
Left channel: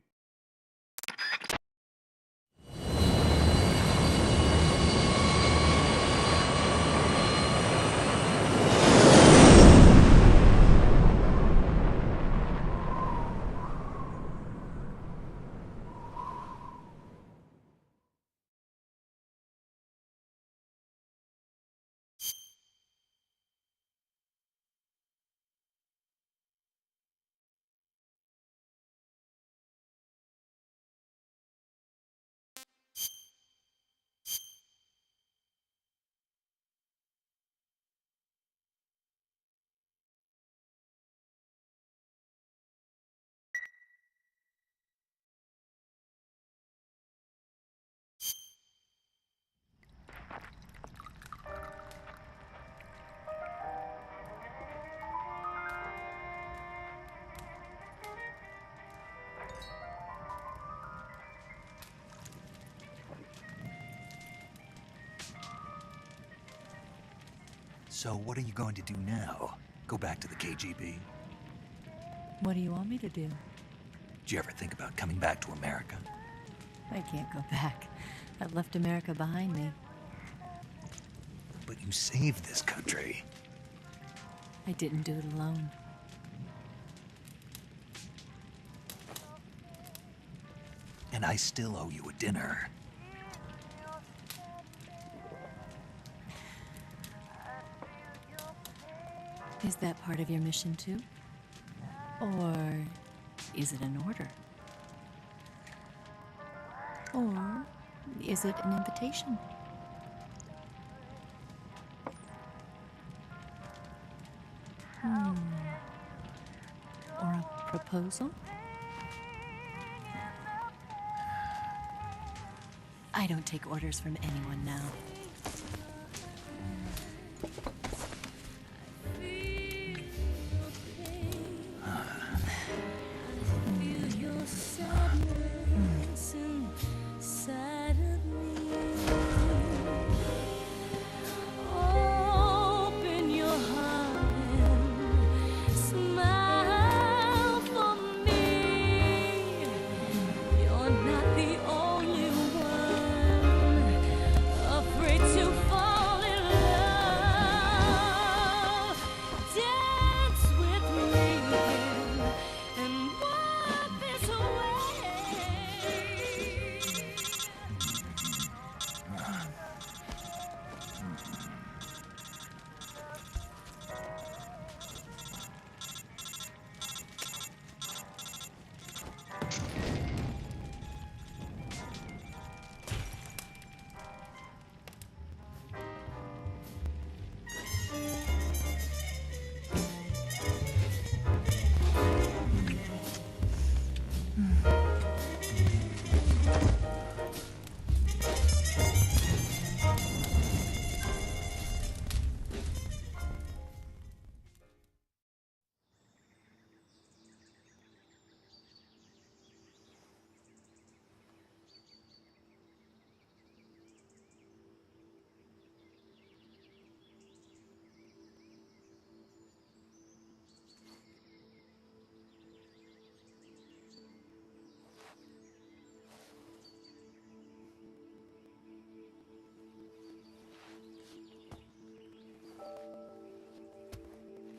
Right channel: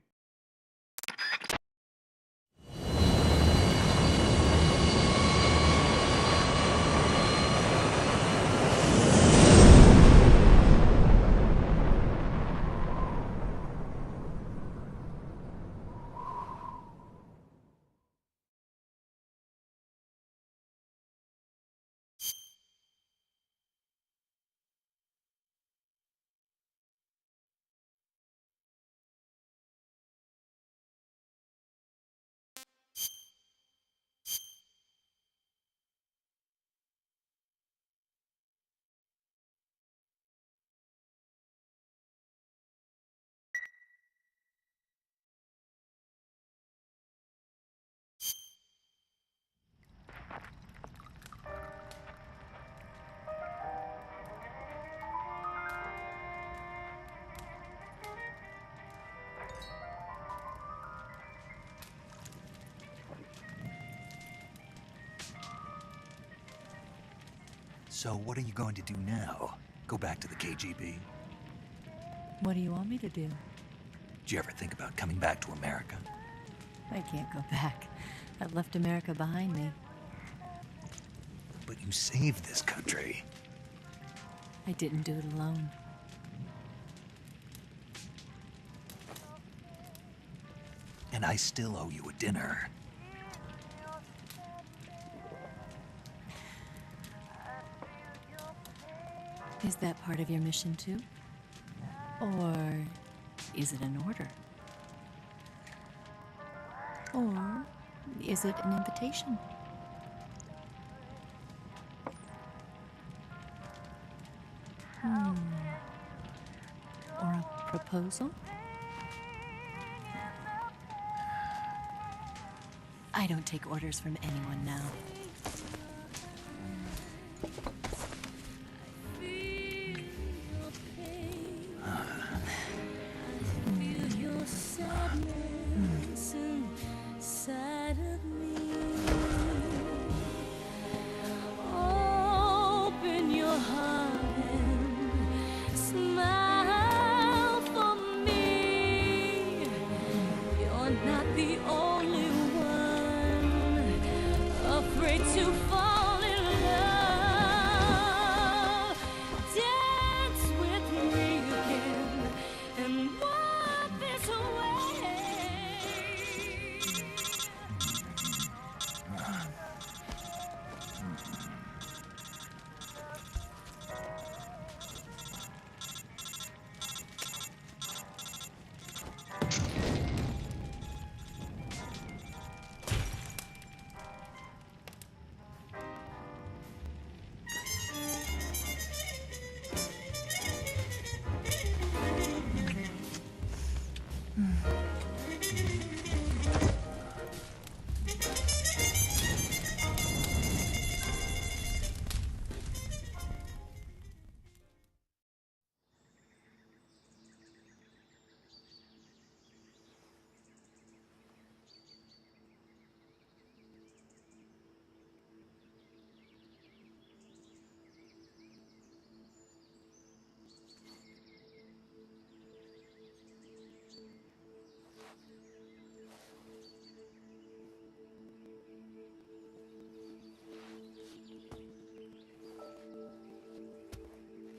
So what are you going to do now? Go back to the KGB? What do you want me to do? Did you ever think about coming back to America? I can't go back. I've left America behind me. But you saved this country. I didn't do it alone. And I still owe you a dinner. Is that part of your mission too? Or is it an order? Or is it an invitation? Or a proposal? I don't take orders from anyone now.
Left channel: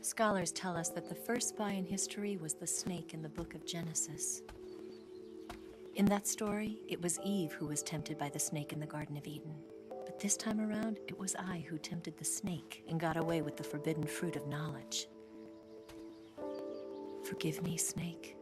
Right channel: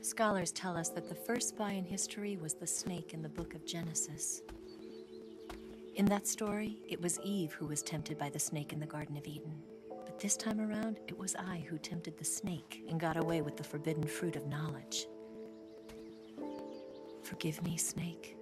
Scholars tell us that the first spy in history was the snake in the book of Genesis. In that story, it was Eve who was tempted by the snake in the Garden of Eden. But this time around, it was I who tempted the snake and got away with the forbidden fruit of knowledge. Forgive me, Snake.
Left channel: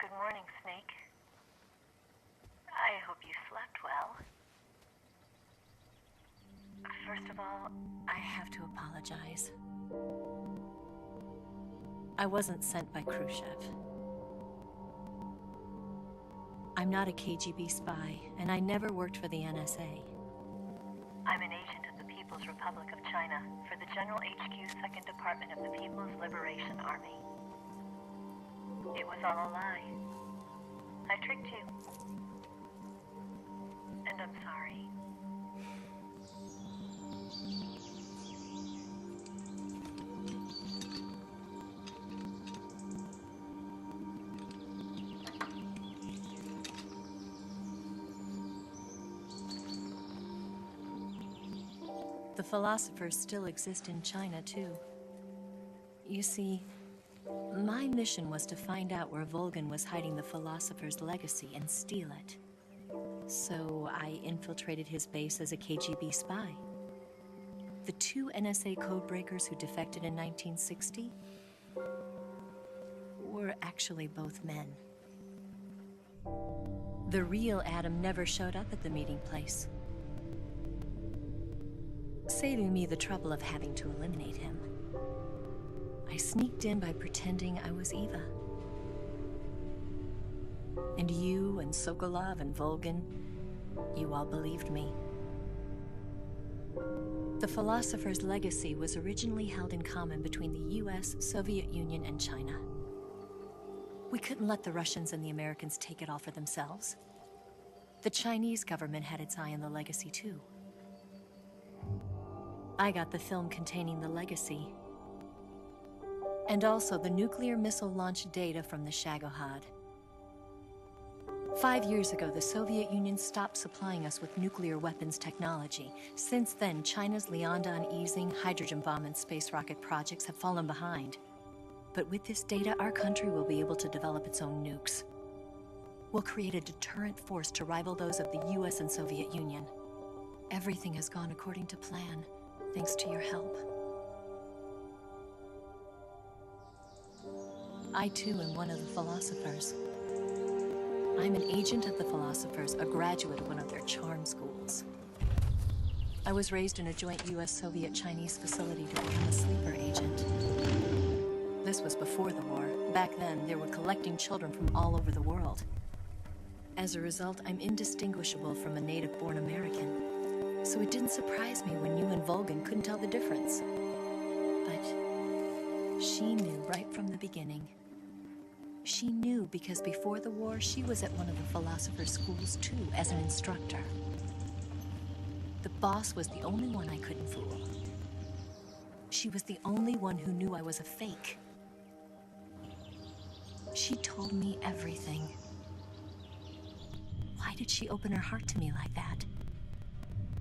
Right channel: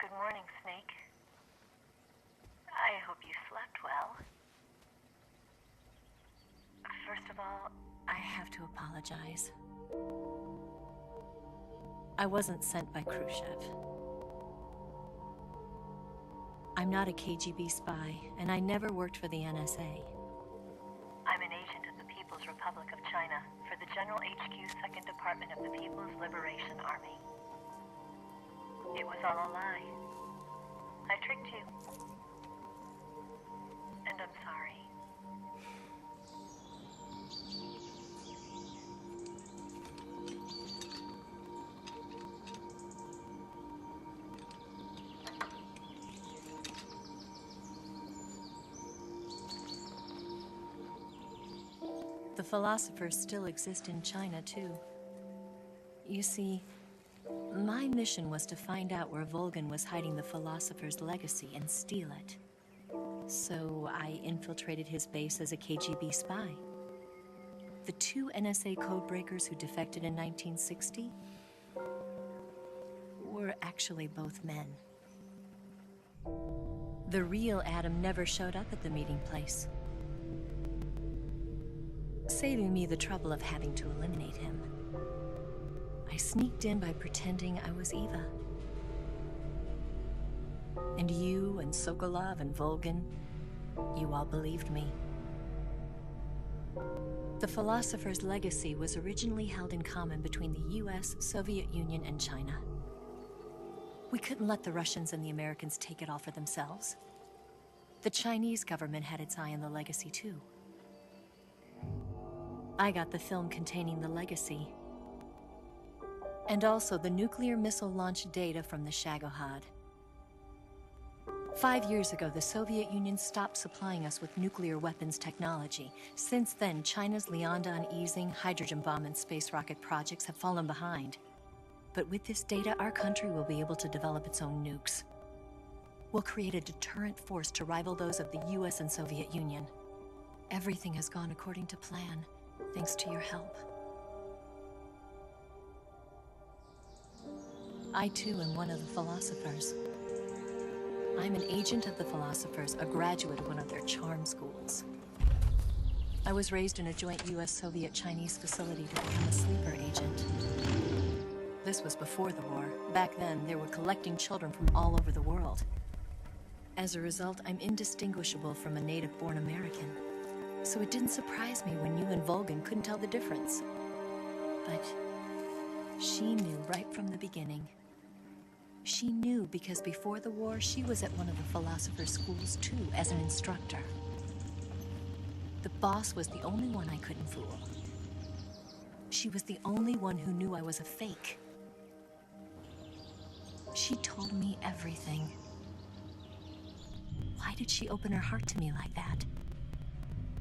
Good morning, Snake. I hope you slept well. First of all, I have to apologize. I wasn't sent by Khrushchev. I'm not a KGB spy, and I never worked for the NSA. I'm an agent of the People's Republic of China for the General HQ 2nd Department of the People's Liberation Army. It was all a lie. I tricked you. And I'm sorry. The philosophers still exist in China, too. You see, my mission was to find out where Volgin was hiding the philosopher's legacy and steal it. So I infiltrated his base as a KGB spy. The 2 NSA codebreakers who defected in 1960 were actually both men. The real Adam never showed up at the meeting place, saving me the trouble of having to eliminate him. I sneaked in by pretending I was Eva. And you and Sokolov and Volgin, you all believed me. The philosopher's legacy was originally held in common between the US, Soviet Union, and China. We couldn't let the Russians and the Americans take it all for themselves. The Chinese government had its eye on the legacy too. I got the film containing the legacy, and also the nuclear missile launch data from the Shagohod. 5 years ago, the Soviet Union stopped supplying us with nuclear weapons technology. Since then, China's Liaodong easing, hydrogen bomb, and space rocket projects have fallen behind. But with this data, our country will be able to develop its own nukes. We'll create a deterrent force to rival those of the US and Soviet Union. Everything has gone according to plan, thanks to your help. I too am one of the philosophers. I'm an agent of the philosophers, a graduate of one of their charm schools. I was raised in a joint US-Soviet-Chinese facility to become a sleeper agent. This was before the war. Back then, they were collecting children from all over the world. As a result, I'm indistinguishable from a native-born American. So it didn't surprise me when you and Volgin couldn't tell the difference. But she knew right from the beginning. She knew because before the war, she was at one of the philosopher's schools too, as an instructor. The boss was the only one I couldn't fool. She was the only one who knew I was a fake. She told me everything. Why did she open her heart to me like that?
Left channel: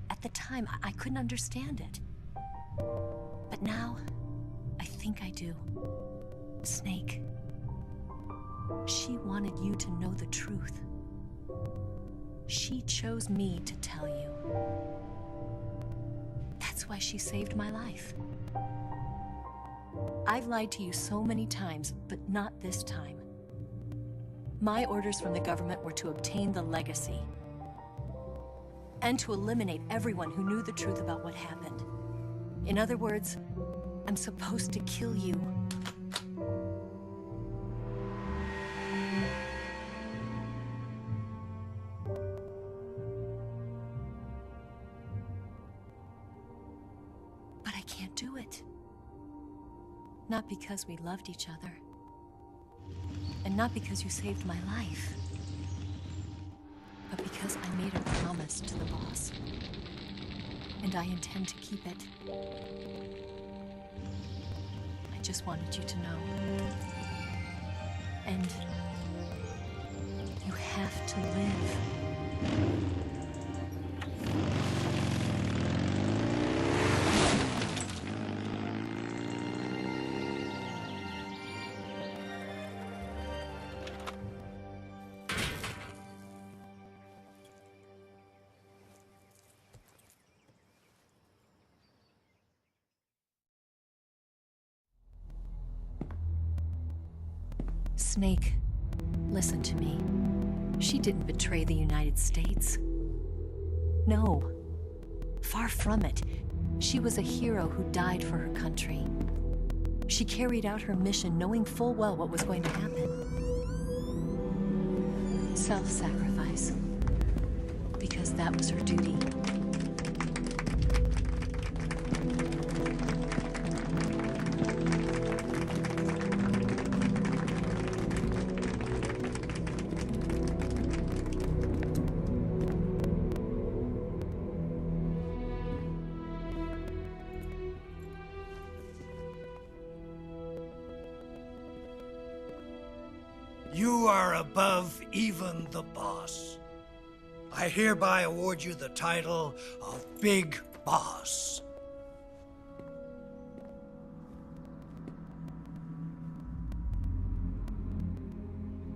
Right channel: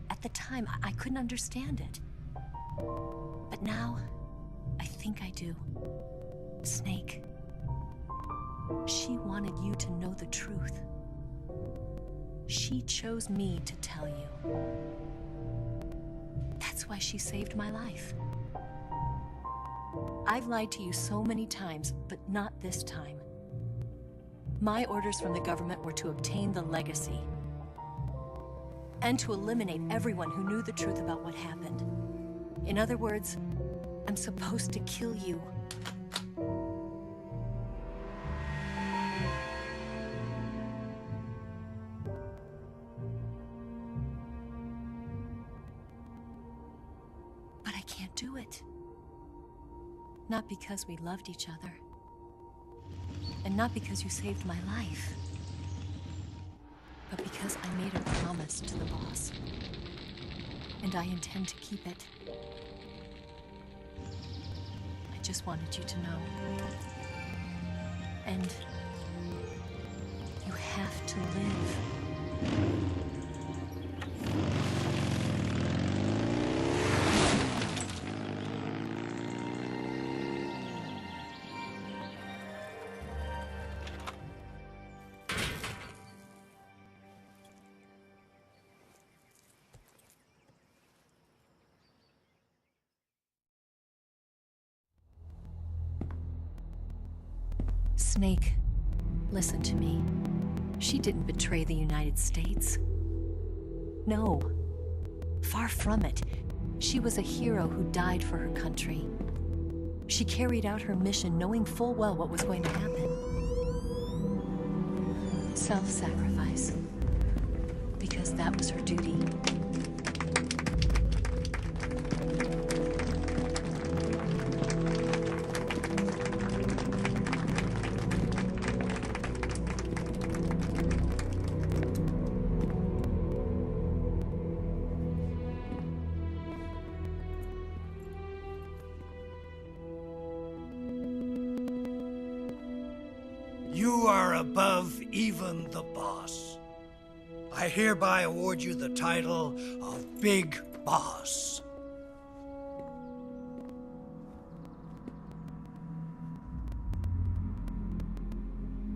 At the time, I couldn't understand it. But now, I think I do. Snake. She wanted you to know the truth. She chose me to tell you. That's why she saved my life. I've lied to you so many times, but not this time. My orders from the government were to obtain the legacy and to eliminate everyone who knew the truth about what happened. In other words, I'm supposed to kill you. can't do it. Not because we loved each other. And not because you saved my life. But because I made a promise to the boss. And I intend to keep it. I just wanted you to know. And you have to live. Snake, listen to me. She didn't betray the United States. No. Far from it. She was a hero who died for her country. She carried out her mission knowing full well what was going to happen. Self-sacrifice. Because that was her duty. You are above even the boss. I hereby award you the title of Big Boss.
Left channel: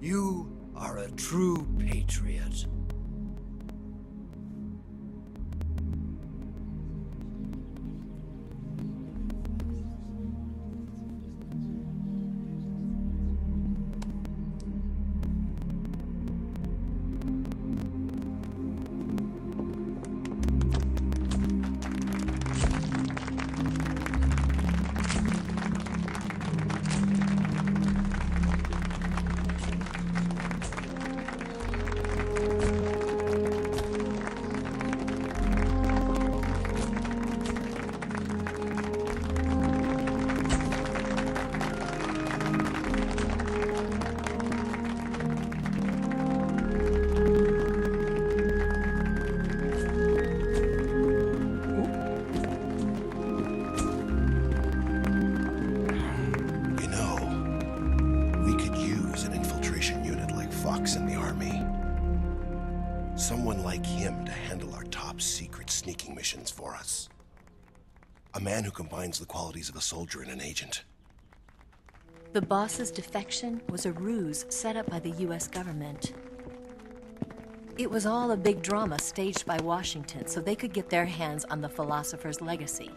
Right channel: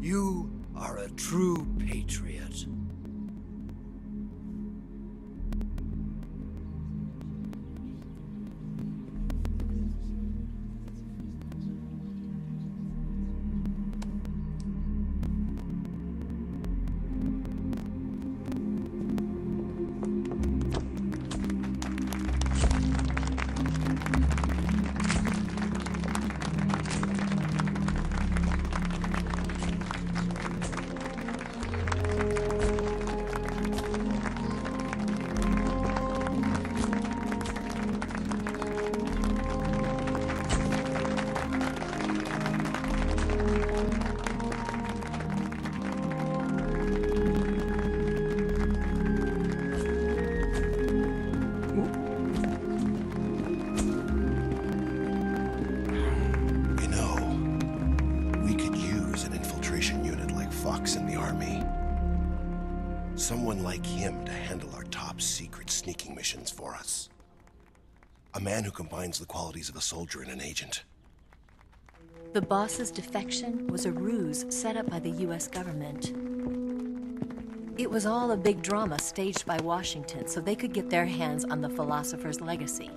You are a true patriot. Fox in the army. Someone like him to handle our top secret sneaking missions for us. A man who combines the qualities of a soldier and an agent. The boss's defection was a ruse set up by the US government. It was all a big drama staged by Washington so they could get their hands on the philosopher's legacy.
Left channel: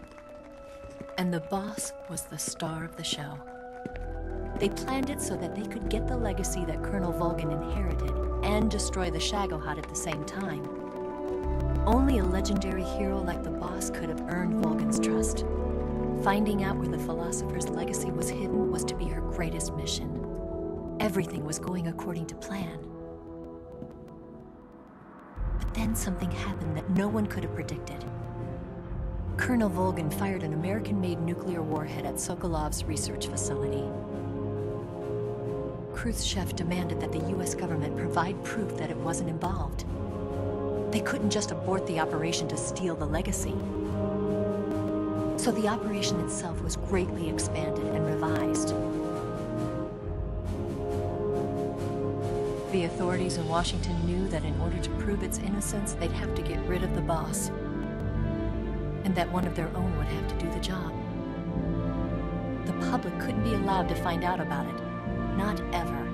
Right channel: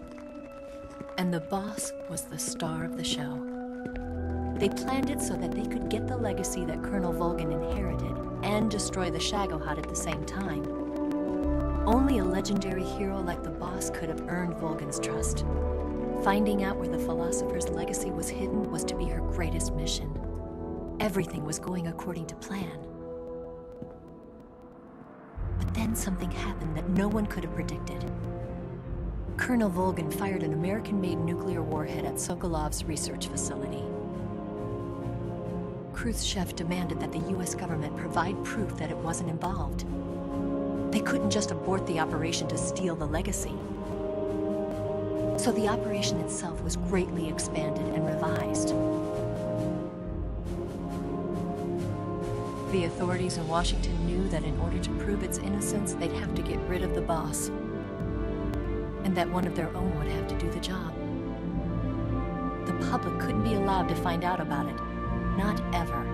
And the boss was the star of the show. They planned it so that they could get the legacy that Colonel Volgin inherited and destroy the Shagohod at the same time. Only a legendary hero like the boss could have earned Volgin's trust. Finding out where the philosopher's legacy was hidden was to be her greatest mission. Everything was going according to plan. But then something happened that no one could have predicted. Colonel Volgin fired an American-made nuclear warhead at Sokolov's research facility. Khrushchev demanded that the US government provide proof that it wasn't involved. They couldn't just abort the operation to steal the legacy. So the operation itself was greatly expanded and revised. The authorities in Washington knew that in order to prove its innocence, they'd have to get rid of the boss. And that one of their own would have to do the job. The public couldn't be allowed to find out about it. Not ever.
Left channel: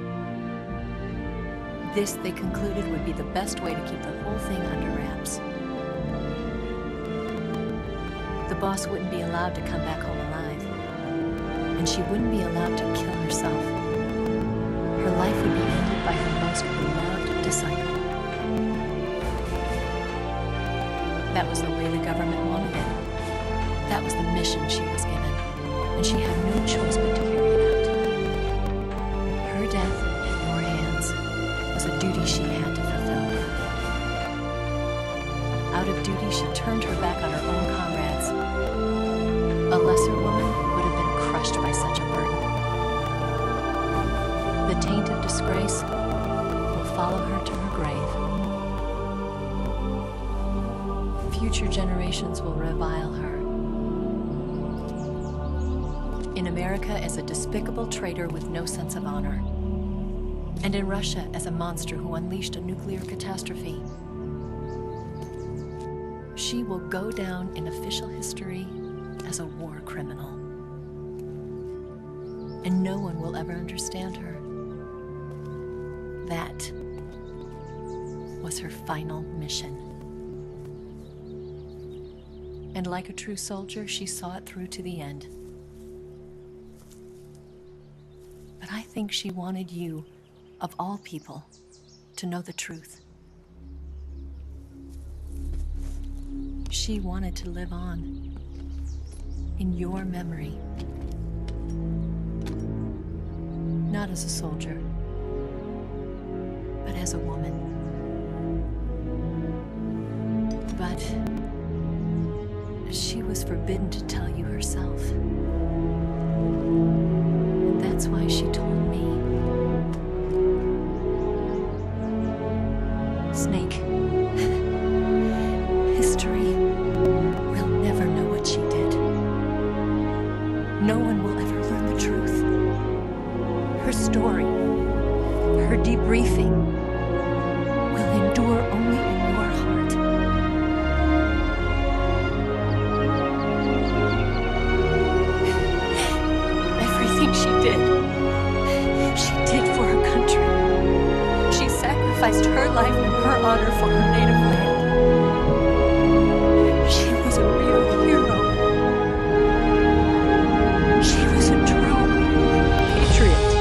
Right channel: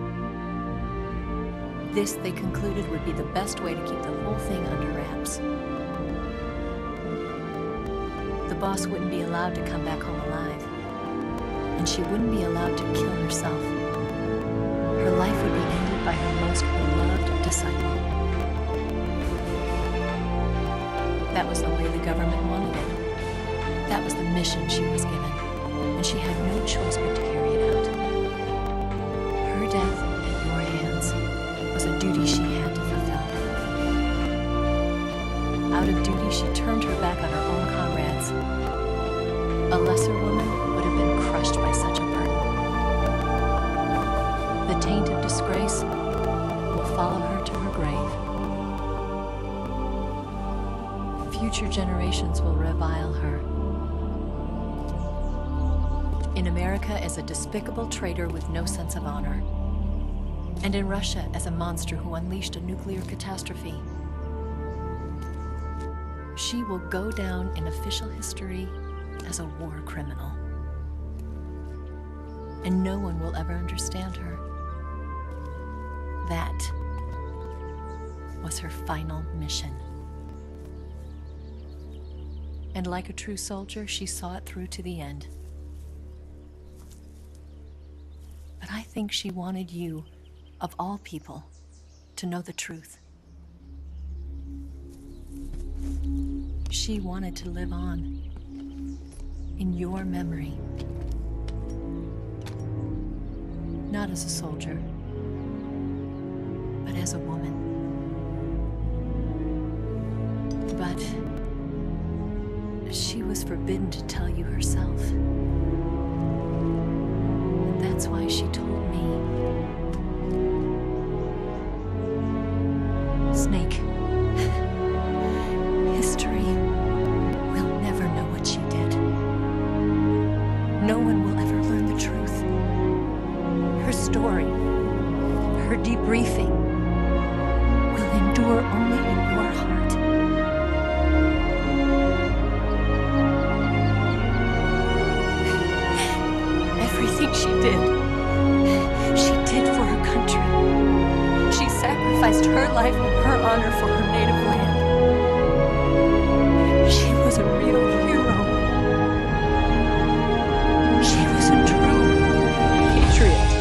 This, they concluded, would be the best way to keep the whole thing under wraps. The boss wouldn't be allowed to come back home alive. And she wouldn't be allowed to kill herself. Her life would be ended by her most beloved disciple. That was the way the government wanted it. That was the mission she was given. And she had no choice but to carry it out. Her death at your hands was a duty she had to fulfill. Out of duty, she turned her back on her own comrades. A The taint of disgrace will follow her to her grave. Future generations will revile her. In America as a despicable traitor with no sense of honor. And in Russia as a monster who unleashed a nuclear catastrophe. She will go down in official history as a war criminal. And no one will ever understand her. That was her final mission. And like a true soldier, she saw it through to the end. But I think she wanted you, of all people, to know the truth. She wanted to live on in your memory. Not as a soldier, but as a woman. But she was forbidden to tell you herself. And that's why she told me. Snake, history will never know what she did. No one will ever learn the truth. Her story, her debriefing, will endure only in your heart. Everything she did for her country. She sacrificed her life and her honor for her native land. She was a real hero. She was a true patriot.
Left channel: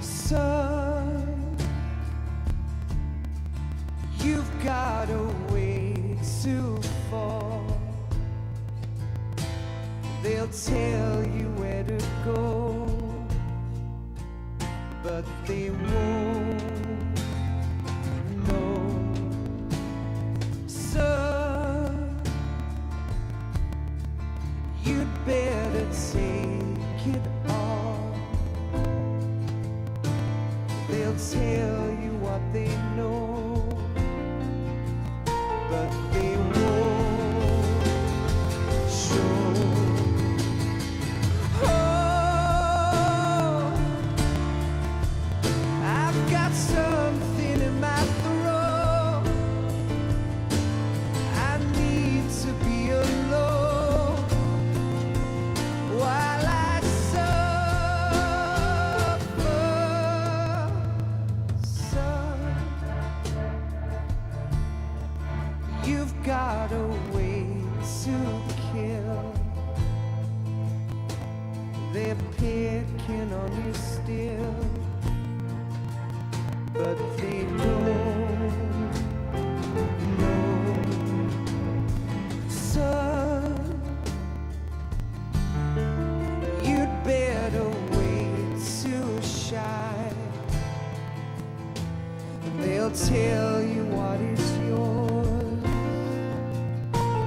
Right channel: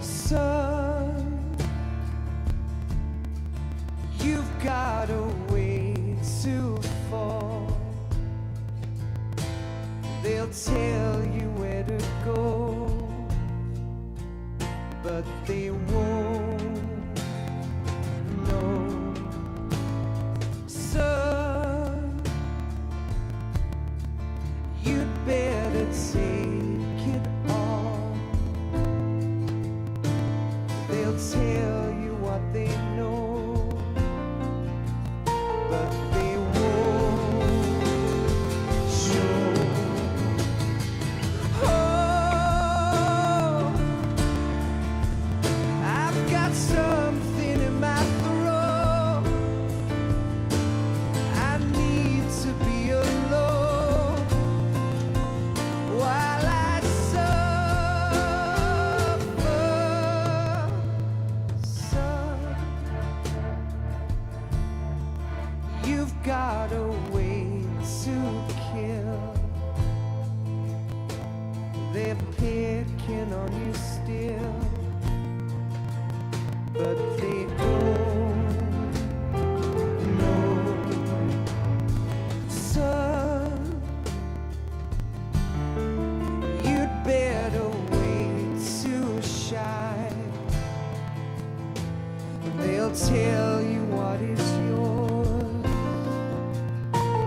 Son, you've got a way to fall. They'll tell you where to go, but they won't know. Son, you'd better take it off. They'll tell you what they know, but they won't show. Oh, I've got something in my throat. I need to be alone while I suffer. Son, you've got a way to kill. They're picking on you still, but they don't know. Son, you'd better wait to shine. They'll tell you what is yours,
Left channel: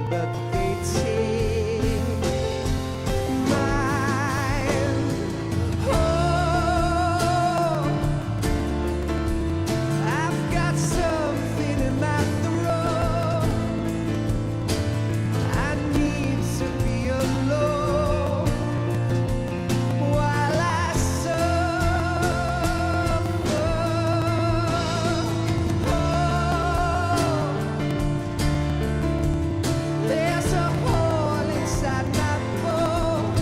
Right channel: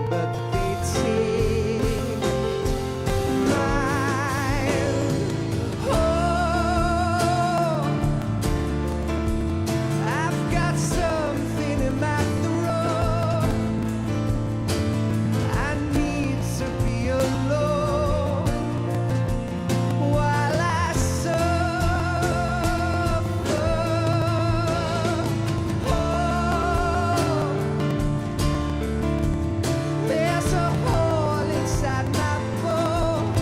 but they take mine. Oh, I've got something in my throat. I need to be alone while I suffer. Oh, there's a hole inside my bones.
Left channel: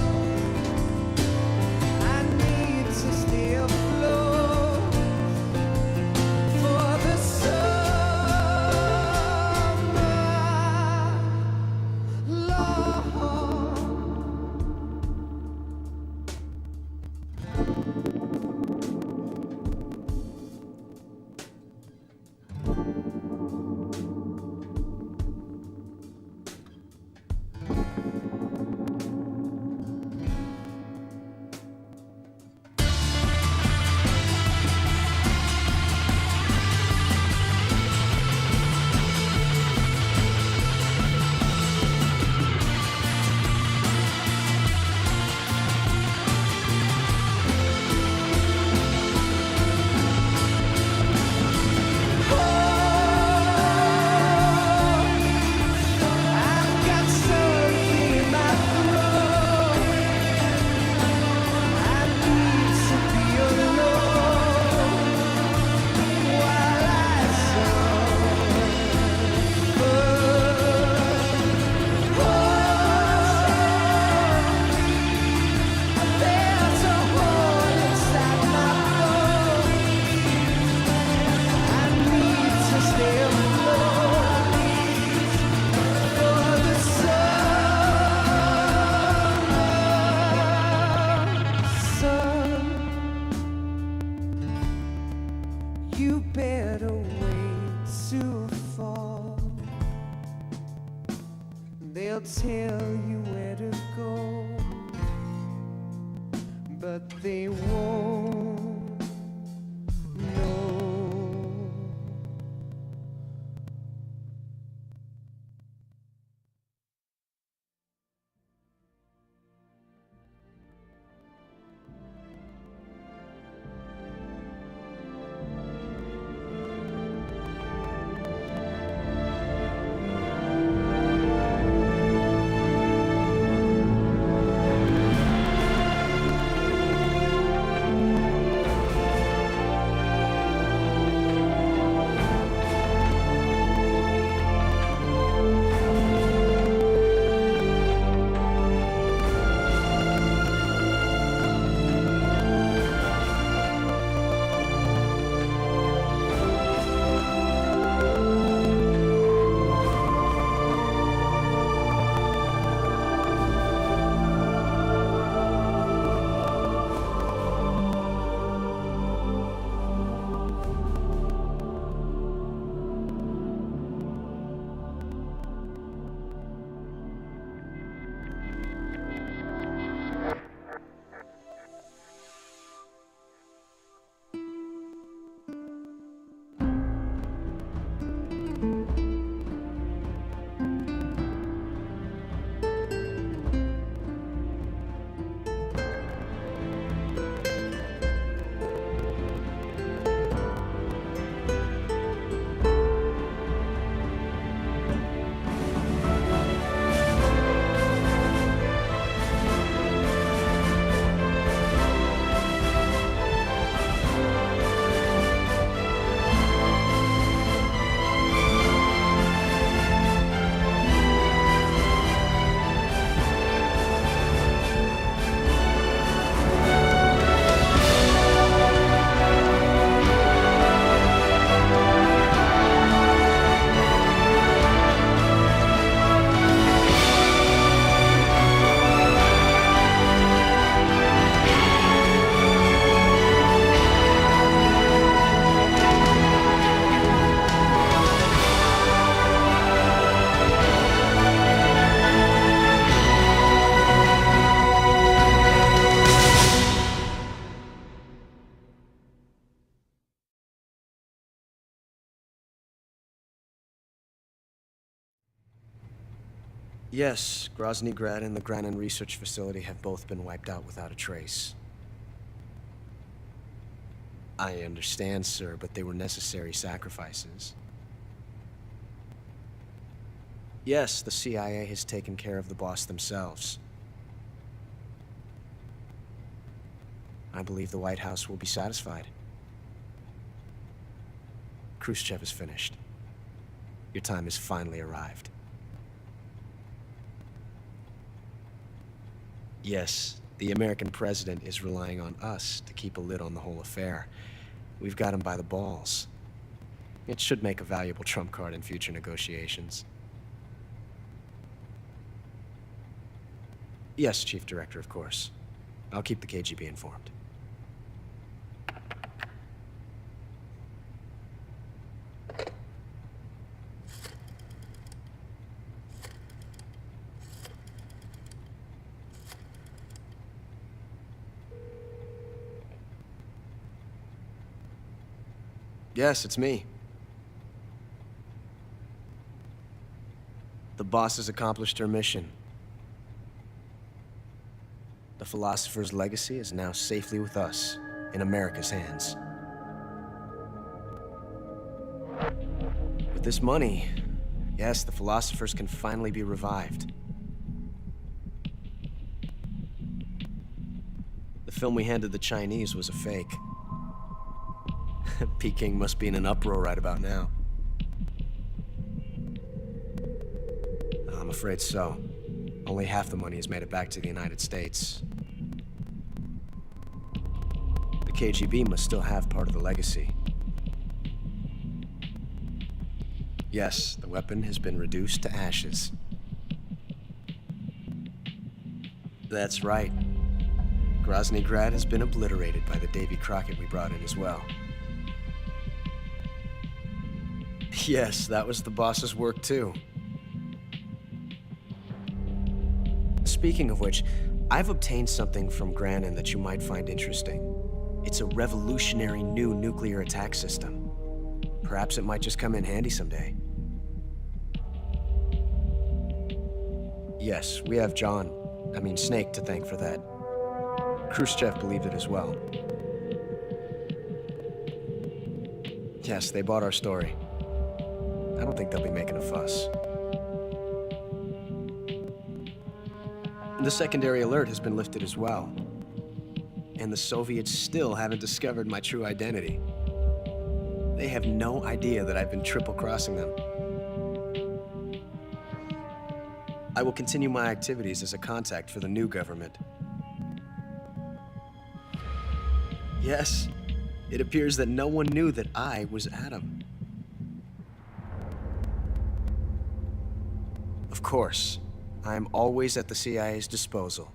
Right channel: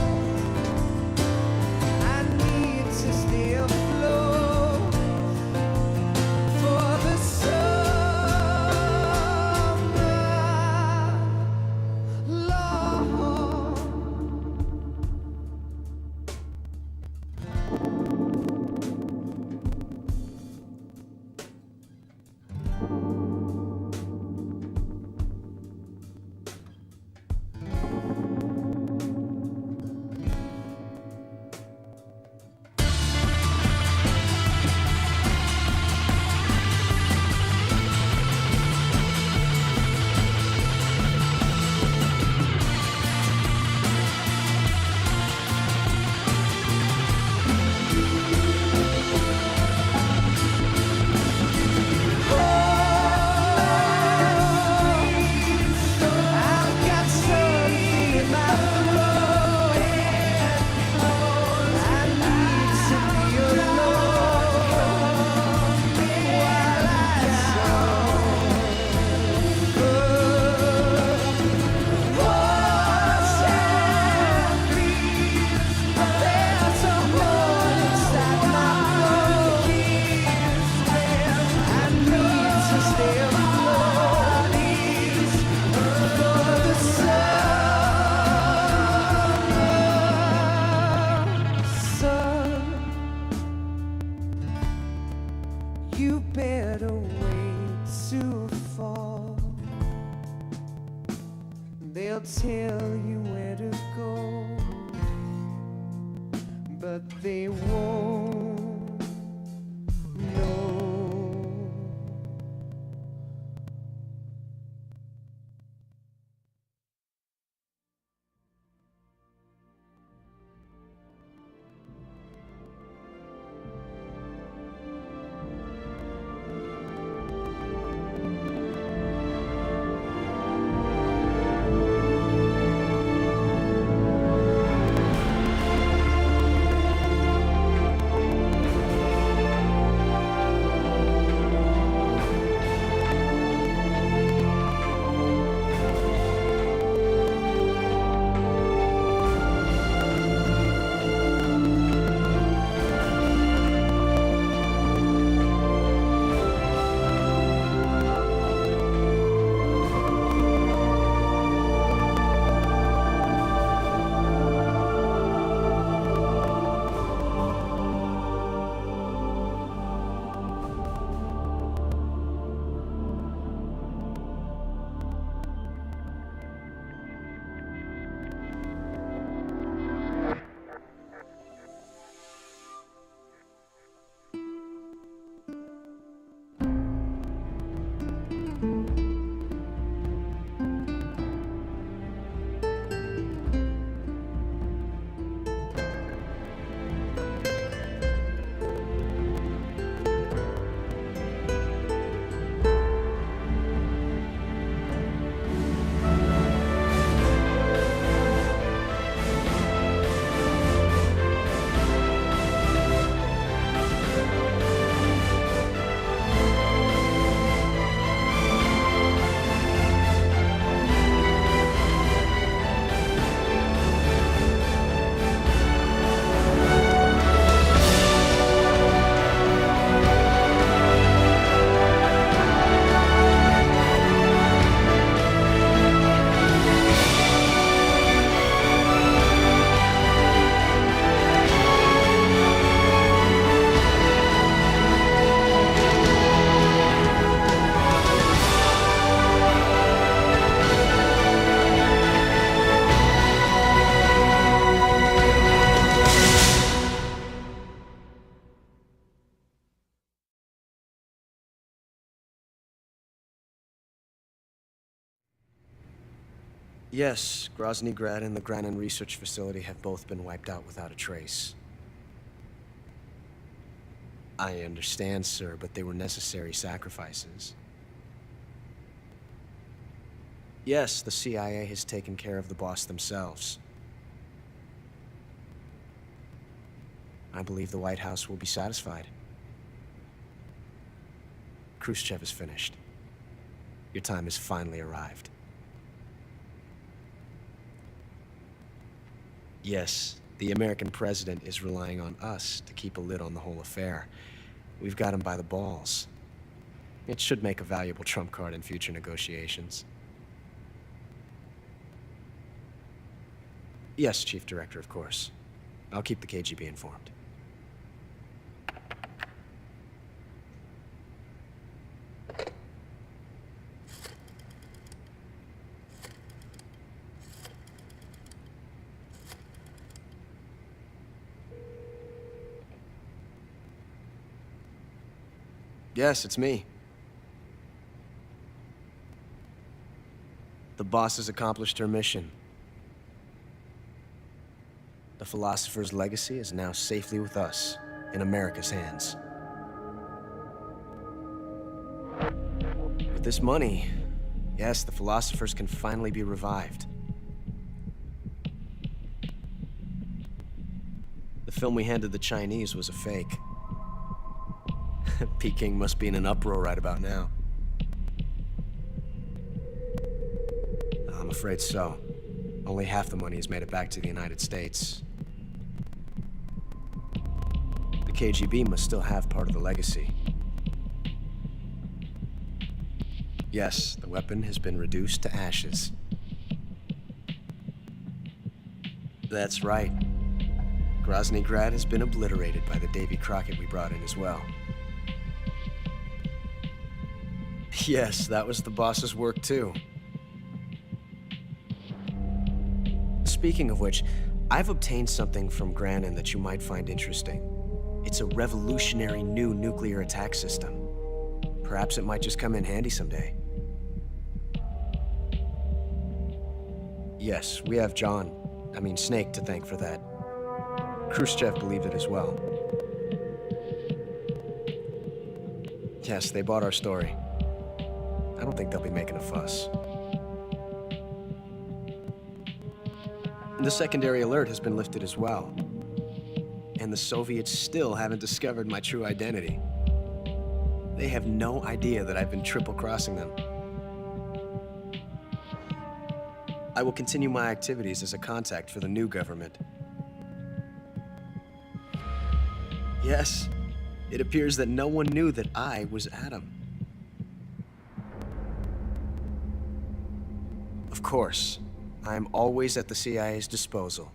I need to stay afloat for the summer, Lord. I've got something in my throat. I need to be alone while I suffer. There's a hole inside my bones. I need to stay afloat for the summer. Sun, you better wait to fall. They'll tell you where to go, but they won't know. Yes, Grozny Grad and the Granin Research Facility have both been wiped out without a trace. I understand, sir, but they were necessary sacrifices. Yes, the CIA has taken care of the boss themselves. I believe the White House will be satisfied. Khrushchev is finished. Your time has finally arrived. Yes, the American president is relying on us to keep a lid on the whole affair. We've got him by the balls. It should make a valuable trump card in future negotiations. Yes, Chief Director, of course. I'll keep the KGB informed. Yes, it's me. The boss has accomplished her mission. The Philosopher's legacy is now safely with us, in America's hands. With this money, yes, the Philosophers can finally be revived. The film we handed the Chinese was a fake. Peking must be in an uproar right about now. I'm afraid so. Only half the money has made it back to the United States. The KGB must still have part of the legacy. Yes, the weapon has been reduced to ashes. That's right. Grozny Grad has been obliterated by the Davy Crockett we brought in as well. Yes, that was the boss's work too. Speaking of which, I've obtained something from Granin that you might find interesting. It's a revolutionary new nuclear attack system. Perhaps it might just come in handy someday. Yes, we have Snake to thank for that. Khrushchev believed it as well. Yes, they bought our story. I don't think they'll be making a fuss. The secondary alert has been lifted as well. And the Soviets still haven't discovered my true identity. They have no idea that I've been triple-crossing them. I will continue my activities as a contact for the new government. Yes, it appears that no one knew that I was Adam. Of course, I am always at the CIA's disposal,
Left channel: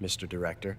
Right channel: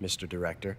Mr. Director.